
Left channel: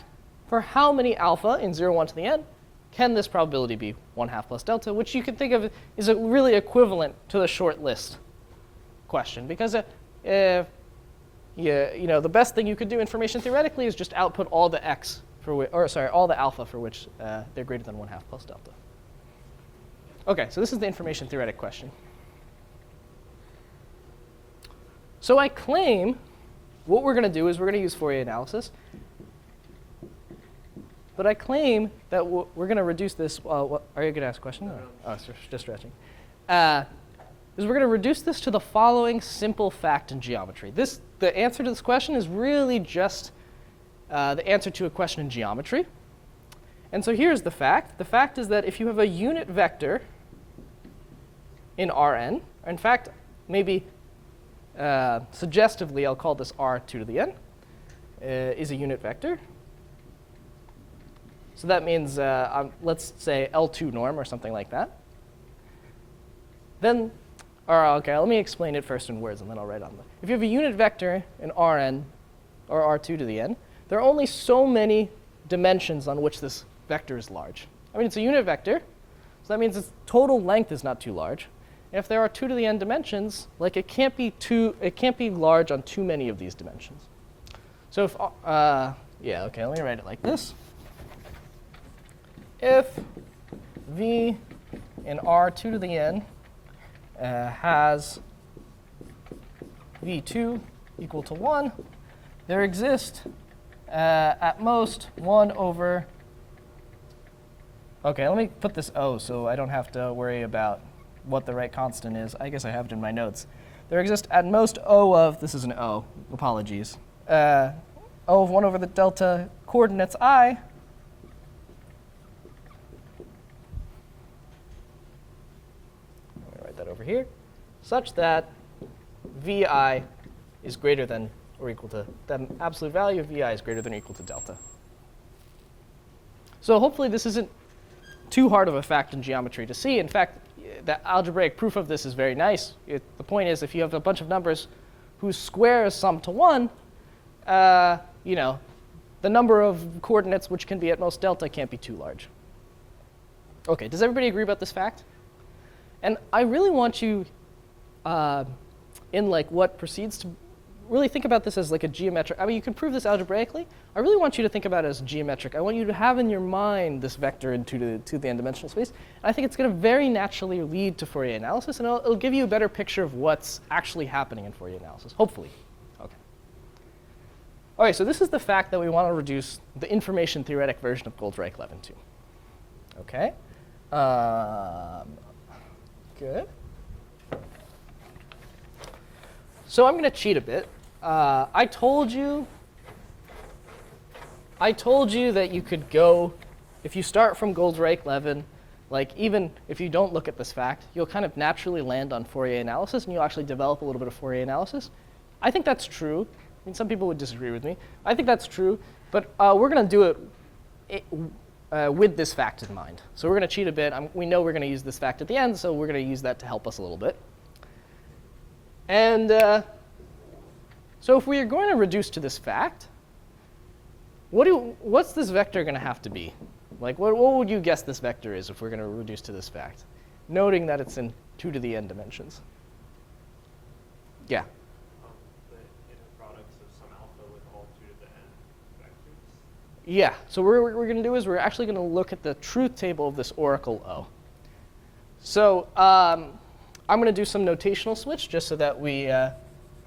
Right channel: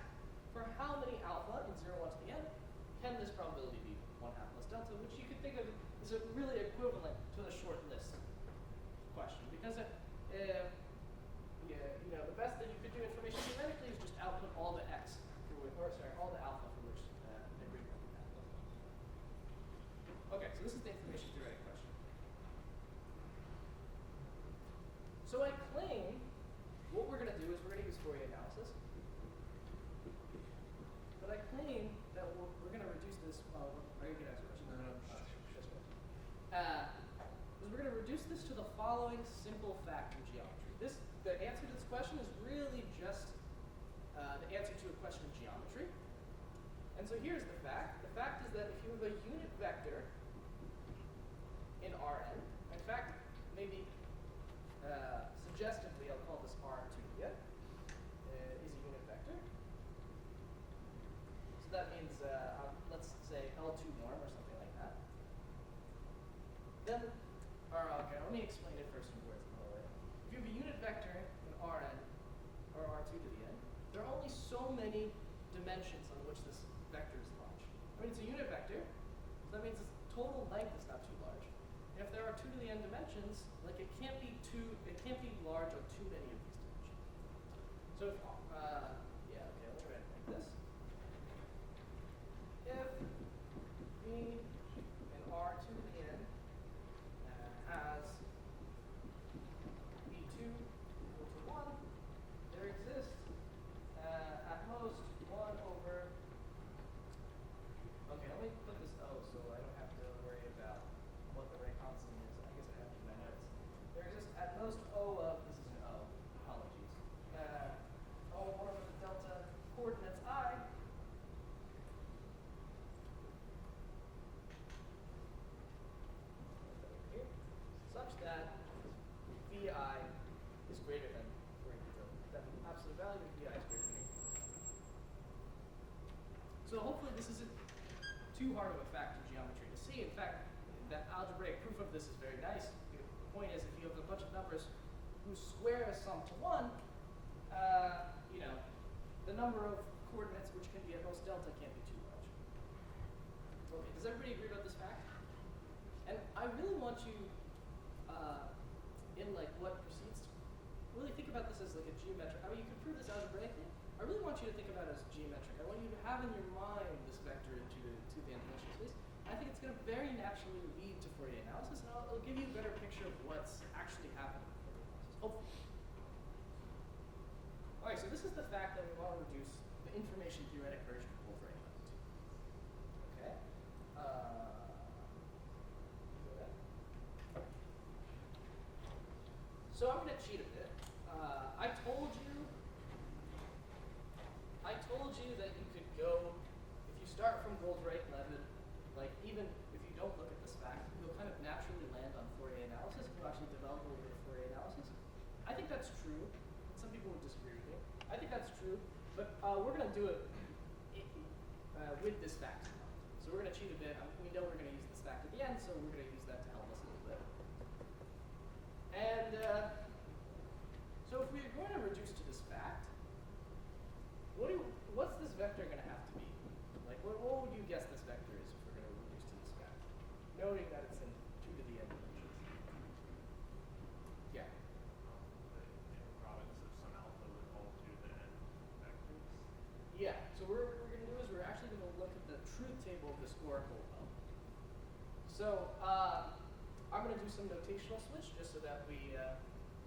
for how many alpha in 0, 1 to the n can this probability be 1/2 plus delta, which you can think of is really equivalent to the short list question. Because the best thing you could do information theoretically is just output all the x for all the alpha for which they're greater than 1/2 plus delta. OK, so this is the information theoretic question. So I claim what we're going to do is we're going to use Fourier analysis. But I claim that we're going to reduce this. Are you going to ask a question? Oh, just stretching. Is we're going to reduce this to the following simple fact in geometry. The answer to this question is really just the answer to a question in geometry. And so here's the fact. The fact is that if you have a unit vector in Rn, or in fact, maybe suggestively, I'll call this R2 to the n, is a unit vector. So that means, let's say, L2 norm or something like that. Then, OK, let me explain it first in words, and then I'll write on them. If you have a unit vector in Rn, or R2 to the n, there are only so many dimensions on which this vector is large. I mean, it's a unit vector, so that means its total length is not too large. And if there are 2 to the n dimensions, like it can't be large on too many of these dimensions. So if, yeah, OK, let me write it like this. If V in R2 to the n has v2 equal to 1, there exists at most 1 over, OK, let me put this O so I don't have to worry about what the right constant is. I guess I have it in my notes. There exists at most O of, this is an O, apologies, O of 1 over the delta coordinates I. Let me write that over here, such that vi is greater than or equal to, the absolute value of vi is greater than or equal to delta. So hopefully this isn't too hard of a fact in geometry to see. In fact, the algebraic proof of this is very nice. The point is, if you have a bunch of numbers whose squares sum to 1, you know, the number of coordinates which can be at most delta can't be too large. OK, does everybody agree about this fact? And I really want you, in like what proceeds, to really think about this as like a geometric. I mean, you can prove this algebraically. I really want you to think about it as geometric. I want you to have in your mind this vector in 2 to the n-dimensional space. And I think it's going to very naturally lead to Fourier analysis, and it'll give you a better picture of what's actually happening in Fourier analysis, hopefully. OK. All right, so this is the fact that we want to reduce the information theoretic version of Goldreich-Levin to. OK. Good. So I'm going to cheat a bit. I told you that you could go, if you start from Goldreich-Levin, like even if you don't look at this fact, you'll kind of naturally land on Fourier analysis, and you'll actually develop a little bit of Fourier analysis. I think that's true. I mean, some people would disagree with me. I think that's true, but we're going to do it with this fact in mind. So we're going to cheat a bit. We know we're going to use this fact at the end, so we're going to use that to help us a little bit. And so if we are going to reduce to this fact, what's this vector going to have to be? Like, what would you guess this vector is if we're going to reduce to this fact, noting that it's in 2 to the n dimensions? Yeah. The inner products of some alpha with all 2 to the n vectors. Yeah. So what we're going to do is we're actually going to look at the truth table of this oracle O. So I'm going to do some notational switch just so that we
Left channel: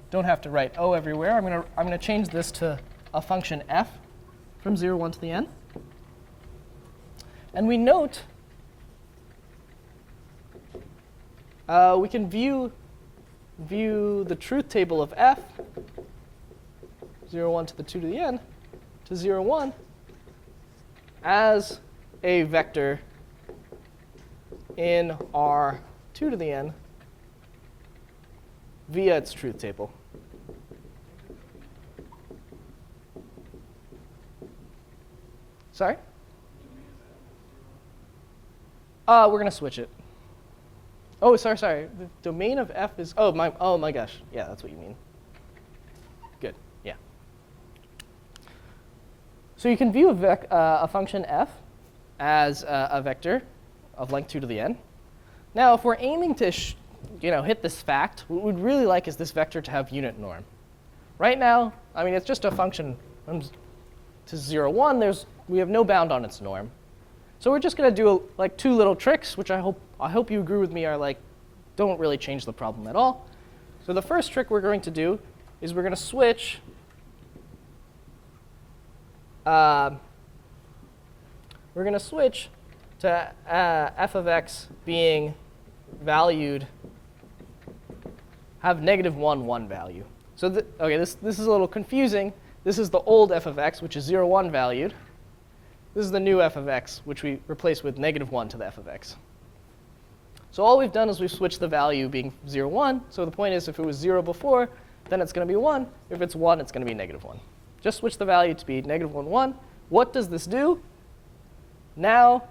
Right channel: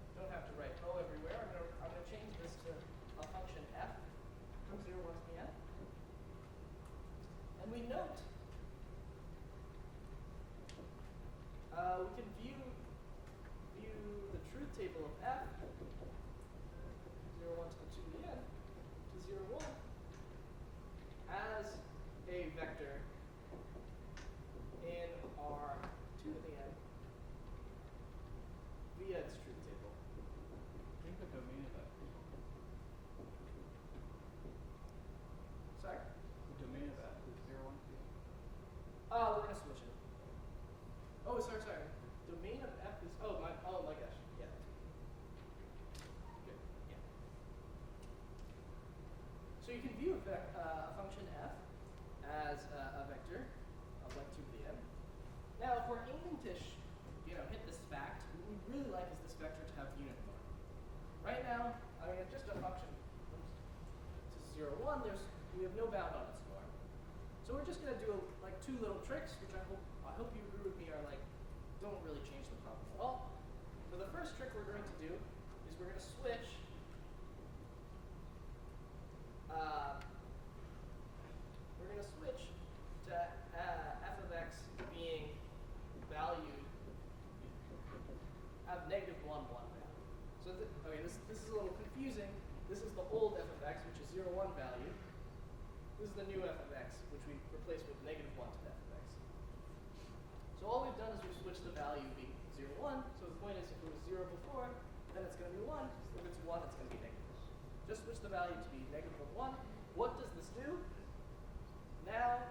don't have to write O everywhere. I'm going to change this to a function f from 0, 1 to the n. And we note we can view the truth table of f, 0, 1 to the 2 to the n, to 0, 1, as a vector in R 2 to the n via its truth table. Sorry? We're going to switch it. Oh, sorry. The domain of f is, oh my gosh. Yeah, that's what you mean. Good, yeah. So you can view a function f as a vector of length 2 to the n. Now, if we're aiming to hit this fact, what we'd really like is this vector to have unit norm. Right now, I mean, it's just a function to 0, 1. We have no bound on its norm. So we're just going to do like 2 little tricks, which I hope you agree with me are like don't really change the problem at all. So the first trick we're going to do is we're going to switch to f of x being valued, have -1, 1 value. So okay, this is a little confusing. This is the old f of x, which is 0, 1 valued. This is the new f of x, which we replace with -1 to the f of x. So all we've done is we've switched the value being 0, 1. So the point is if it was 0 before, then it's going to be 1. If it's 1, it's going to be -1. Just switch the value to be -1, 1. What does this do? Now,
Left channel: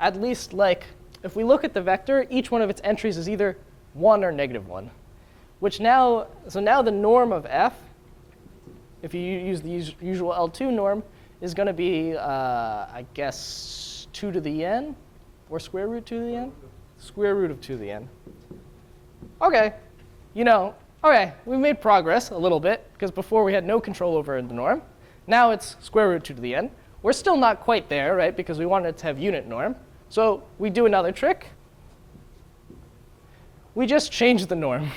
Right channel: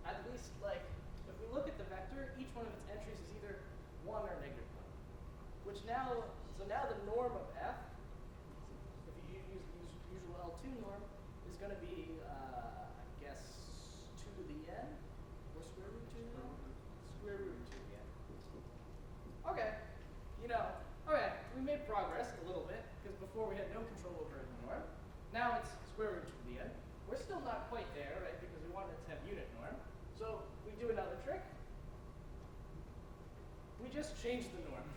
at least like if we look at the vector, each one of its entries is either 1 or -1, which now the norm of f, if you use the usual L2 norm, is going to be, I guess, 2 to the n, or square root 2 to the n? Square root of 2 to the n. OK, OK, we made progress a little bit, because before we had no control over the norm. Now it's square root 2 to the n. We're still not quite there, right, because we wanted it to have unit norm. So we do another trick. We just change the norm.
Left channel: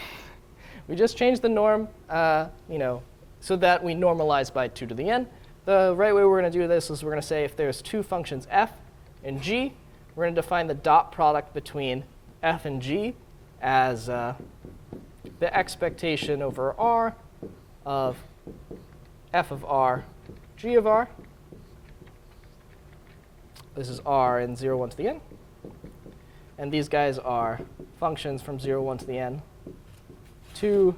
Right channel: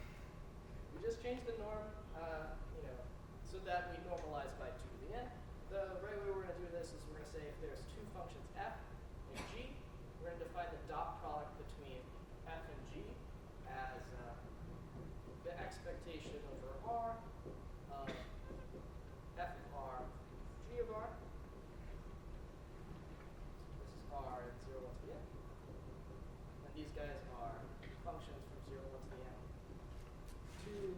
We just change the norm, so that we normalize by 2 to the n. The right way we're going to do this is we're going to say if there's two functions f and g, we're going to define the dot product between f and g as the expectation over r of f of r, g of r. This is r in 0, 1 to the n. And these guys are functions from 0, 1 to the n to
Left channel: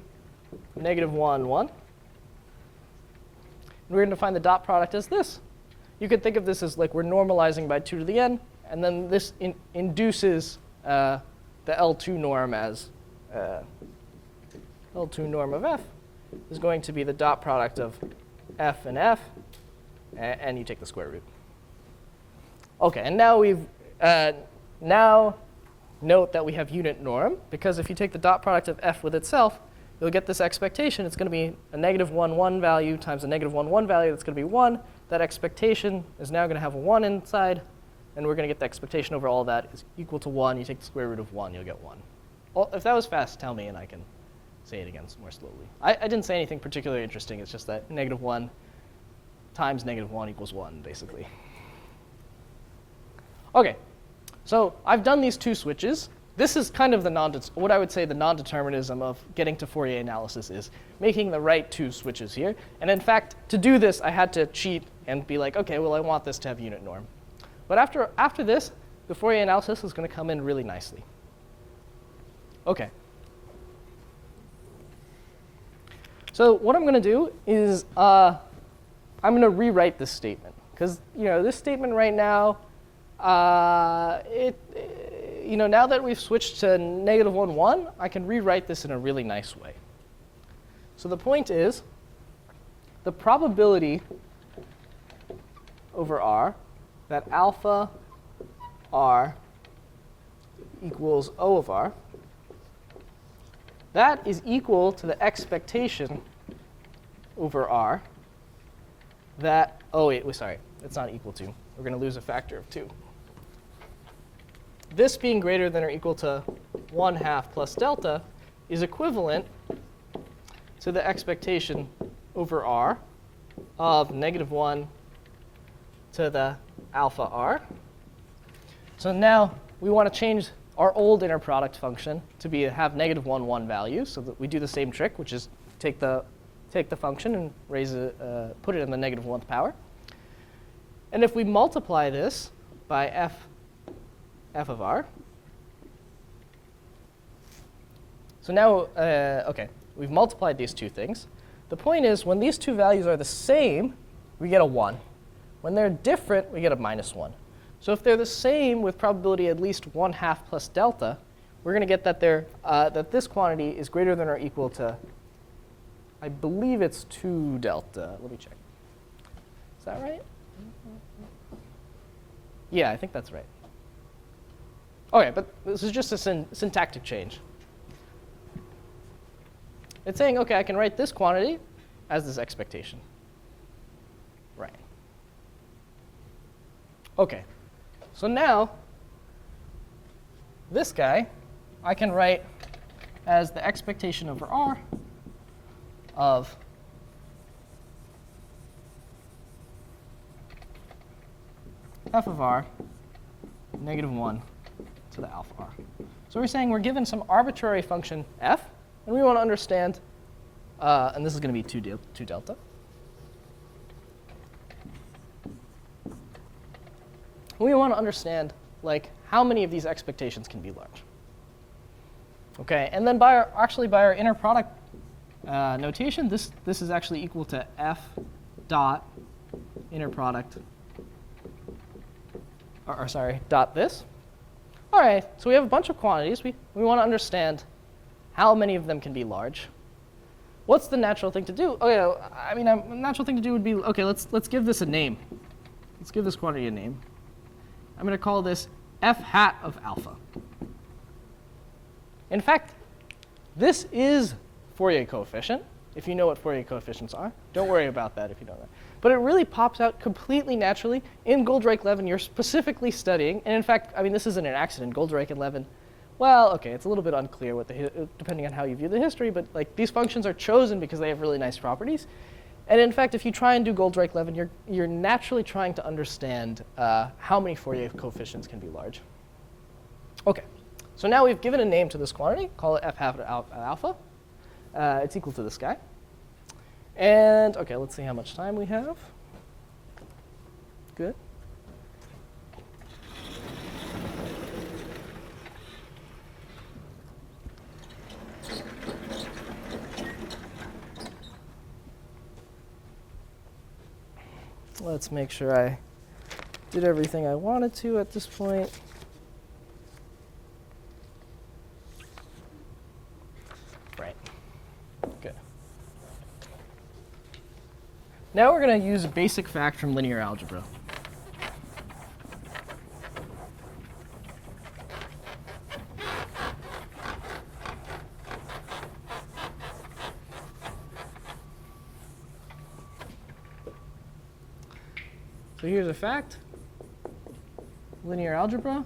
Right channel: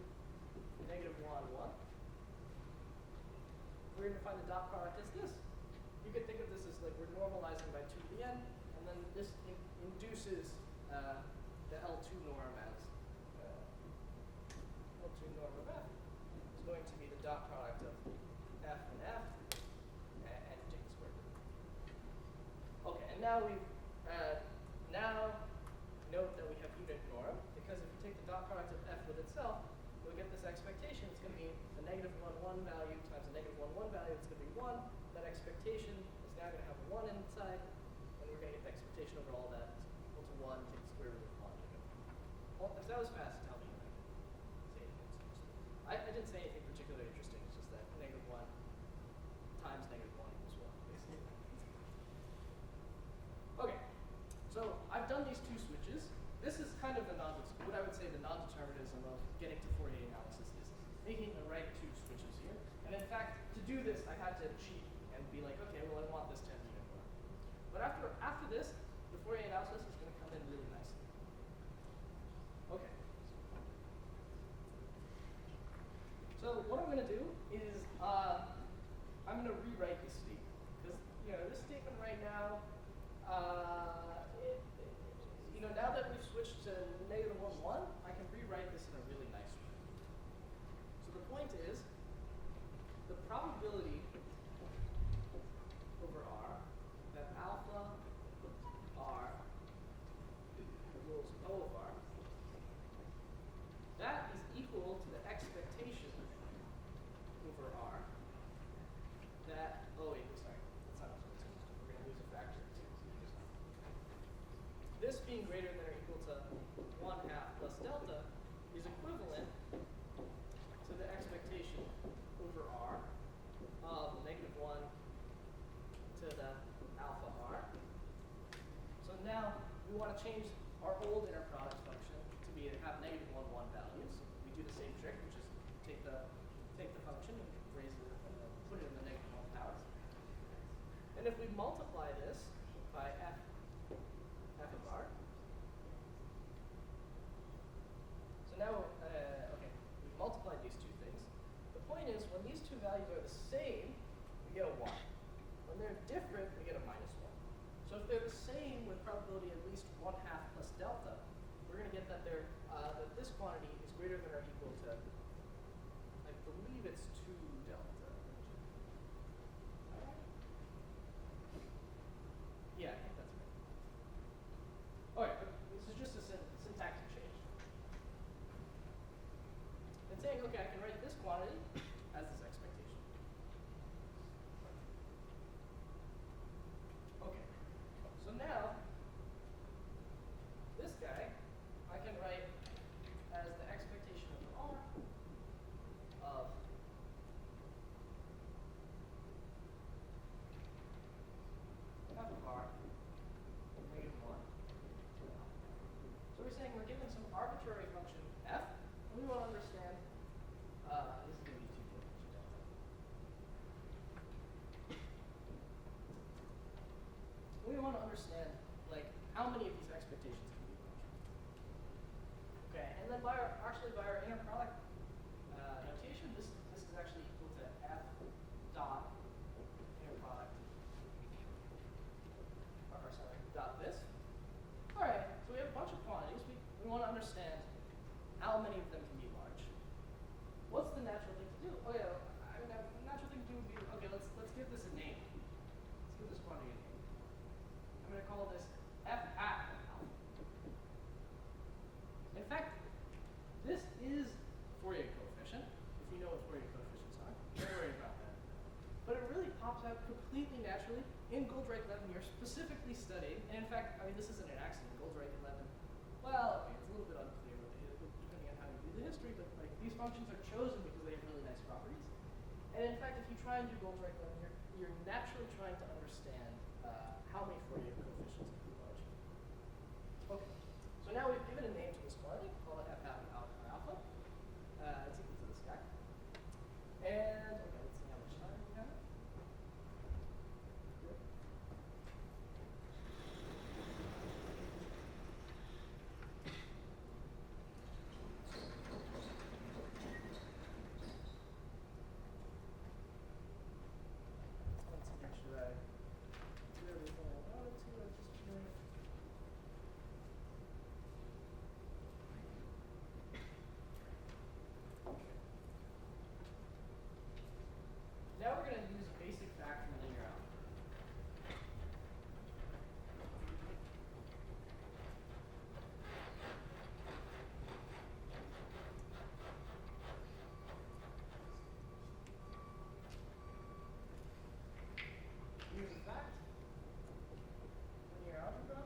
negative 1, 1. And we're going to define the dot product as this. You could think of this as like we're normalizing by 2 to the n, and then this induces the L2 norm as L2 norm of f is going to be the dot product of f and f, and you take the square root. Okay, and now we've now note that we have unit norm, because if you take the dot product of f with itself, you'll get this expectation. It's going to be a negative 1, 1 value times a negative 1, 1 value. That's going to be 1. That expectation is now going to have a 1 inside, and we're going to get the expectation over all of that is equal to 1. You take the square root of 1, you'll get 1. Well, if that was fast, tell me, and I can say it again more slowly. I didn't say anything particularly interesting. It's just that negative 1 times negative 1 equals 1, basically. OK, so I've done these two switches. This is kind of what I would say the non-determinism of getting to Fourier analysis is making the right two switches here. And in fact, to do this, I had to cheat and be like, OK, well, I want this to have unit norm. But after this, the Fourier analysis is going to come in really nicely. OK. So what I'm going to do is I'm going to rewrite this statement. Because this statement right now, now that we've switched to negative 1, 1, I can rewrite this in a really nice way. So the point is, the probability over r that alpha r equals O of r, that is equal to the expectation over r that, sorry, it's not equal to. We're going to lose a factor of 2. This being greater than or equal to 1/2 plus delta is equivalent to the expectation over r of negative 1 to the alpha r. So now we want to change our old inner product function to have negative 1, 1 values, so that we do the same trick, which is take the function and put it in the negative 1th power. And if we multiply this by f of r, so now, OK, we've multiplied these two things. The point is, when these two values are the same, we get a 1. When they're different, we get a -1. So if they're the same with probability at least 1/2 plus delta, we're going to get that that this quantity is greater than or equal to, I believe it's 2 delta. Let me check. Is that right? Yeah, I think that's right. OK, but this is just a syntactic change. It's saying, OK, I can write this quantity as this expectation. Right. OK. So now, this guy, I can write as the expectation over r of f of r negative 1 to the alpha r. So we're saying we're given some arbitrary function f, and we want to understand, and this is going to be 2 delta. We want to understand how many of these expectations can be large. Okay, and then by our inner product notation, this is actually equal to f dot inner product, dot this. All right, so we have a bunch of quantities. We want to understand how many of them can be large. What's the natural thing to do? A natural thing to do would be, OK, let's give this a name. Let's give this quantity a name. I'm going to call this f hat of alpha. In fact, this is Fourier coefficient, if you know what Fourier coefficients are. Don't worry about that if you don't know. but it really pops out completely naturally. In Goldreich-Levin, you're specifically studying, and in fact, I mean, this isn't an accident. Goldreich-Levin, well, okay, it's a little bit unclear what depending on how you view the history, but like these functions are chosen because they have really nice properties. And in fact, if you try and do Goldreich-Levin, you're naturally trying to understand how many Fourier coefficients can be large. Okay, so now we've given a name to this quantity, call it f half alpha. It's equal to this guy. And okay, let's see how much time we have. Good. Let's make sure I did everything I wanted to at this point. Right. Good. Now we're going to use a basic fact from linear algebra. So here's a fact, linear algebra.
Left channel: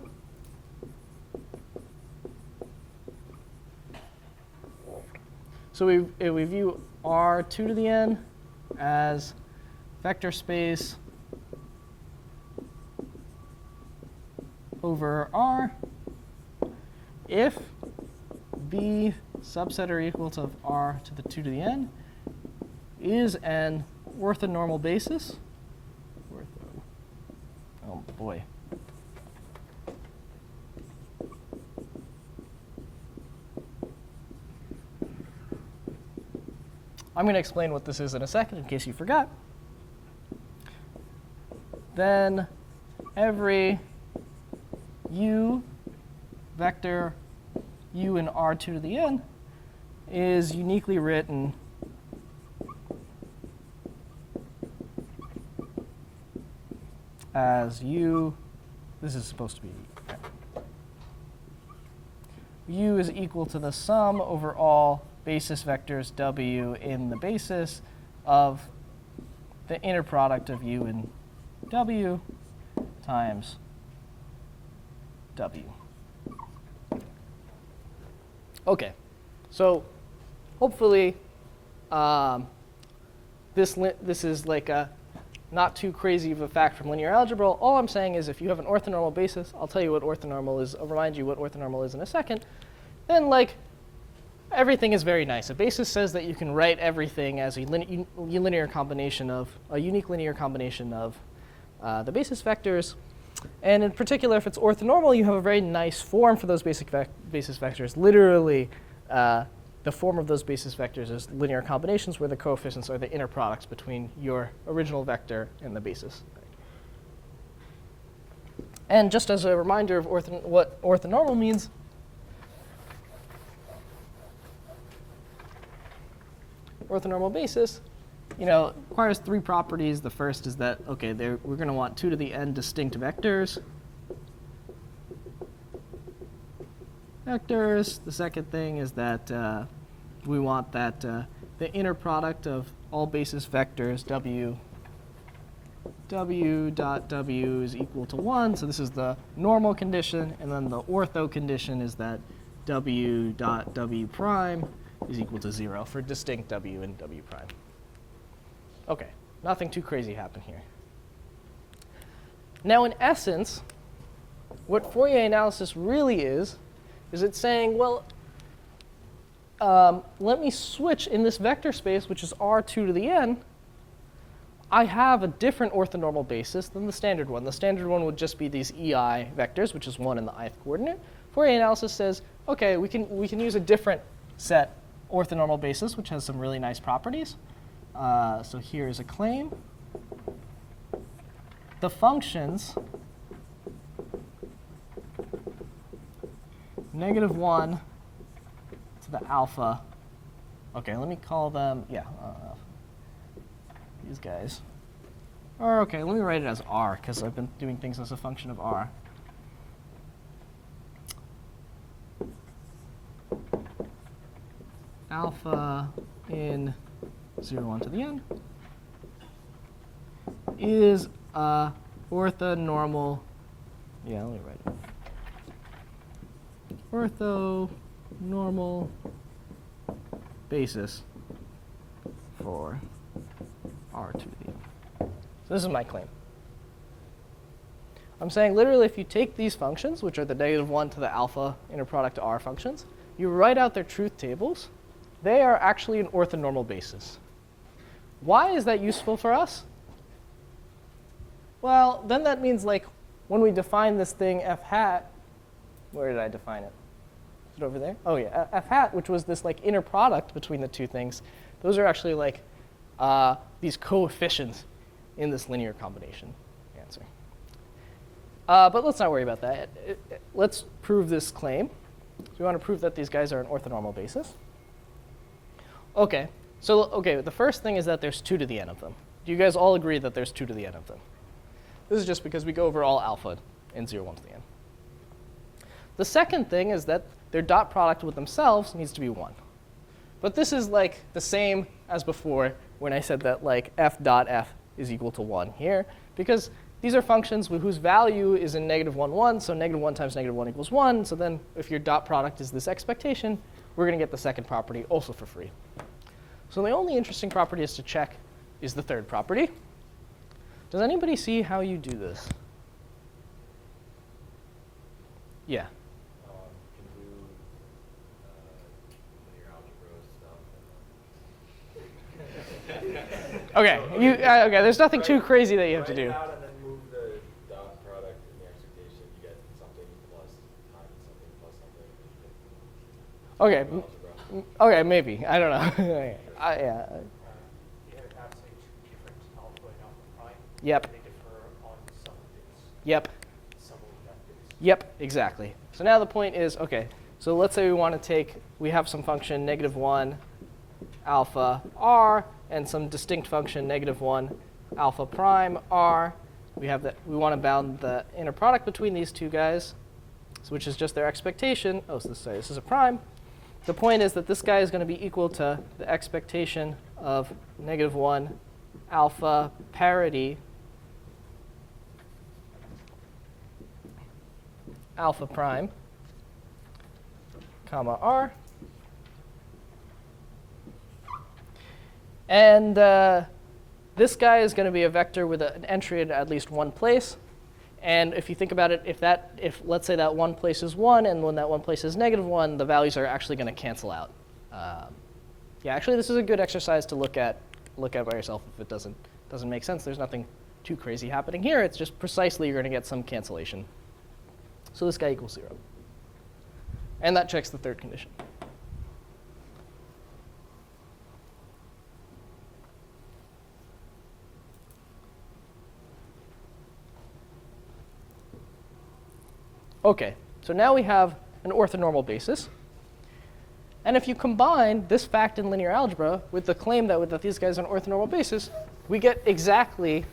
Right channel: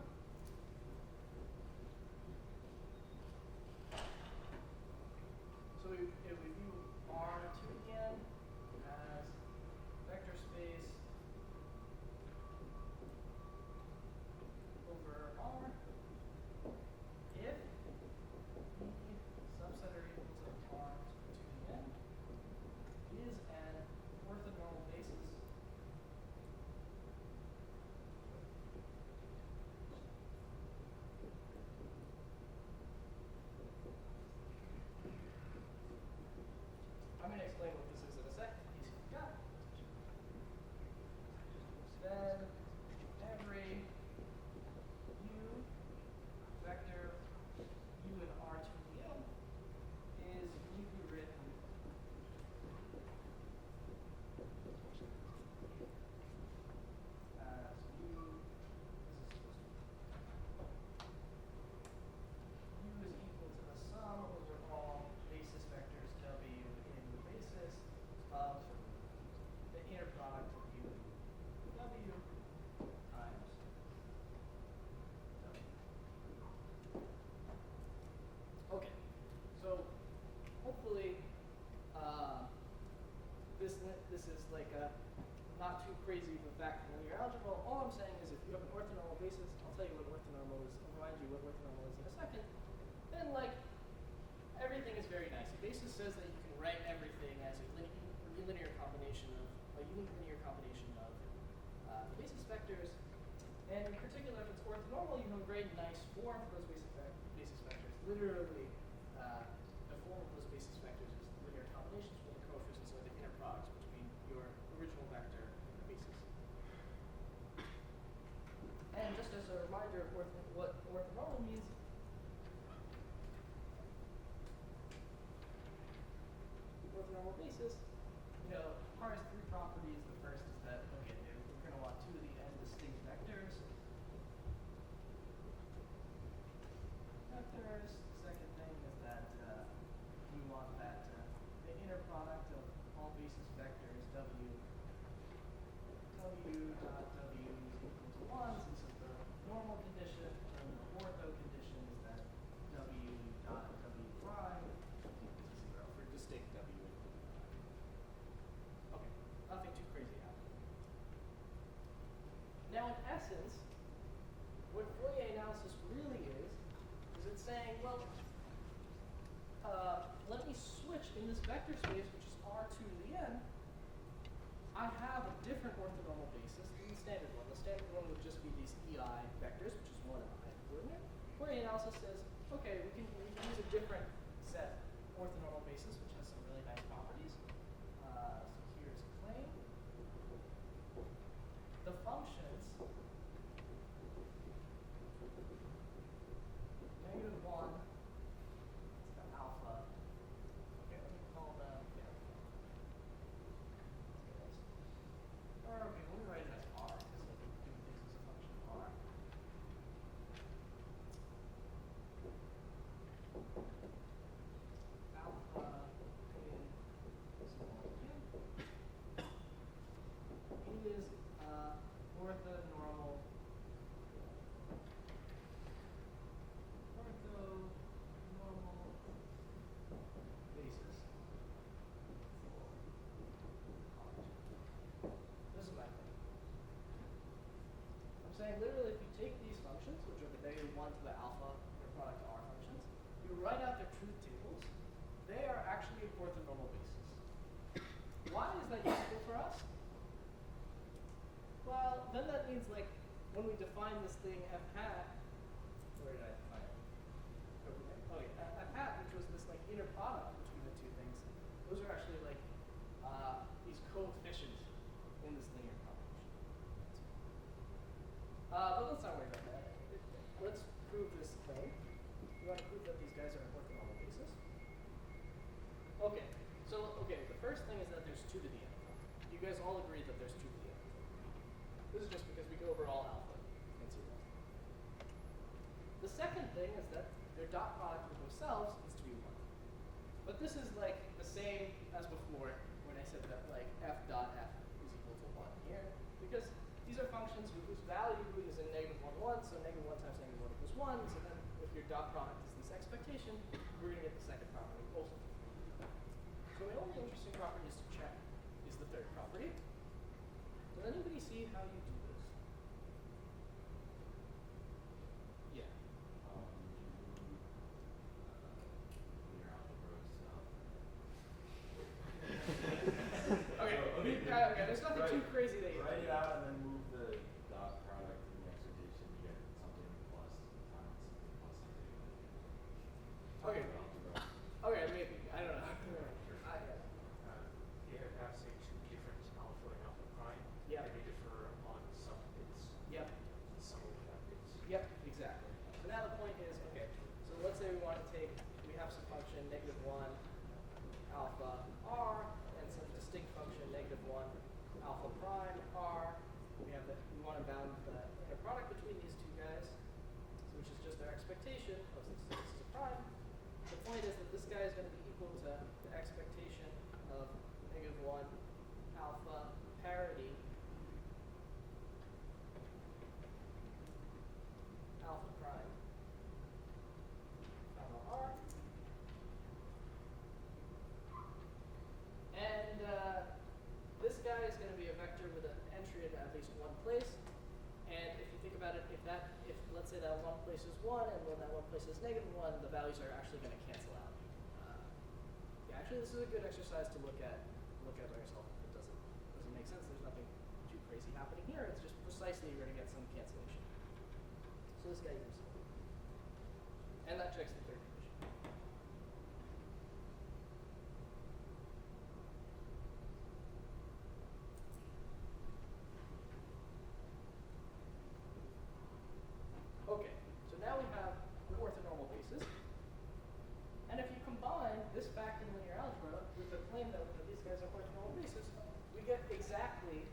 So we view R2 to the n as vector space over R if B subset or equal to R to the 2 to the n is an orthonormal basis. Oh boy. I'm going to explain what this is in a second in case you forgot. Then every u vector u in R2 to the n is uniquely written as u, this is supposed to be, u is equal to the sum over all basis vectors w in the basis of the inner product of u and w times w. Okay, so hopefully this is like a not too crazy of a fact from linear algebra. All I'm saying is if you have an orthonormal basis, I'll tell you what orthonormal is, I'll remind you what orthonormal is in a second, then like everything is very nice. A basis says that you can write everything as a linear combination of, a unique linear combination of the basis vectors. And in particular, if it's orthonormal, you have a very nice form for those basis vectors. Literally, the form of those basis vectors is linear combinations where the coefficients are the inner products between your original vector and the basis. And just as a reminder of what orthonormal means, orthonormal basis, requires three properties. The first is that, okay, we're going to want 2 to the n distinct vectors. The second thing is that we want that the inner product of all basis vectors w dot w is equal to 1. So this is the normal condition. And then the ortho condition is that w dot w prime is equal to 0 for distinct w and w prime. OK, nothing too crazy happened here. Now, in essence, what Fourier analysis really is it's saying, well, let me switch in this vector space, which is R2 to the n. I have a different orthonormal basis than the standard one. The standard one would just be these EI vectors, which is 1 in the ith coordinate. Fourier analysis says, OK, we can use a different set orthonormal basis, which has some really nice properties. So here's a claim. The functions -1 to the alpha. OK, let me call them, these guys. Or OK, let me write it as r, because I've been doing things as a function of r. Alpha in 0, 1 to the n. is a orthonormal, yeah, let me write it. Orthonormal basis for R to the n. So this is my claim. I'm saying literally if you take these functions, which are the -1 to the alpha inner product R functions, you write out their truth tables, they are actually an orthonormal basis. Why is that useful for us? Well, then that means like when we define this thing f hat, where did I define it? Is it over there? Oh yeah, f hat, which was this like inner product between the two things, those are actually like these coefficients in this linear combination answer. But let's not worry about that. Let's prove this claim. So we want to prove that these guys are an orthonormal basis. Okay, so the first thing is that there's 2 to the n of them. Do you guys all agree that there's 2 to the n of them? This is just because we go over all alpha in 0, 1 to the n. The second thing is that their dot product with themselves needs to be 1. But this is like the same as before when I said that like f dot f is equal to 1 here, because these are functions whose value is in -1, 1, so -1 times -1 equals 1. So then if your dot product is this expectation, we're going to get the second property also for free. So the only interesting property is to check is the third property. Does anybody see how you do this? Yeah. You can do linear algebra stuff. Okay, okay. There's nothing too crazy that you have to do. Write it out and then move the dot product in the expectation. You get something plus times something plus something. Okay, okay, maybe. I don't know. Yeah. You have, say, 2 different alpha and alpha prime. Yep. They differ on some bits. Yep. Some of that bits. Yep. Exactly. So now the point is, okay. So let's say we want to we have some function -1 alpha r and some distinct function -1 alpha prime r. We have that. We want to bound the inner product between these two guys, which is just their expectation. Oh, so this is a prime. The point is that this guy is going to be equal to the expectation of -1 alpha parity alpha prime, comma r. And this guy is going to be a vector with an entry in at least one place. And if you think about it, if let's say that one place is 1, and when that one place is -1, the values are actually going to cancel out. Yeah, actually, this is a good exercise to look at by yourself if it doesn't make sense. There's nothing too crazy happening here. It's just precisely you're going to get some cancellation. So this guy equals 0. And that checks the third condition. Okay, so now we have an orthonormal basis. And if you combine this fact in linear algebra with the claim that these guys are an orthonormal basis, we get exactly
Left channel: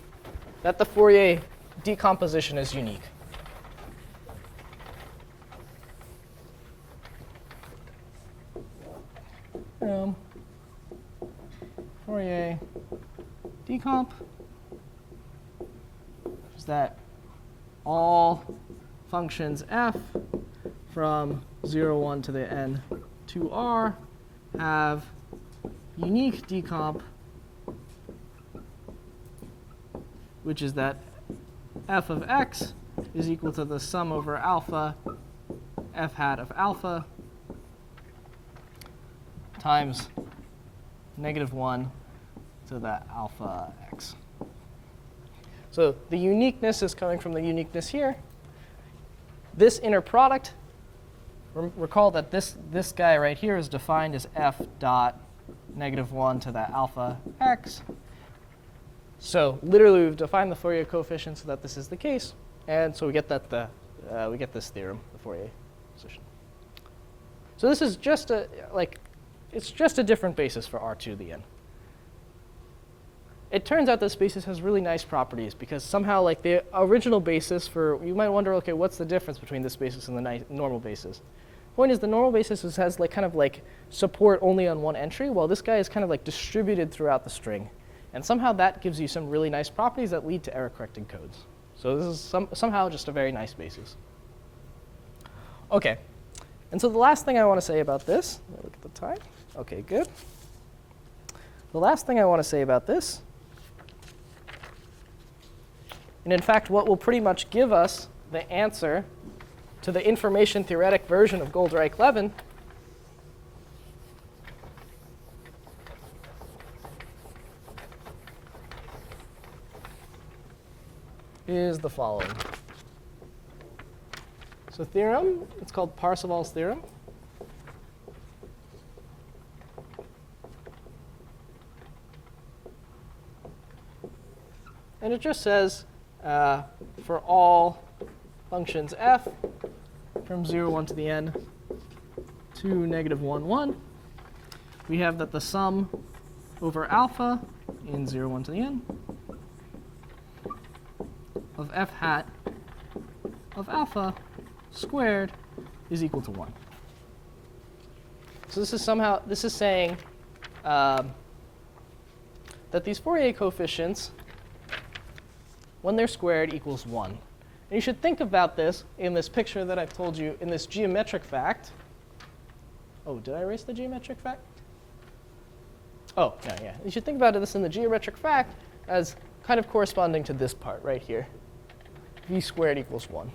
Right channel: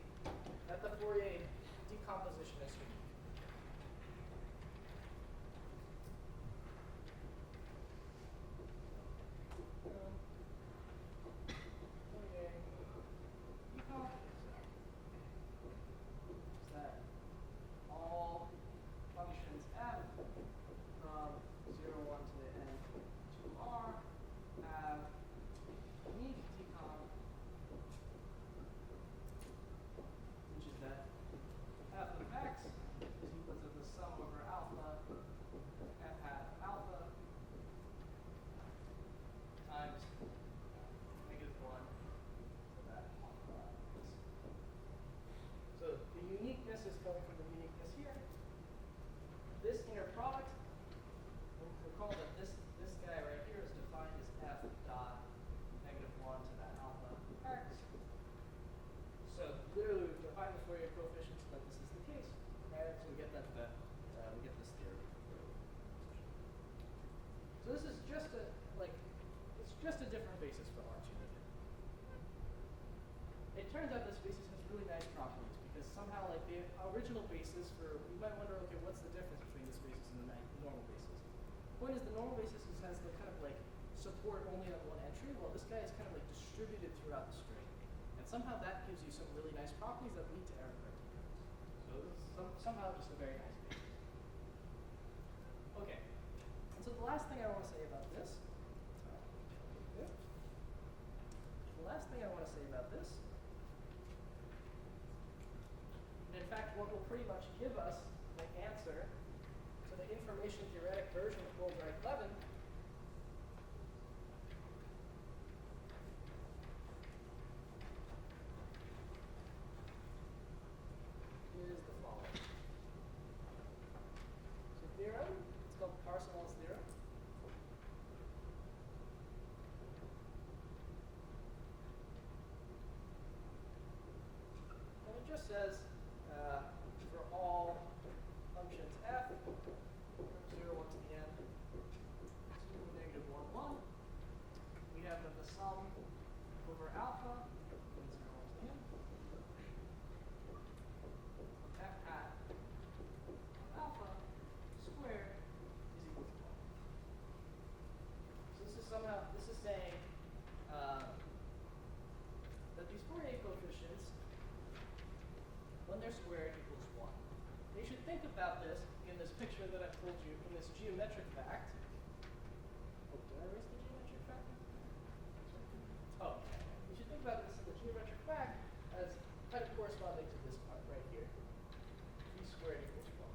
that the Fourier decomposition is unique. Fourier decomp is that all functions f from 0, 1 to the n to r have unique decomp, which is that f of x is equal to the sum over alpha f hat of alpha times -1 to the alpha x. So the uniqueness is coming from the uniqueness here. This inner product, recall that this guy right here is defined as f dot -1 to the alpha x. So literally, we've defined the Fourier coefficient so that this is the case, and so we get that we get this theorem, the Fourier position. So this is just it's just a different basis for R to the n. It turns out this basis has really nice properties because somehow like the original basis you might wonder, okay, what's the difference between this basis and the normal basis? Point is the normal basis has kind of support only on one entry, while this guy is kind of like distributed throughout the string. And somehow that gives you some really nice properties that lead to error-corrected codes. So this is somehow just a very nice basis. OK. And so the last thing I want to say about this, look at the time. OK, good. The last thing I want to say about this, and in fact what will pretty much give us the answer to the information theoretic version of Goldreich-Levin, is the following. So theorem, it's called Parseval's theorem. And it just says for all functions f from 0, 1 to the n to negative 1, 1, we have that the sum over alpha in 0, 1 to the n of f hat of alpha squared is equal to 1. So this is saying that these Fourier coefficients, when they're squared, equals 1. And you should think about this in this picture that I've told you in this geometric fact. Oh, did I erase the geometric fact? Oh, no, yeah. You should think about this in the geometric fact as kind of corresponding to this part right here. V squared equals 1.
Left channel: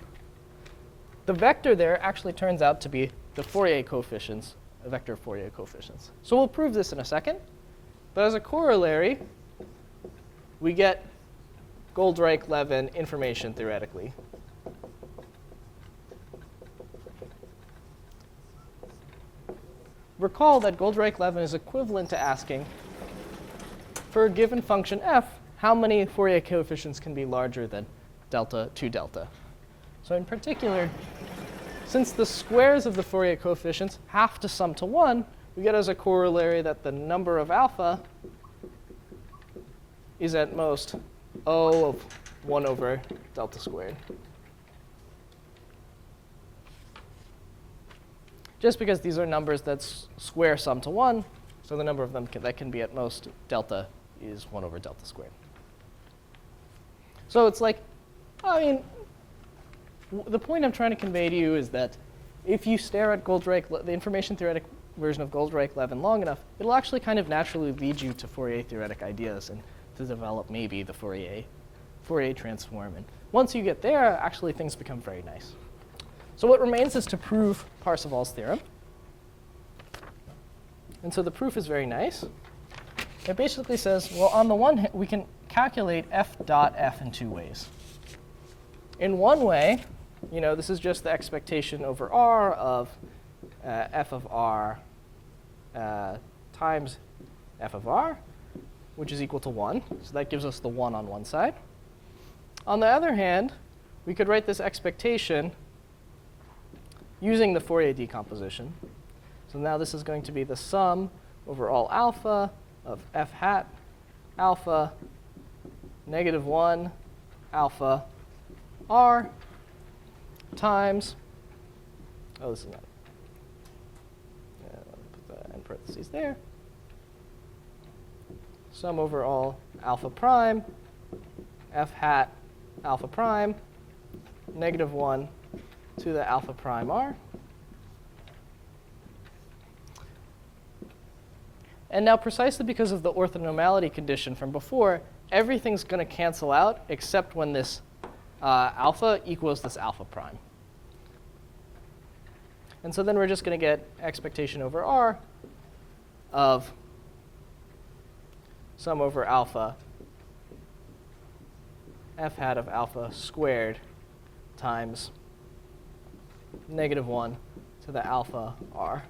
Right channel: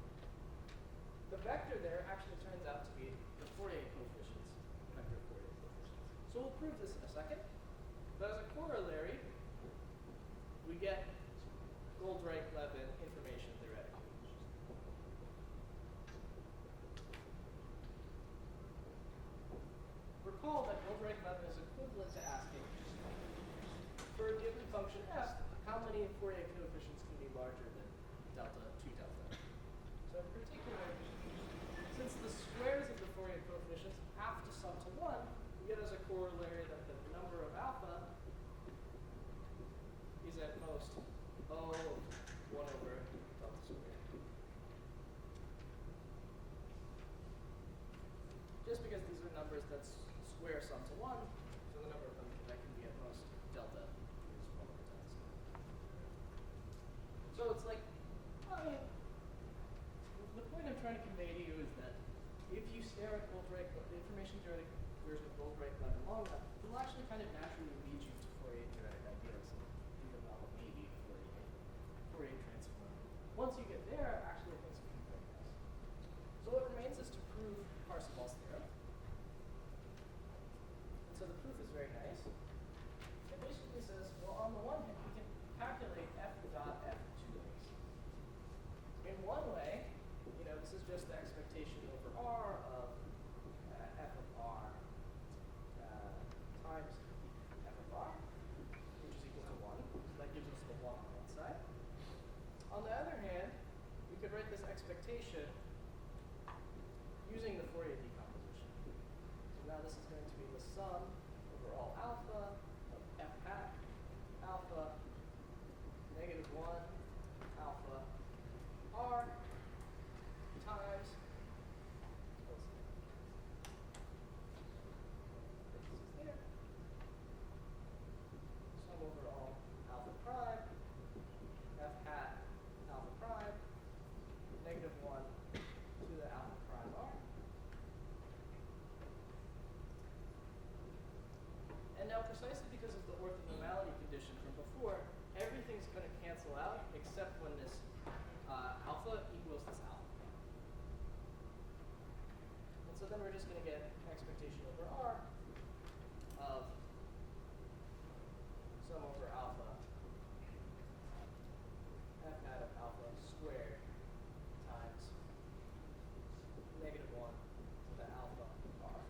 The vector there actually turns out to be the Fourier coefficients, a vector of Fourier coefficients. So we'll prove this in a second. But as a corollary, we get Goldreich-Levin information theoretically. Recall that Goldreich-Levin is equivalent to asking, for a given function f, how many Fourier coefficients can be larger than delta 2 delta. So in particular, since the squares of the Fourier coefficients have to sum to 1, we get as a corollary that the number of alpha is at most O of 1 over delta squared. Just because these are numbers that square sum to 1, so the number of them that can be at most delta is 1 over delta squared. So it's like, I mean, the point I'm trying to convey to you is that if you stare at the information theoretic version of Goldreich-Levin long enough, it'll actually kind of naturally lead you to Fourier theoretic ideas and to develop maybe the Fourier transform. And once you get there, actually things become very nice. So what remains is to prove Parseval's theorem. And so the proof is very nice. It basically says, well, on the one hand, we can calculate f dot f in 2 ways. In one way, this is just the expectation over R of f of R times f of R, which is equal to 1. So that gives us the 1 on one side. On the other hand, we could write this expectation using the Fourier decomposition. So now this is going to be the sum over all alpha of f hat alpha negative 1 alpha R times, oh, this is not, put the end parentheses there, sum over all alpha prime f hat alpha prime negative 1 to the alpha prime R. And now precisely because of the orthonormality condition from before, everything's going to cancel out except when this alpha equals this alpha prime. And so then we're just going to get expectation over R of sum over alpha f hat of alpha squared times negative 1 to the alpha R.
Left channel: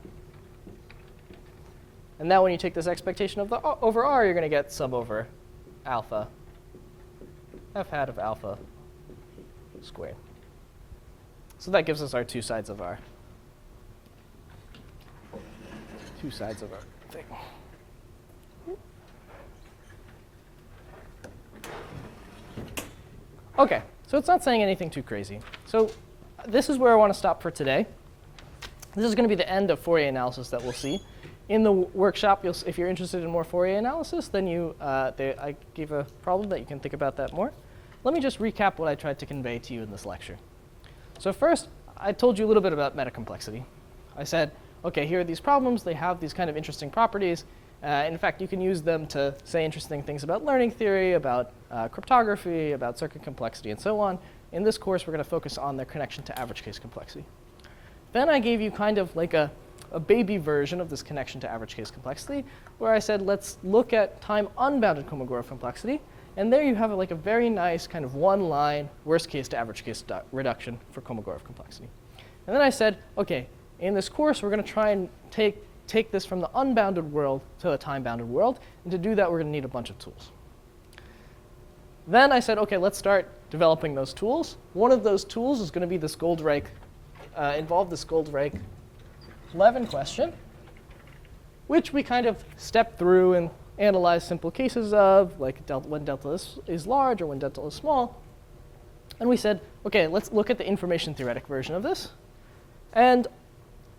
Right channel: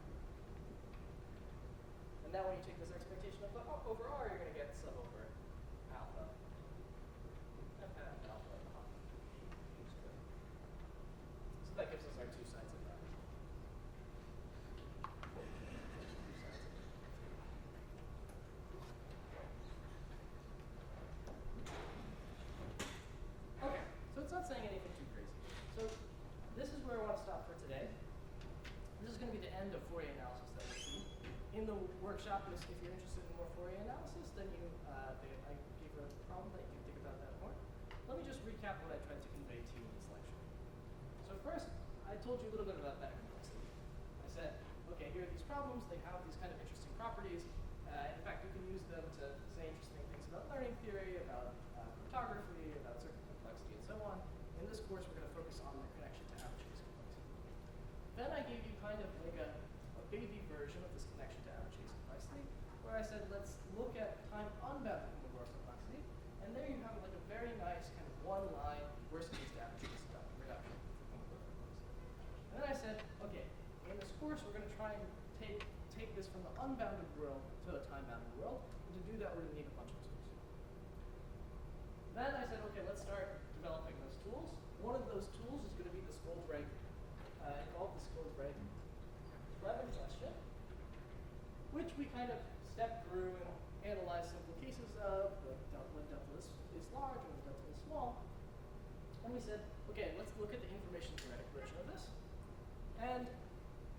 And now when you take this expectation of over R, you're going to get sum over alpha f hat of alpha squared. So that gives us our two sides of our thing. OK, so it's not saying anything too crazy. So this is where I want to stop for today. This is going to be the end of Fourier analysis that we'll see. in the workshop, if you're interested in more Fourier analysis, then I gave a problem that you can think about that more. Let me just recap what I tried to convey to you in this lecture. So first, I told you a little bit about metacomplexity. I said, OK, here are these problems. They have these kind of interesting properties. In fact, you can use them to say interesting things about learning theory, about cryptography, about circuit complexity, and so on. In this course, we're going to focus on their connection to average case complexity. Then I gave you kind of like a baby version of this connection to average case complexity, where I said, let's look at time unbounded Kolmogorov complexity. And there you have like a very nice kind of one-line worst case to average case reduction for Kolmogorov complexity. And then I said, OK, in this course, we're going to try and take this from the unbounded world to a time-bounded world. And to do that, we're going to need a bunch of tools. Then I said, OK, let's start developing those tools. One of those tools is going to be this involve this Goldreich-Levin question, which we kind of step through and analyze simple cases of, like when delta is large or when delta is small. And we said, OK, let's look at the information theoretic version of this. And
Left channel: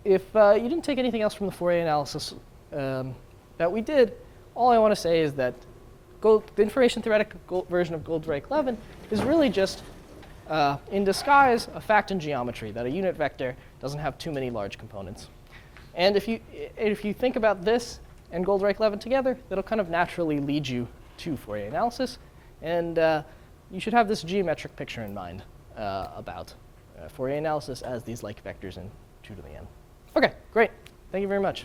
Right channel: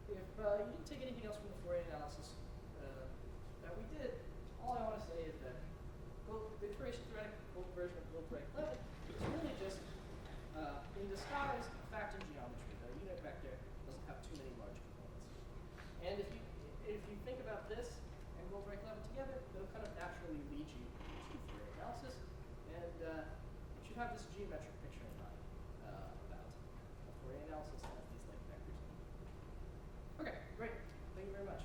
if you didn't take anything else from the Fourier analysis that we did, all I want to say is that the information theoretic version of Goldreich-Levin is really just, in disguise, a fact in geometry, that a unit vector doesn't have too many large components. And if you think about this and Goldreich-Levin together, that'll kind of naturally lead you to Fourier analysis. And you should have this geometric picture in mind about Fourier analysis as these like vectors in 2 to the n. OK, great. Thank you very much.